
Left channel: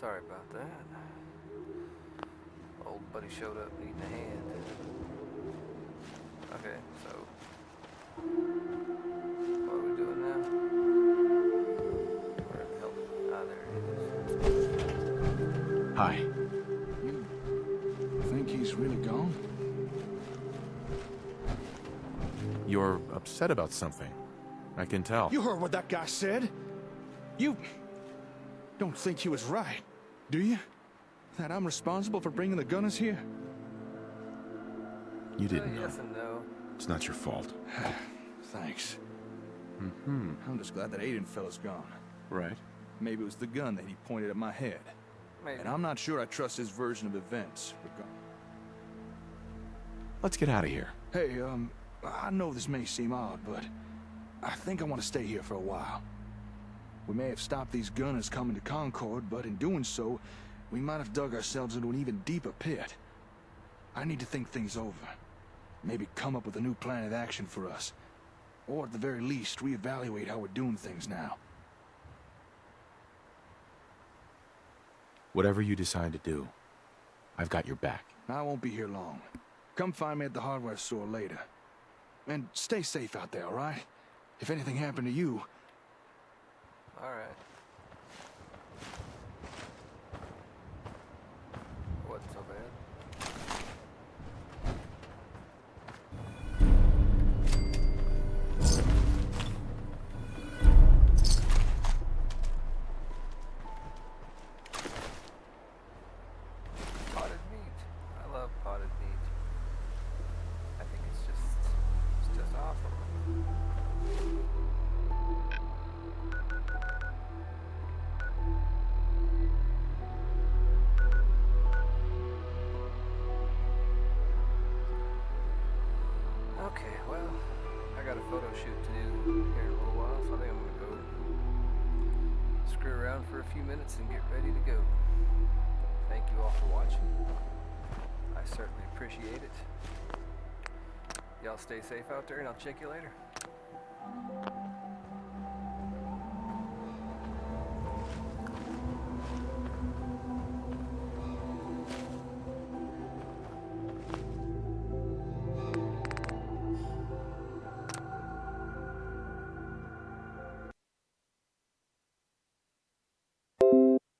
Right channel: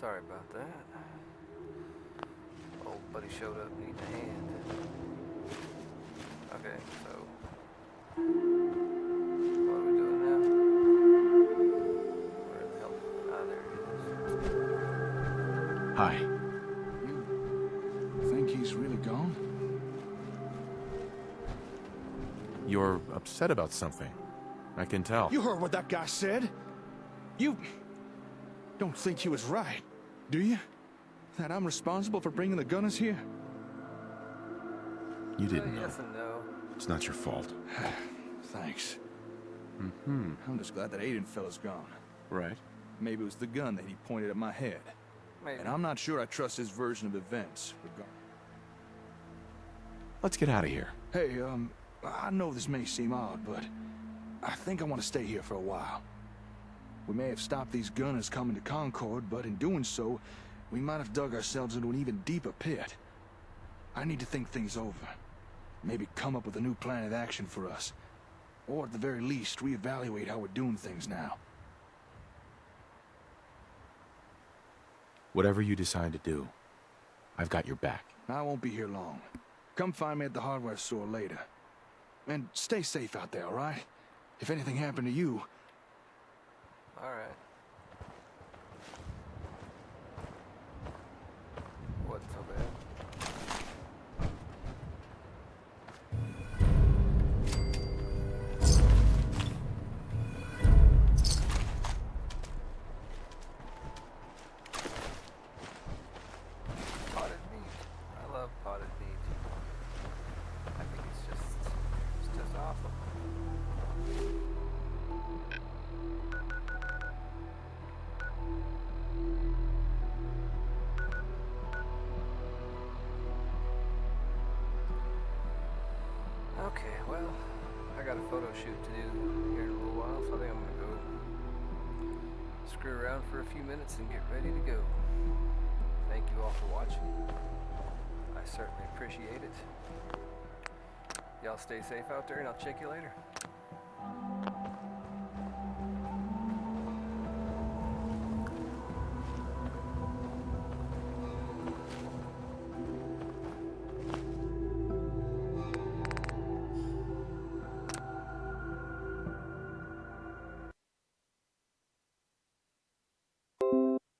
Sorry about that. Old buddy showed up needing a hand. Okay, so what are we doing now? Where the hell? Ah, there it is. Hi. You think he's really gone? You're upset about something. I can tell. You heard what that guy said? You don't think he was right, do you? That I'm responsible for bringing the Gunners here? You didn't know. Yes and no. It's not your fault. Thanks. Mm-hmm. I'm just glad that Aiden fella's gone. Right. Maybe it was the gun that he pointed at my head. Maybe. And I'm not sure I trust his version of events. Let's get out of here. Hey, I know this may seem odd, but I think I want to stay here for a while. We may have stopped these gunners coming to Concord, but in doing so, we might have dug ourselves into an even deeper pit. I need to think things over. Maybe come up with a new plan of action for us. Or at the very least, reevaluate how we're doing things now. Whatever you decide to do, I've got your back. I won't be here long. Come find me at the hardware store later. And stay safe out there, all right? If anything happened to you... All right. Wasn't so bad. Potted meat. I love potted meat. I think it's just got a photo shoot to do here in a little while, so I think I'm gonna go screw around for a few minutes and get ready to go. Thank you all for watching. I certainly appreciate it. Y'all stay safe out there, and I'll check you later.